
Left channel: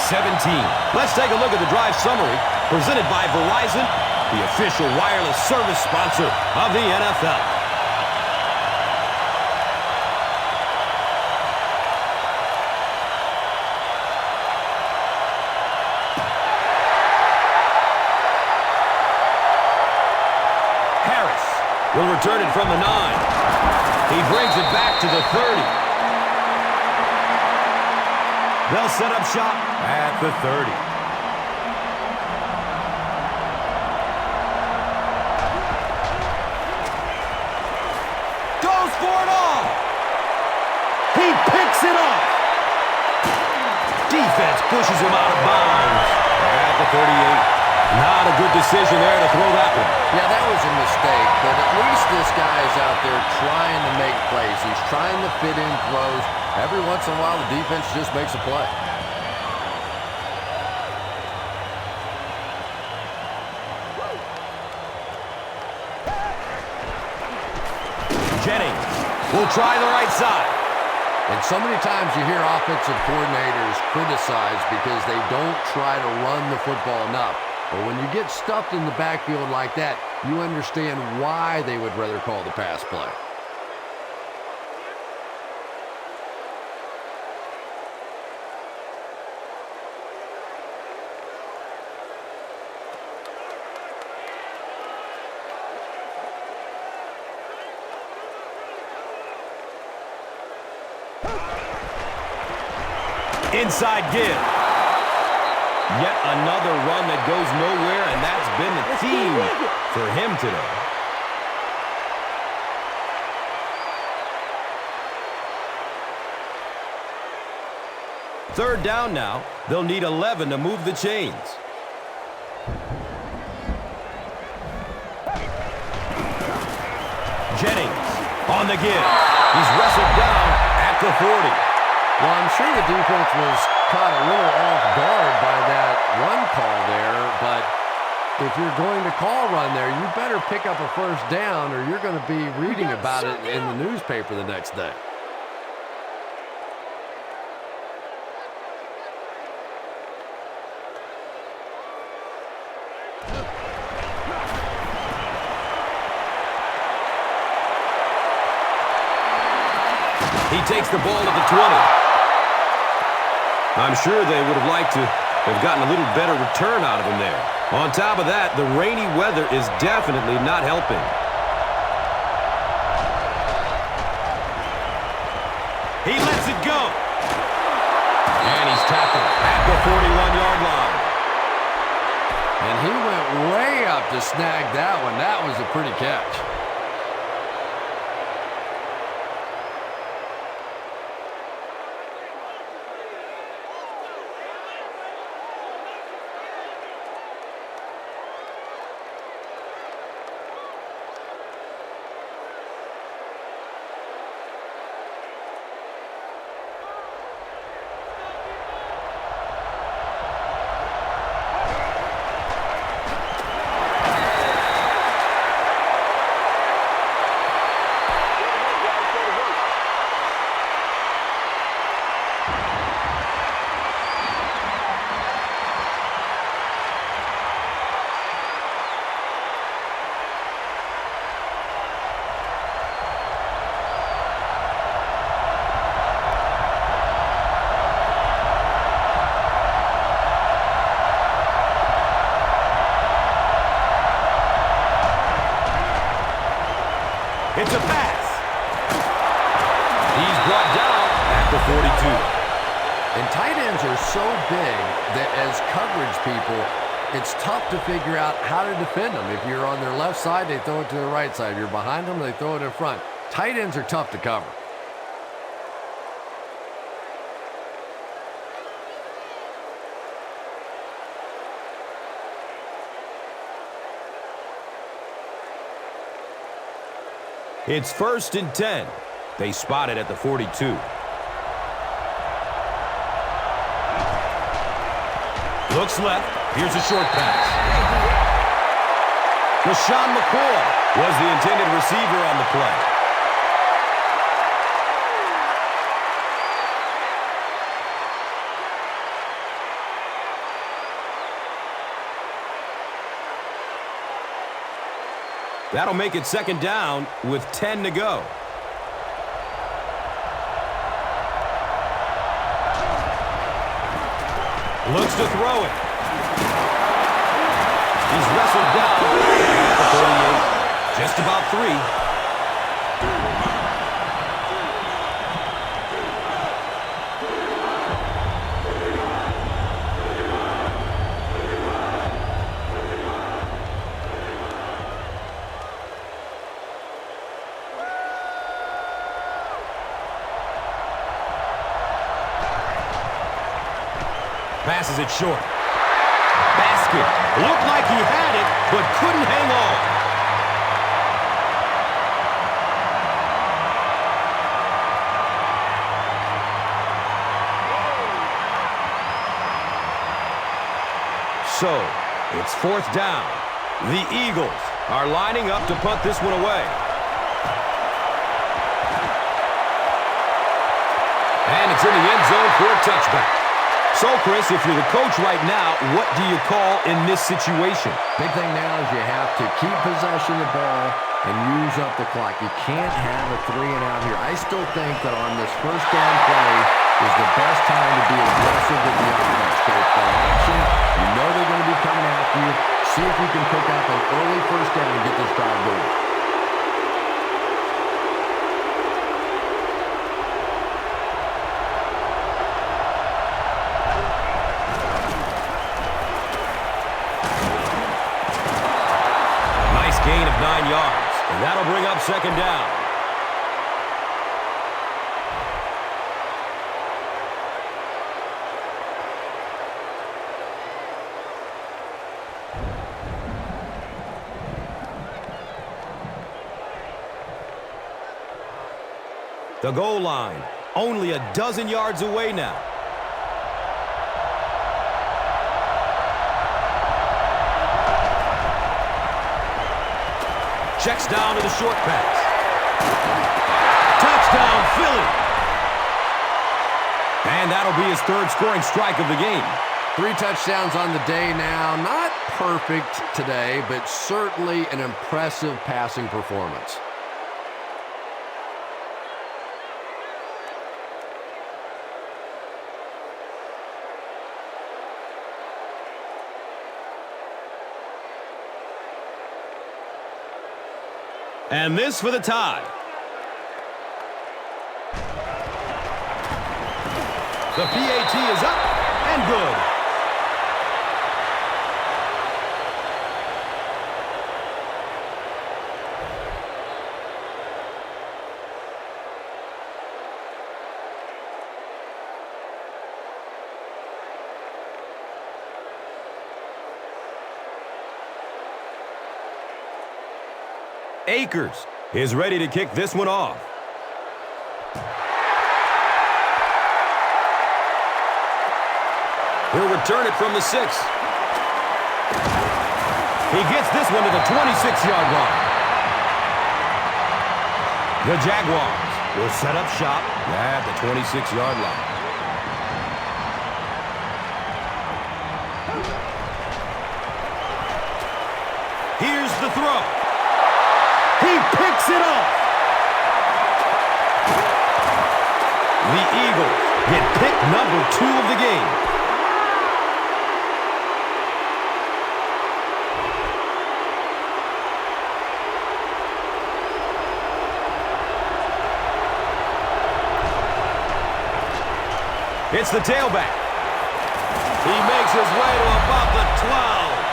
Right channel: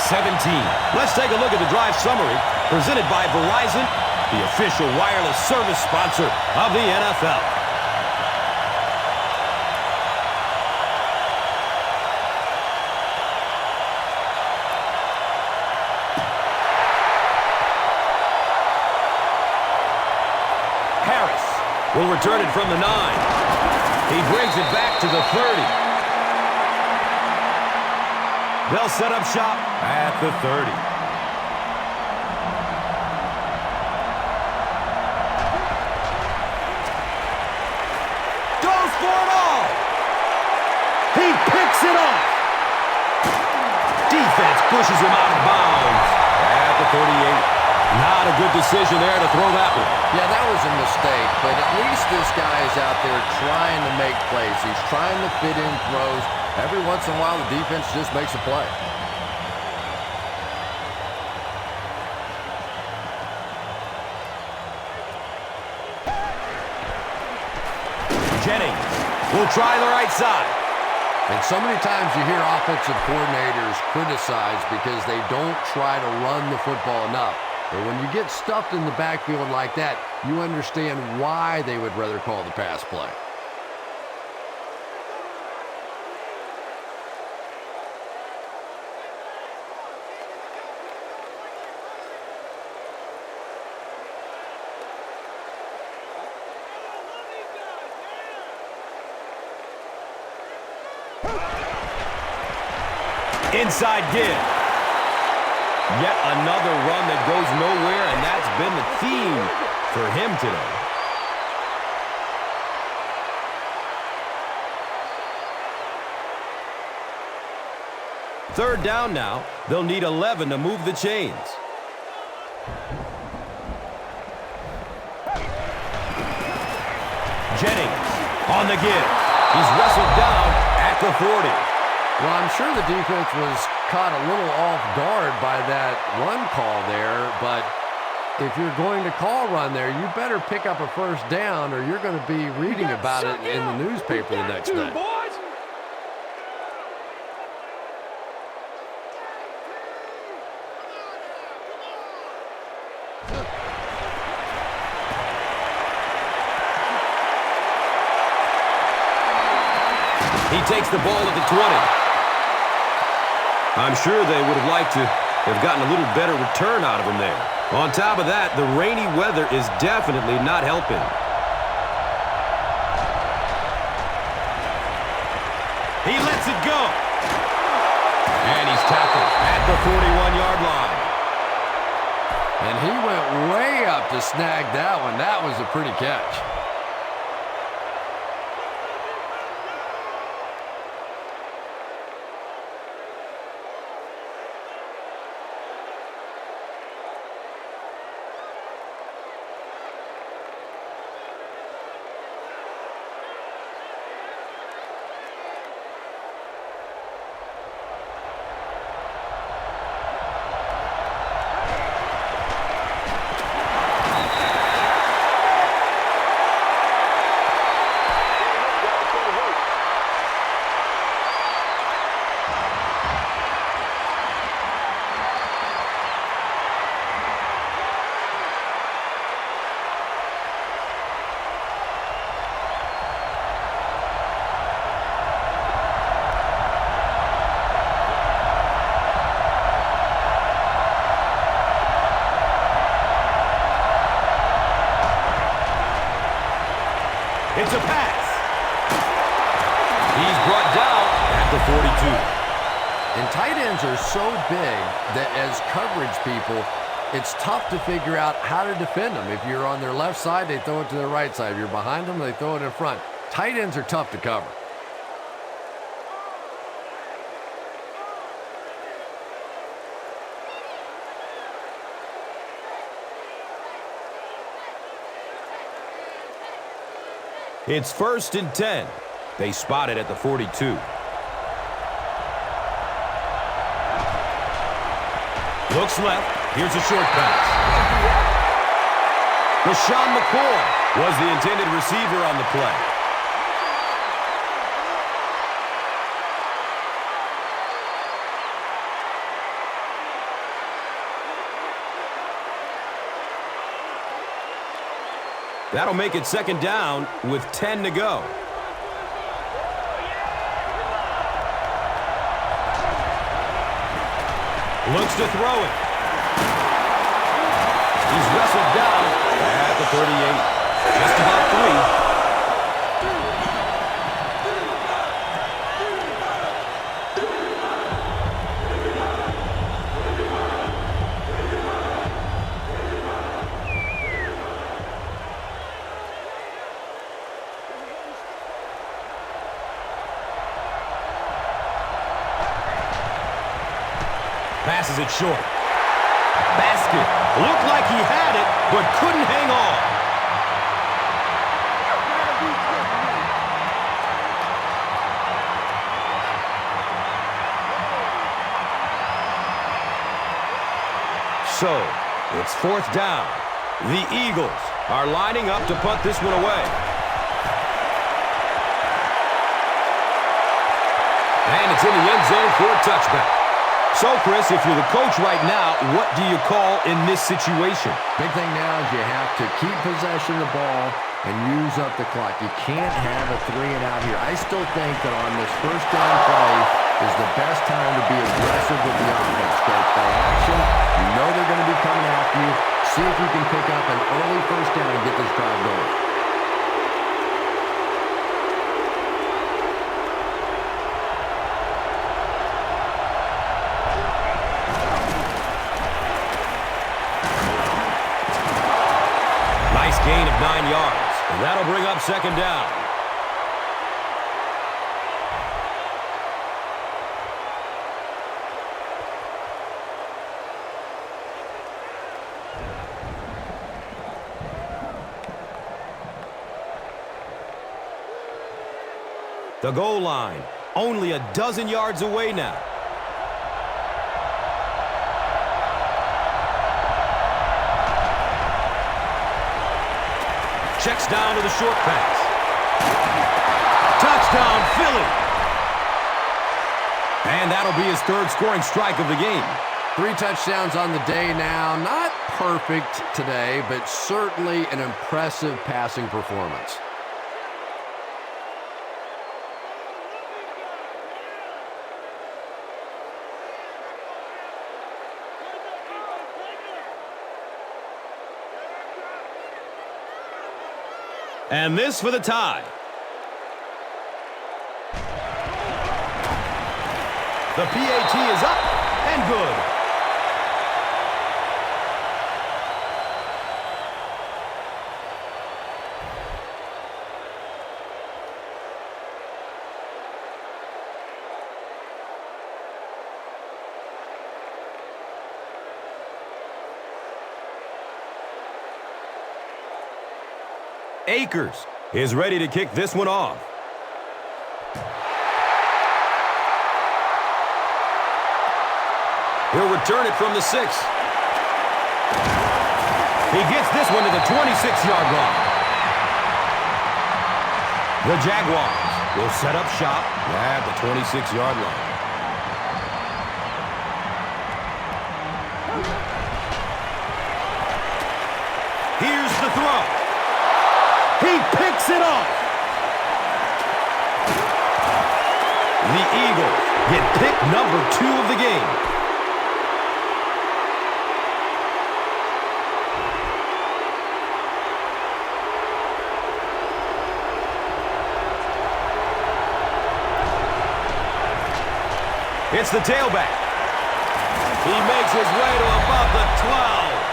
17. Let's take a look at the drive summary presented by Verizon, the official wireless service sponsor of the NFL. Harris will return it from the 9. He brings it back to the 30. They'll set up shop at the 30. Goes for it all. He picks it off. Defense pushes him out of bounds at the 38. Not a good decision there to throw that one. Yeah, that was a mistake, but at least this guy is out there trying to make plays. He's trying to fit in throws. Every once in a while, the defense just makes a play. Jennings will try the right side. And so many times you hear offensive coordinators criticized because they don't try to run the football enough. But when you get stuffed in the backfield like that, you understand why they would rather call the pass play. Inside give. Yet another run that goes nowhere, and that's been the theme for him today. Third down now. They'll need 11 to move the chains. Jennings on the give. He's wrestled down at the 40. Well, I'm sure the defense was caught a little off guard by that run call there, but if you're going to call run there, you better pick up a first down or you're going to be reading about it in the newspaper the next day. He takes the ball at the 20. I'm sure they would have liked to have gotten a little better return out of him there. On top of that, the rainy weather is definitely not helping. He lets it go. And he's tackled at the 41-yard line. And he went way up to snag that one. That was a pretty catch. It's a pass. He's brought down at the 42. And tight ends are so big that as coverage people, it's tough to figure out how to defend them. If you're on their left side, they throw it to their right side. If you're behind them, they throw it in front. Tight ends are tough to cover. It's 1st and 10. They spot it at the 42. Looks left. Here's a short pass. LaShawn McCoy was the intended receiver on the play. That'll make it 2nd down with 10 to go. Looks to throw it. He's wrestled down at the 38. Just about 3. Passes it short. Basket. Looked like he had it, but couldn't hang on. So, it's 4th down. The Eagles are lining up to punt this one away. And it's in the end zone for a touchback. So, Chris, if you're the coach right now, what do you call in this situation? Big thing now is you have to keep possession of the ball and use up the clock. You can't have a 3-and-out here. I still think that on this 1st down play is the best time to be aggressive with the offense. Go play action. You know they're going to be coming after you. See if you can pick up an early 1st down and get this drive going. Nice gain of 9 yards, and that'll bring up 2nd down. The goal line, only a dozen yards away now. Checks down to the short pass. Touchdown, Philly. And that'll be his third scoring strike of the game. 3 touchdowns on the day now. Not perfect today, but certainly an impressive passing performance. And this for the tie. The PAT is up and good. Akers is ready to kick this one off. He'll return it from the 6. He gets this one to the 26-yard line. The Jaguars will set up shop at the 26-yard line. Here's the throw. He picks it off. The Eagles get pick number 2 of the game. It's the tailback. He makes his way to about the 12.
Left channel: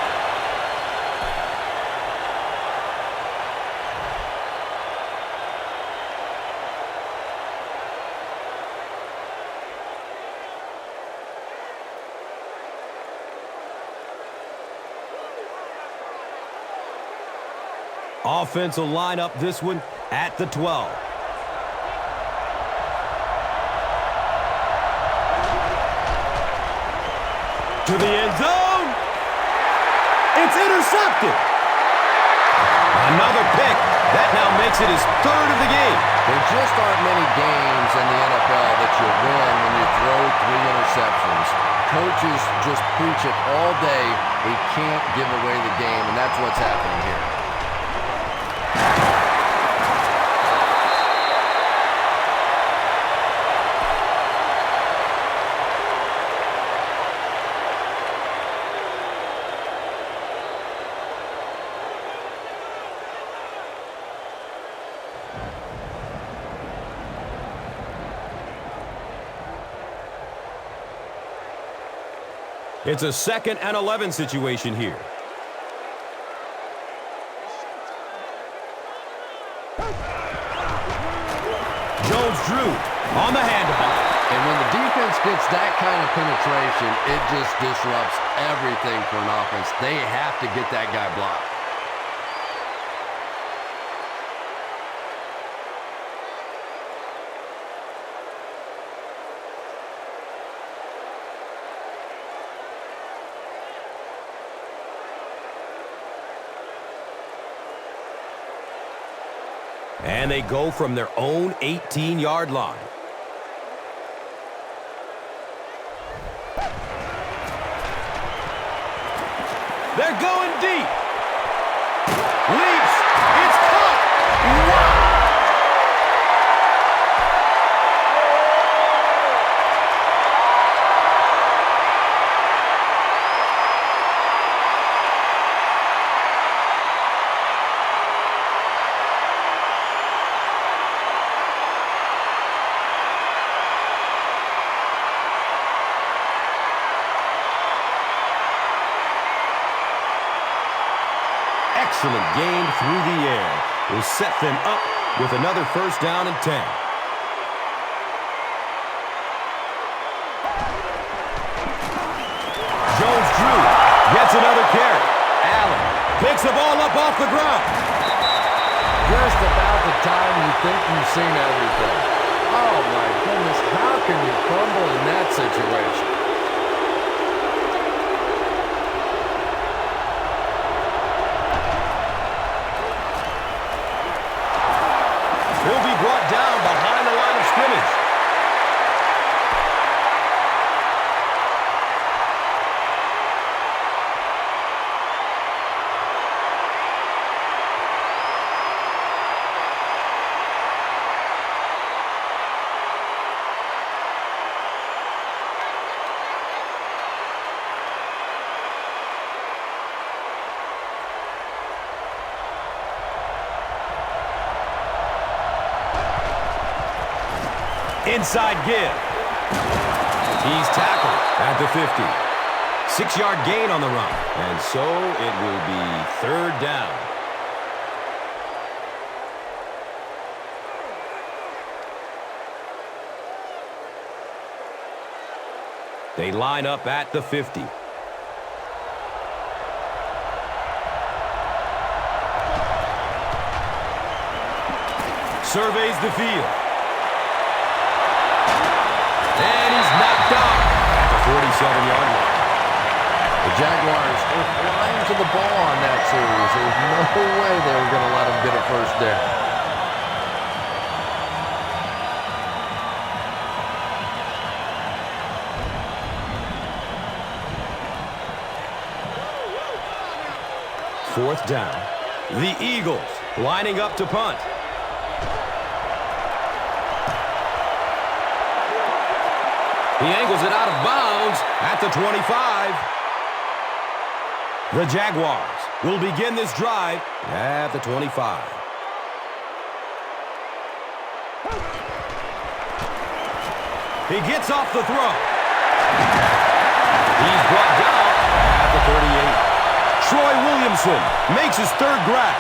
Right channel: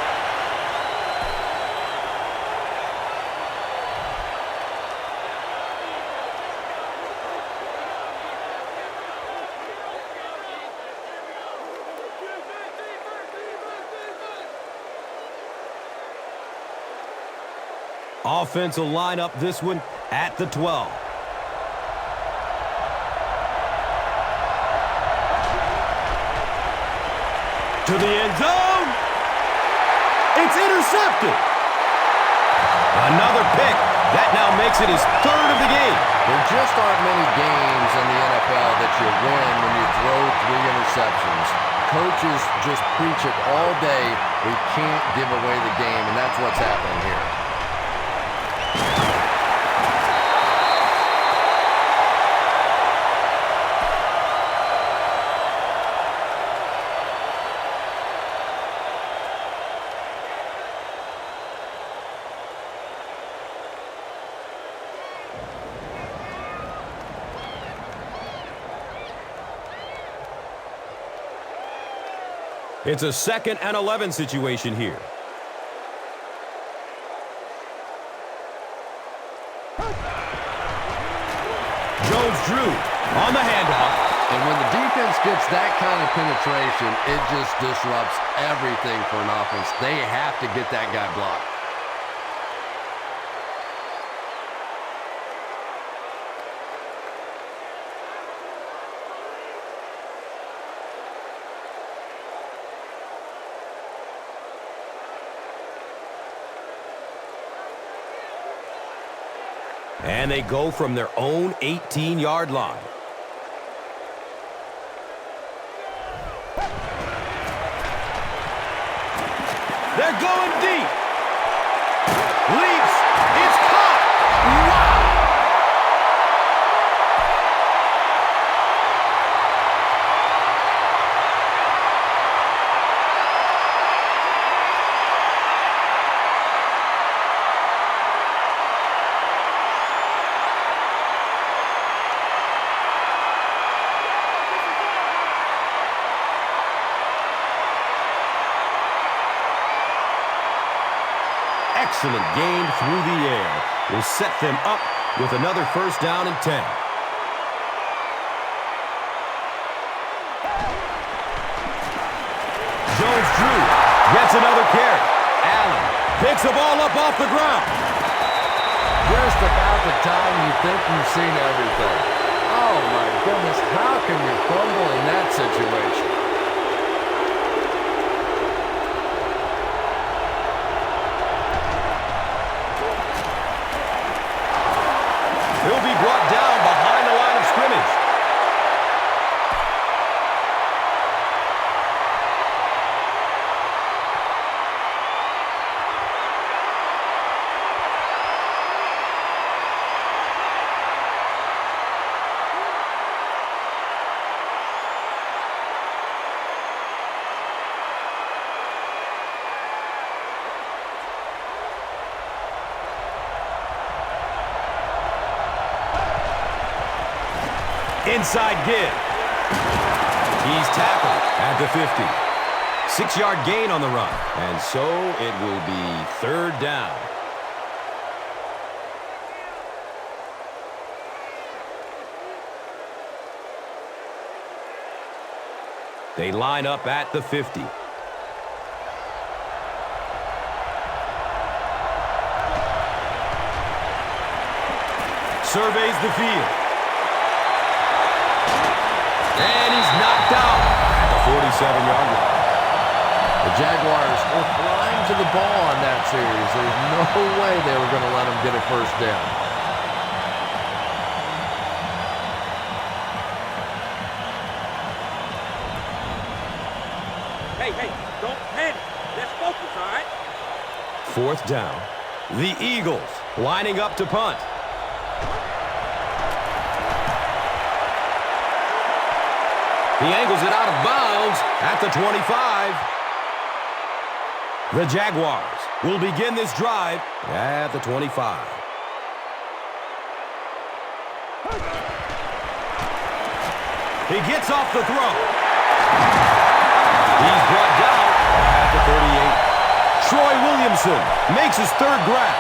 Offense will line up this one at the 12. To the end zone. It's intercepted. Another pick. That now makes it his 3rd of the game. There just aren't many games in the NFL that you win when you throw 3 interceptions. Coaches just preach it all day. We can't give away the game, and that's what's happening here. It's a 2nd and 11 situation here. Jones-Drew on the handoff. And when the defense gets that kind of penetration, it just disrupts everything for an offense. They have to get that guy blocked. And they go from their own 18-yard line. They're going deep. Leaps. It's caught. Wow! Excellent gain through the air will set them up with another 1st down and 10. Jones-Drew gets another carry. Allen picks the ball up off the ground. Just about the time you think you've seen everything. Oh my goodness, how can you fumble in that situation? brought down behind the line of scrimmage. Inside give. He's tackled at the 50. 6-yard gain on the run. And so it will be third down. They line up at the 50. Surveys the field. And he's knocked out at the 47-yard line. The Jaguars were flying to the ball on that series. There's no way they were going to let them get a first down. Hey, don't panic. Let's focus, all right? Fourth down. The Eagles lining up to punt. He angles it out of bounds at the 25. The Jaguars will begin this drive at the 25. He gets off the throw. He's brought down at the 38. Troy Williamson makes his third grab.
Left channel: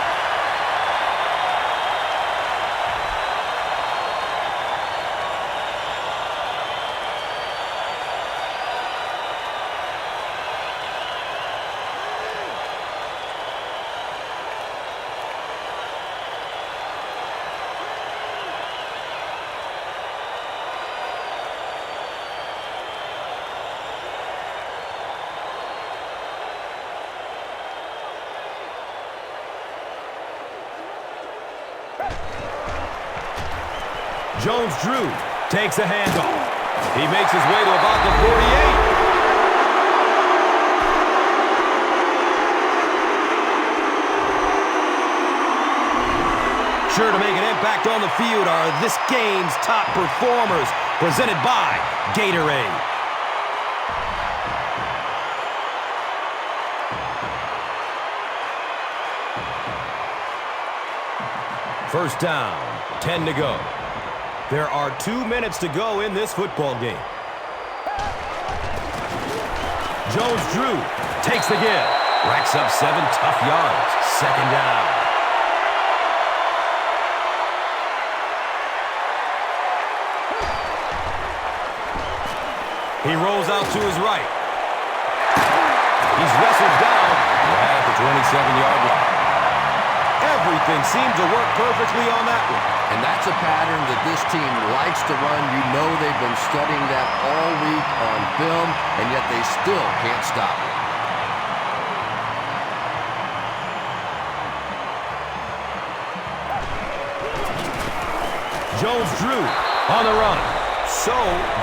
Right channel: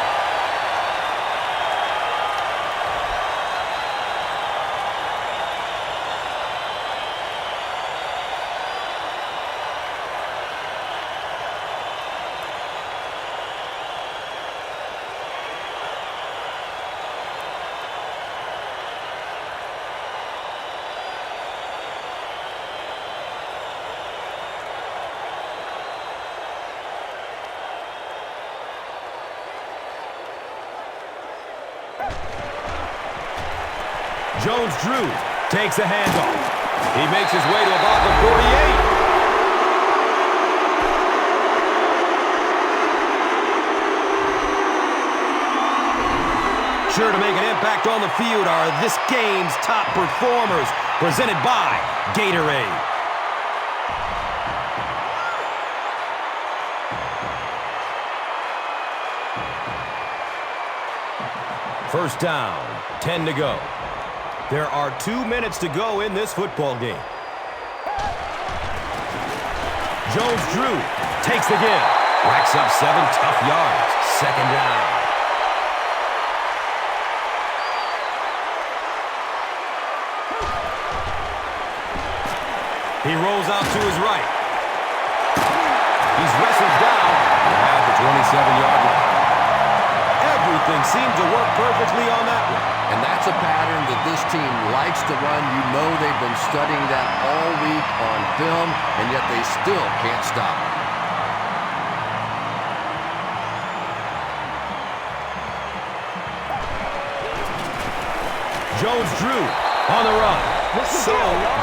Jones-Drew takes a handoff. He makes his way to about the 48. Sure to make an impact on the field are this game's top performers, presented by Gatorade. First down, 10 to go. There are 2 minutes to go in this football game. Jones-Drew takes the give. Racks up 7 tough yards. Second down. He rolls out to his right. He's wrestled down at the 27-yard line. Everything seemed to work perfectly on that one. And that's a pattern that this team likes to run. You know they've been studying that all week on film, and yet they still can't stop it. Jones-Drew on the run. So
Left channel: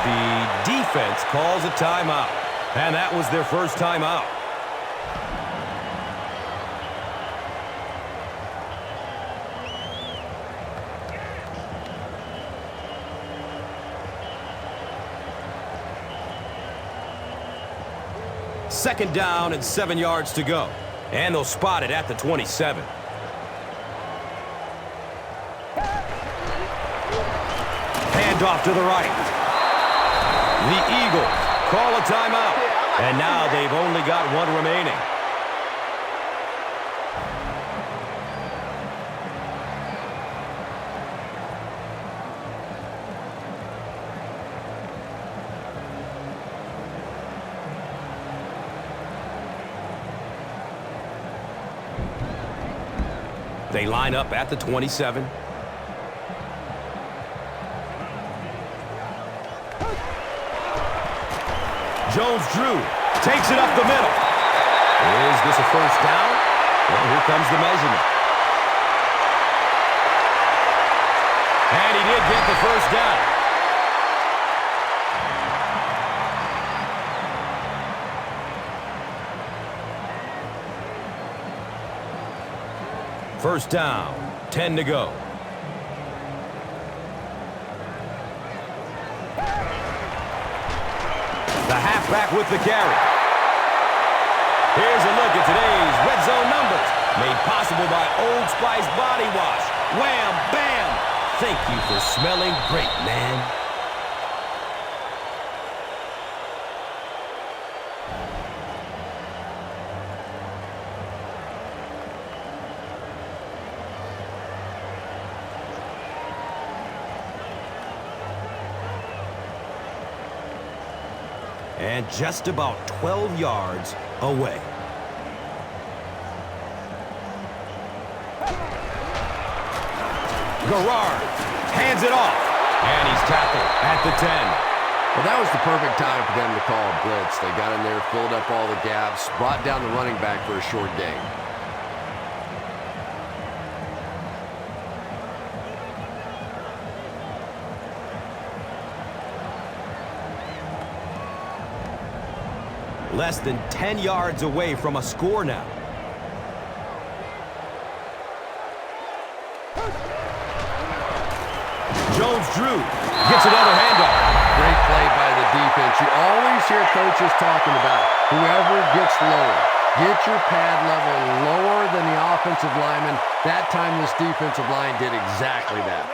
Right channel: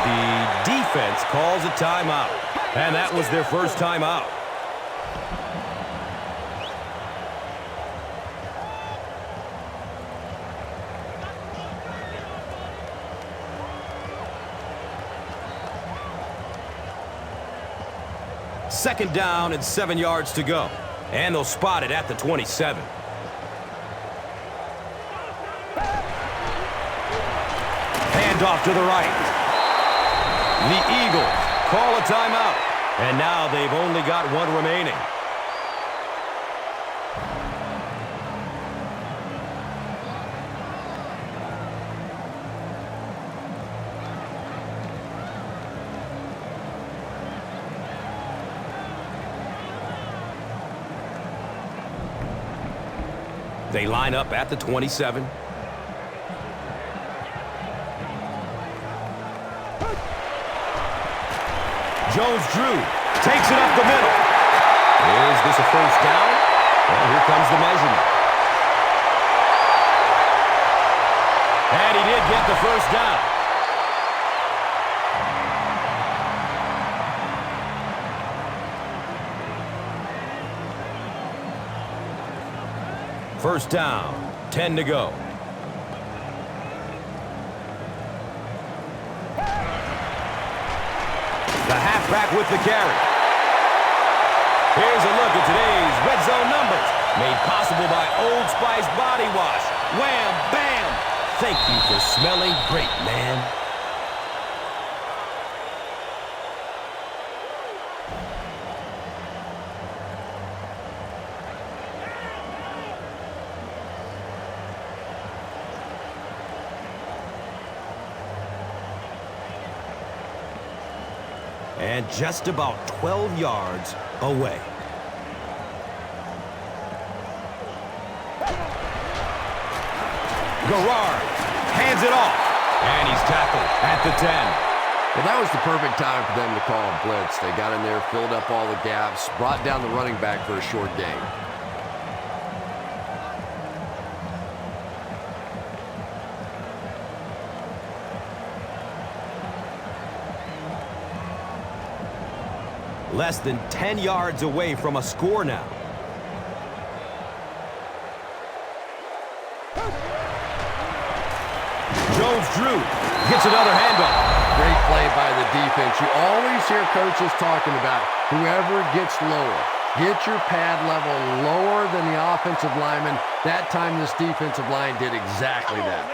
the defense calls a timeout. And that was their first timeout. Second down and 7 yards to go. And they'll spot it at the 27. Handoff to the right. The Eagles call a timeout. And now they've only got one remaining. They line up at the 27. Jones-Drew takes it up the middle. Is this a first down? Well, here comes the measurement. And he did get the first down. First down, 10 to go. The halfback with the carry. Here's a look at today's red zone numbers, made possible by Old Spice Body Wash. Wham, bam! Thank you for smelling great, man. And just about 12 yards away. Garrard hands it off, and he's tackled at the 10. Well, that was the perfect time for them to call a blitz. They got in there, filled up all the gaps, brought down the running back for a short gain. Less than 10 yards away from a score now. Jones-Drew gets another handoff. Great play by the defense. You always hear coaches talking about whoever gets lower. Get your pad level lower than the offensive lineman. That time this defensive line did exactly that.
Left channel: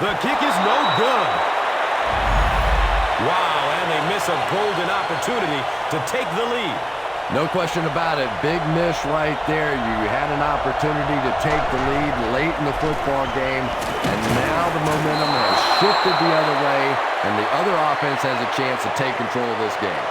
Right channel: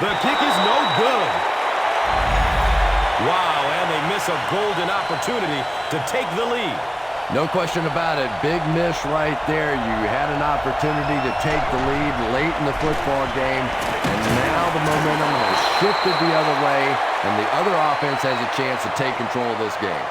The kick is no good. Wow, and they miss a golden opportunity to take the lead. No question about it. Big miss right there. You had an opportunity to take the lead late in the football game, and now the momentum has shifted the other way, and the other offense has a chance to take control of this game.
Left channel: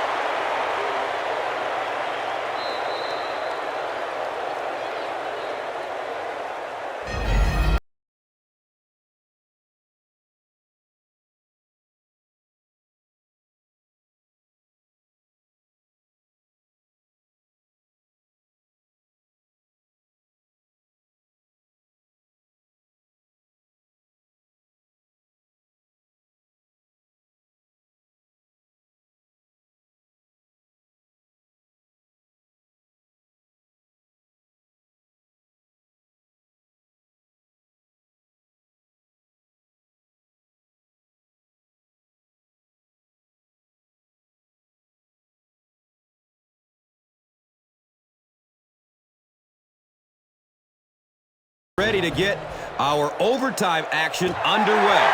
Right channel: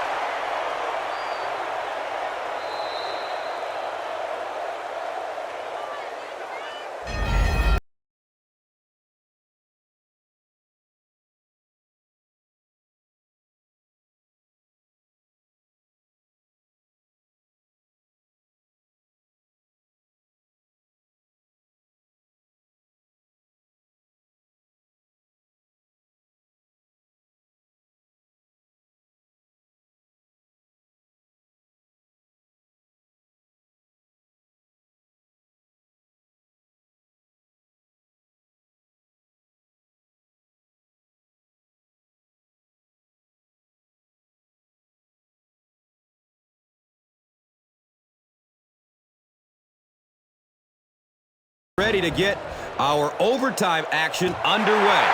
Ready to get our overtime action underway.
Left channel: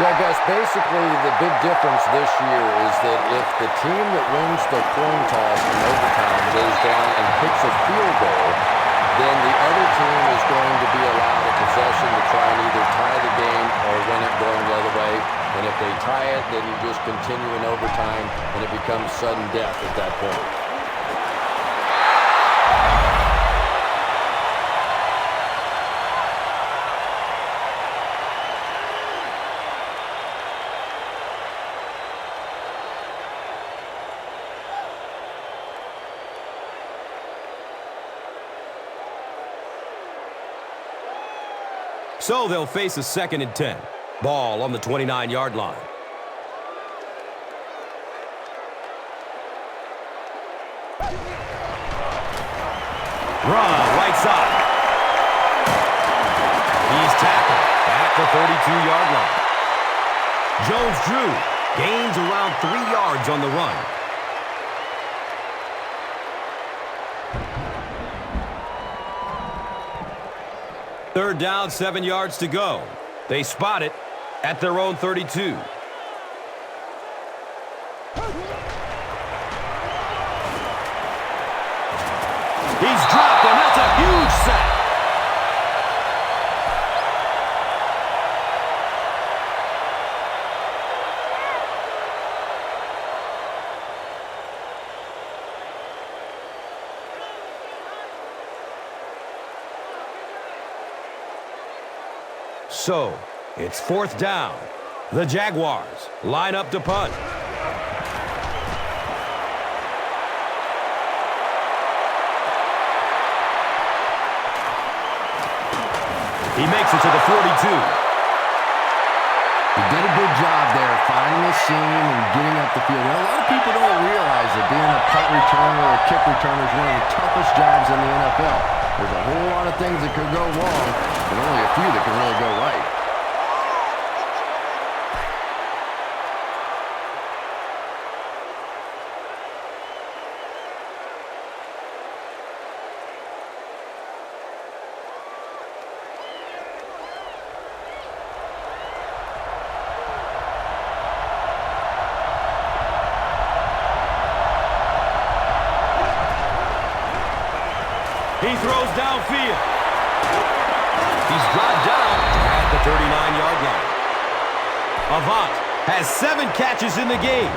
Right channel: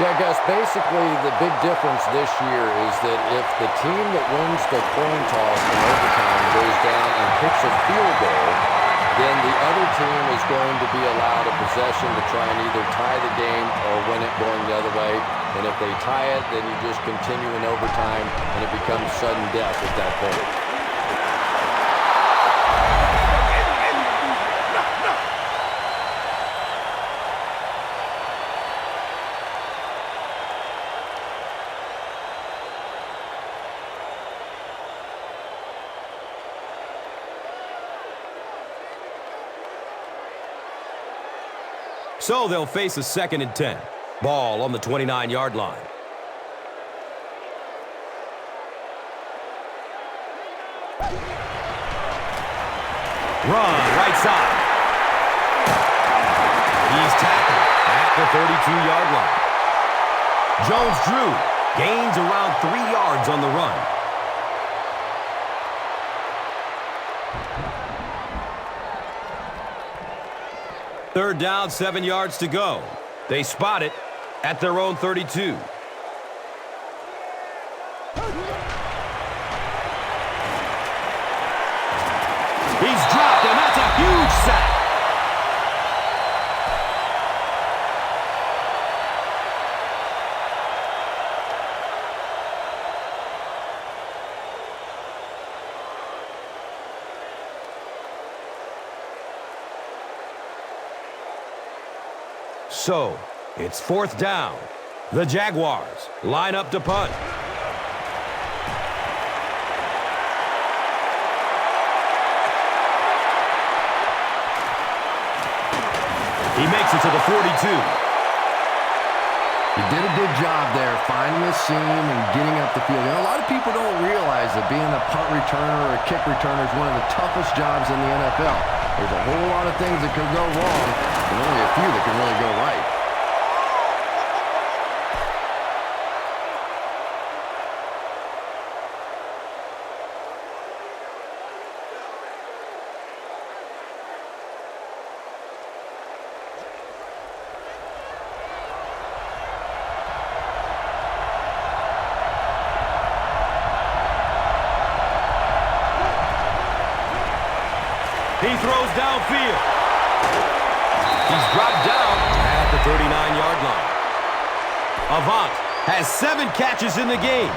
Yeah, Gus, basically the big difference this year is that if the team that wins the coin toss in overtime goes down and kicks a field goal, then the other team is going to be allowed a possession to try and either tie the game or win it going the other way. And if they tie it, then you just continue in overtime, and it becomes sudden death at that point. So they'll face a 2nd and 10. Ball on the 29-yard line. Run right side. He's tackled at the 32-yard line. Jones-Drew gains around 3 yards on the run. Third down, 7 yards to go. They spot it at their own 32. He's dropped, and that's a huge sack. So, it's 4th down. The Jaguars line up to punt. He makes it to the 42. He did a good job there, finding a seam and getting up the field. You know, a lot of people don't realize that being a punt returner or a kick returner is one of the toughest jobs in the NFL. There's a whole lot of things that could go wrong, and only a few that can really go right. He throws downfield. He's dropped down at the 39-yard line. Avant has 7 catches in the game.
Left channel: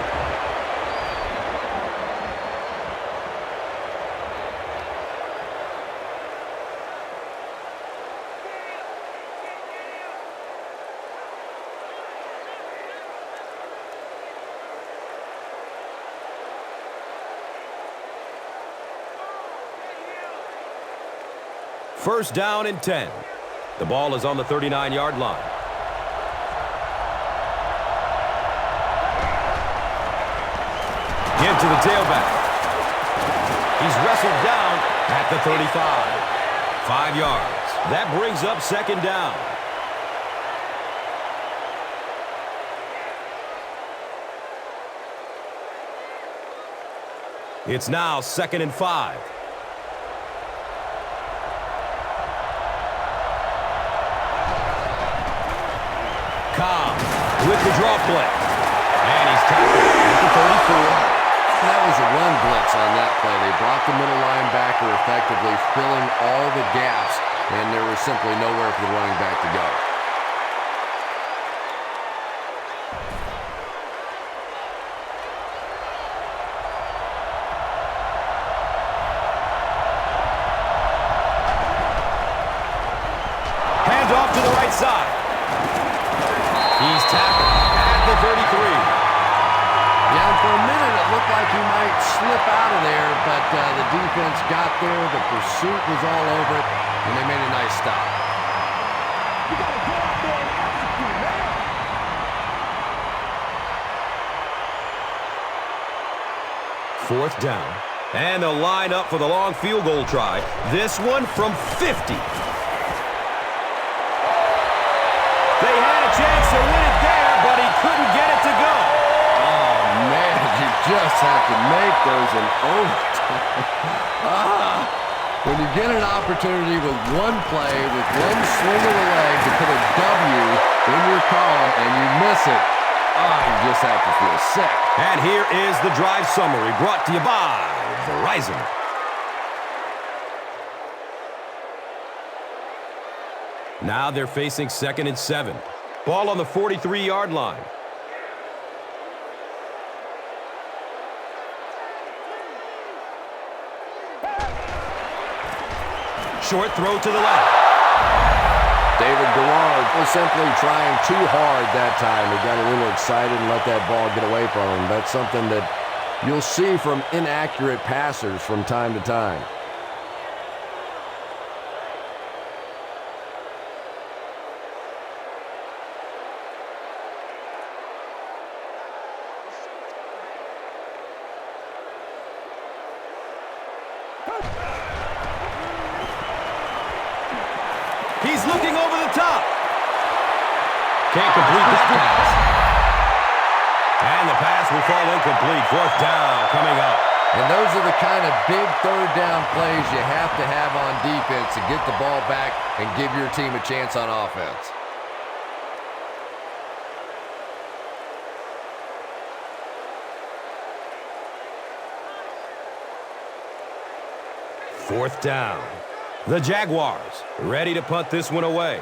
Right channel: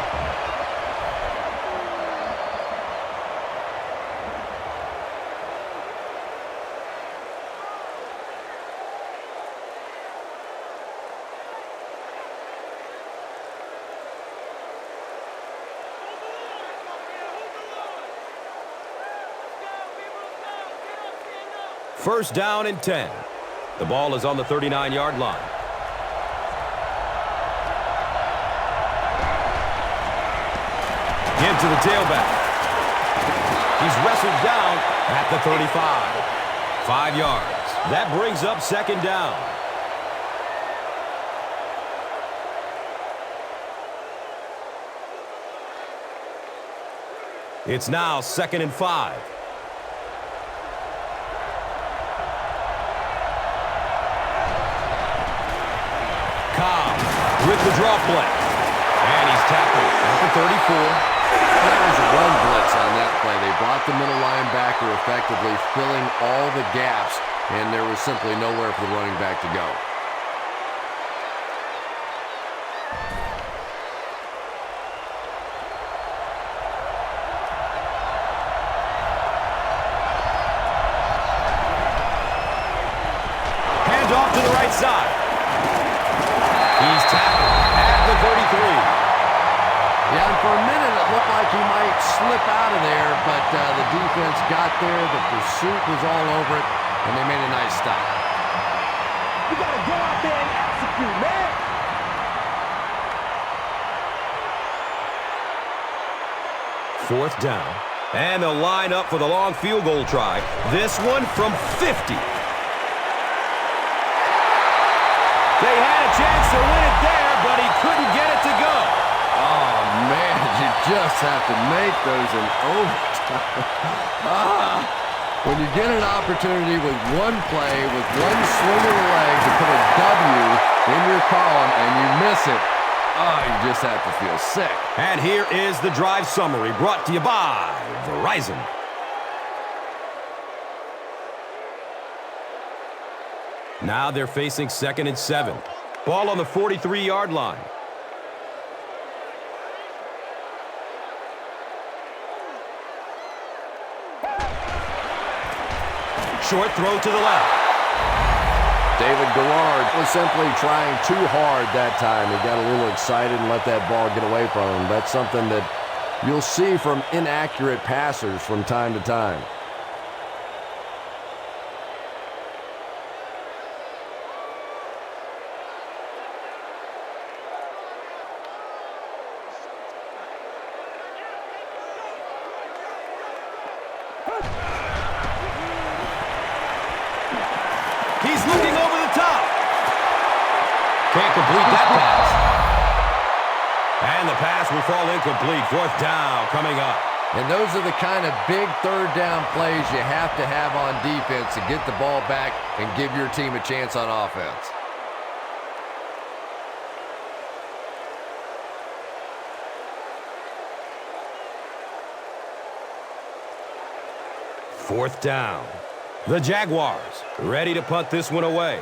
First down and 10. The ball is on the 39-yard line. Give to the tailback. He's wrestled down at the 35. 5 yards. That brings up 2nd down. It's now 2nd and 5. Cobb with the draw play. And he's tackled at the 34. That was a run blitz on that play. They brought the middle linebacker effectively, filling all the gaps, and there was simply nowhere for the running back to go. Hand off to the right side. He's tackled at the 33. Yeah, and for a minute it looked like he might slip out of there, but the defense got there, the pursuit was all over it, and they made a nice stop. You got to go out there and execute, man. Fourth down. And they'll line up for the long field goal try. This one from 50. They had a chance to win it there, but he couldn't get it to go. Oh, man, you just have to make those in overtime. When you get an opportunity with one play, with one swing of the leg to put a W in your column and you miss it, you just have to feel sick. And here is the drive summary brought to you by Verizon. Now they're facing 2nd and 7. Ball on the 43-yard line. Short throw to the left. David Garrard was simply trying too hard that time. He got a little excited and let that ball get away from him. That's something that you'll see from inaccurate passers from time to time. He's looking over the top. Can't complete that pass. And the pass will fall incomplete. 4th down coming up. And those are the kind of big 3rd down plays you have to have on defense to get the ball back and give your team a chance on offense. Fourth down. The Jaguars ready to punt this one away.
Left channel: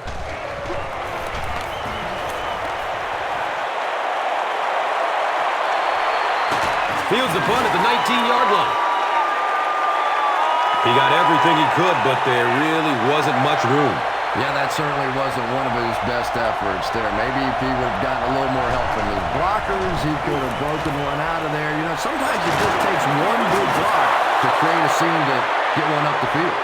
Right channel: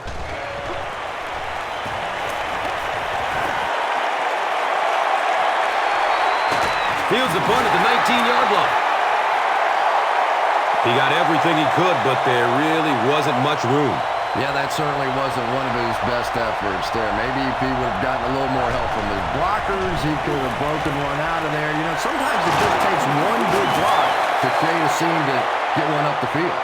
Fields the punt at the 19-yard line. He got everything he could, but there really wasn't much room. Yeah, that certainly wasn't one of his best efforts there. Maybe if he would have gotten a little more help from his blockers, he could have broken one out of there. You know, sometimes it just takes one good block to create a scene to get one up the field.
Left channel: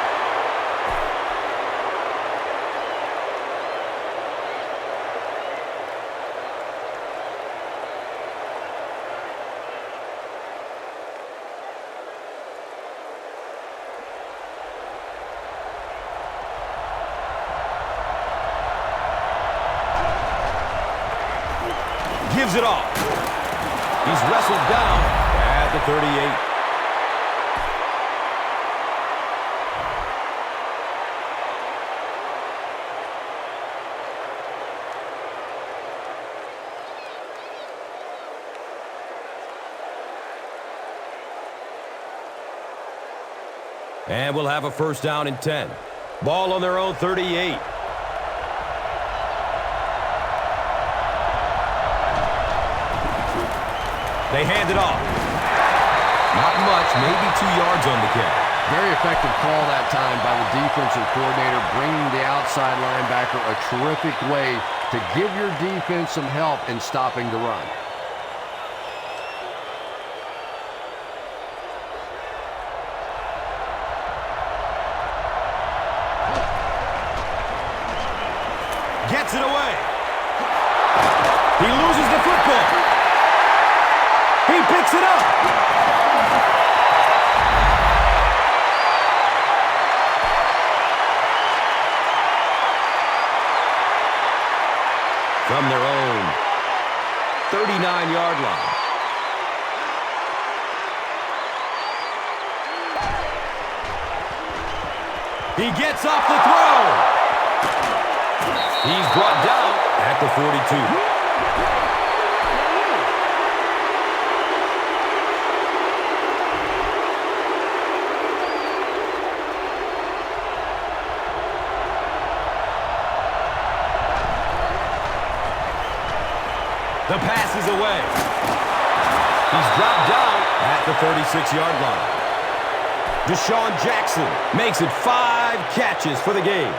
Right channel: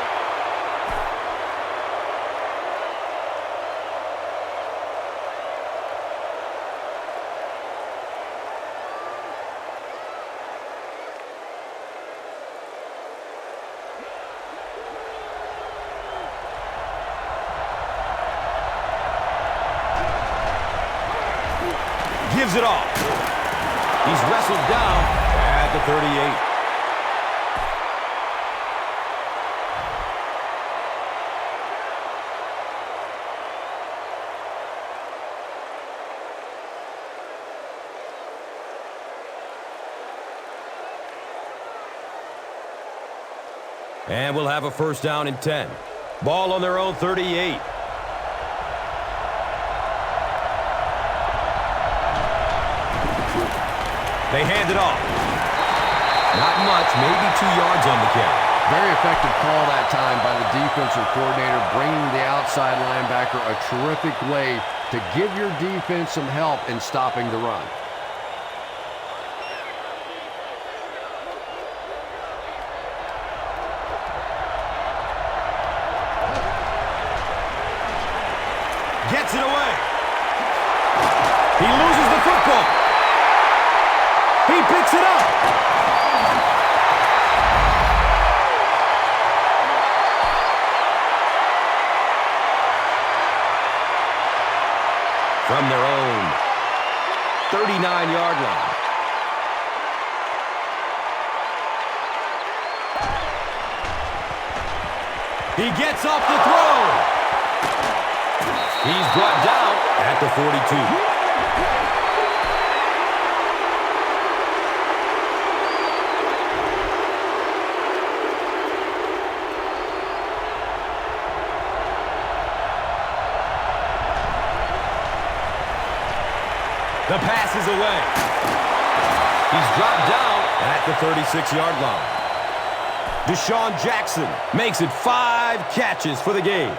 Gives it off. He's wrestled down at the 38. And we'll have a first down and 10. Ball on their own 38. They hand it off. Not much, maybe 2 yards on the carry. Very effective call that time by the defensive coordinator, bringing the outside linebacker a terrific way to give your defense some help in stopping the run. Gets it away. He loses the football. He picks it up. From their own 39-yard line. He gets off the throw. He's brought down at the 42. The pass is away. He's dropped down at the 36-yard line. Deshaun Jackson makes it 5 catches for the game.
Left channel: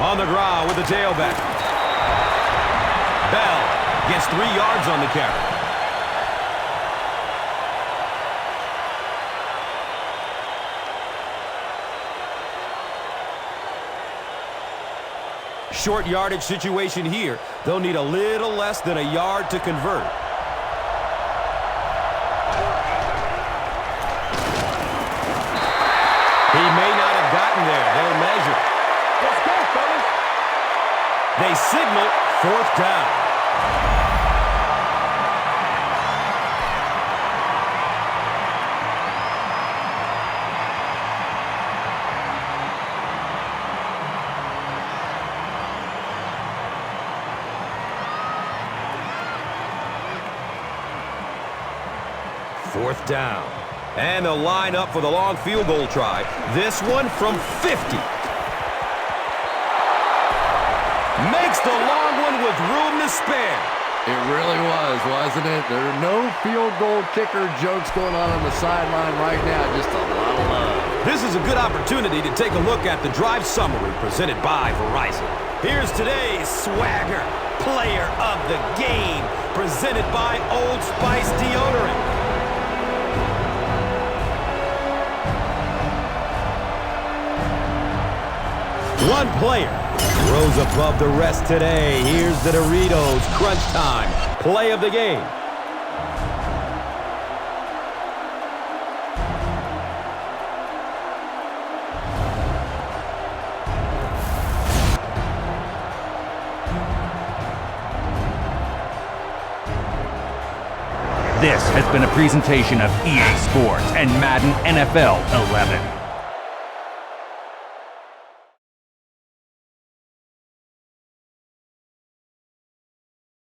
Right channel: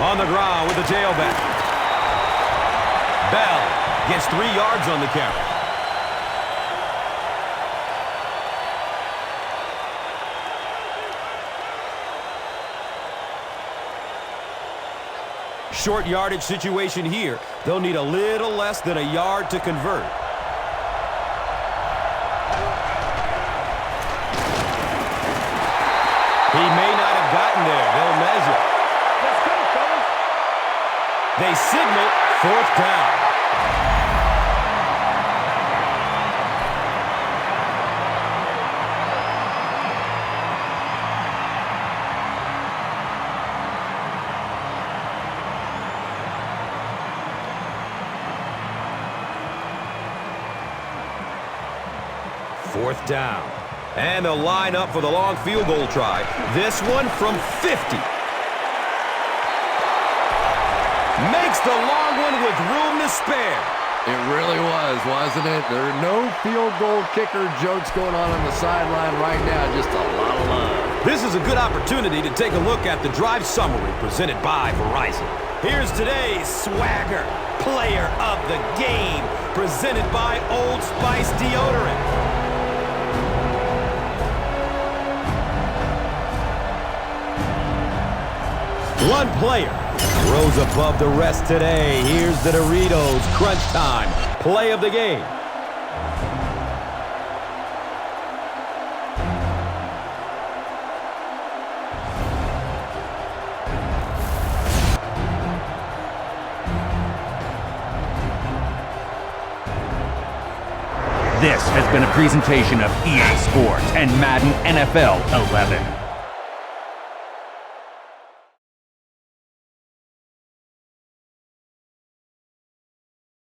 On the ground with the tailback. Bell gets 3 yards on the carry. Short yardage situation here. They'll need a little less than a yard to convert. He may not have gotten there. They'll measure. Let's go, fellas. They signal 4th down. Fourth down. And they'll line up for the long field goal try. This one from 50. Makes the long one with room to spare. It really was, wasn't it? There are no field goal kicker jokes going on the sideline right now. Just a lot of love. This is a good opportunity to take a look at the drive summary presented by Verizon. Here's today's swagger player of the game, presented by Old Spice Deodorant. One player rose above the rest today. Here's the Doritos Crunch Time play of the game. This has been a presentation of EA Sports and Madden NFL 11.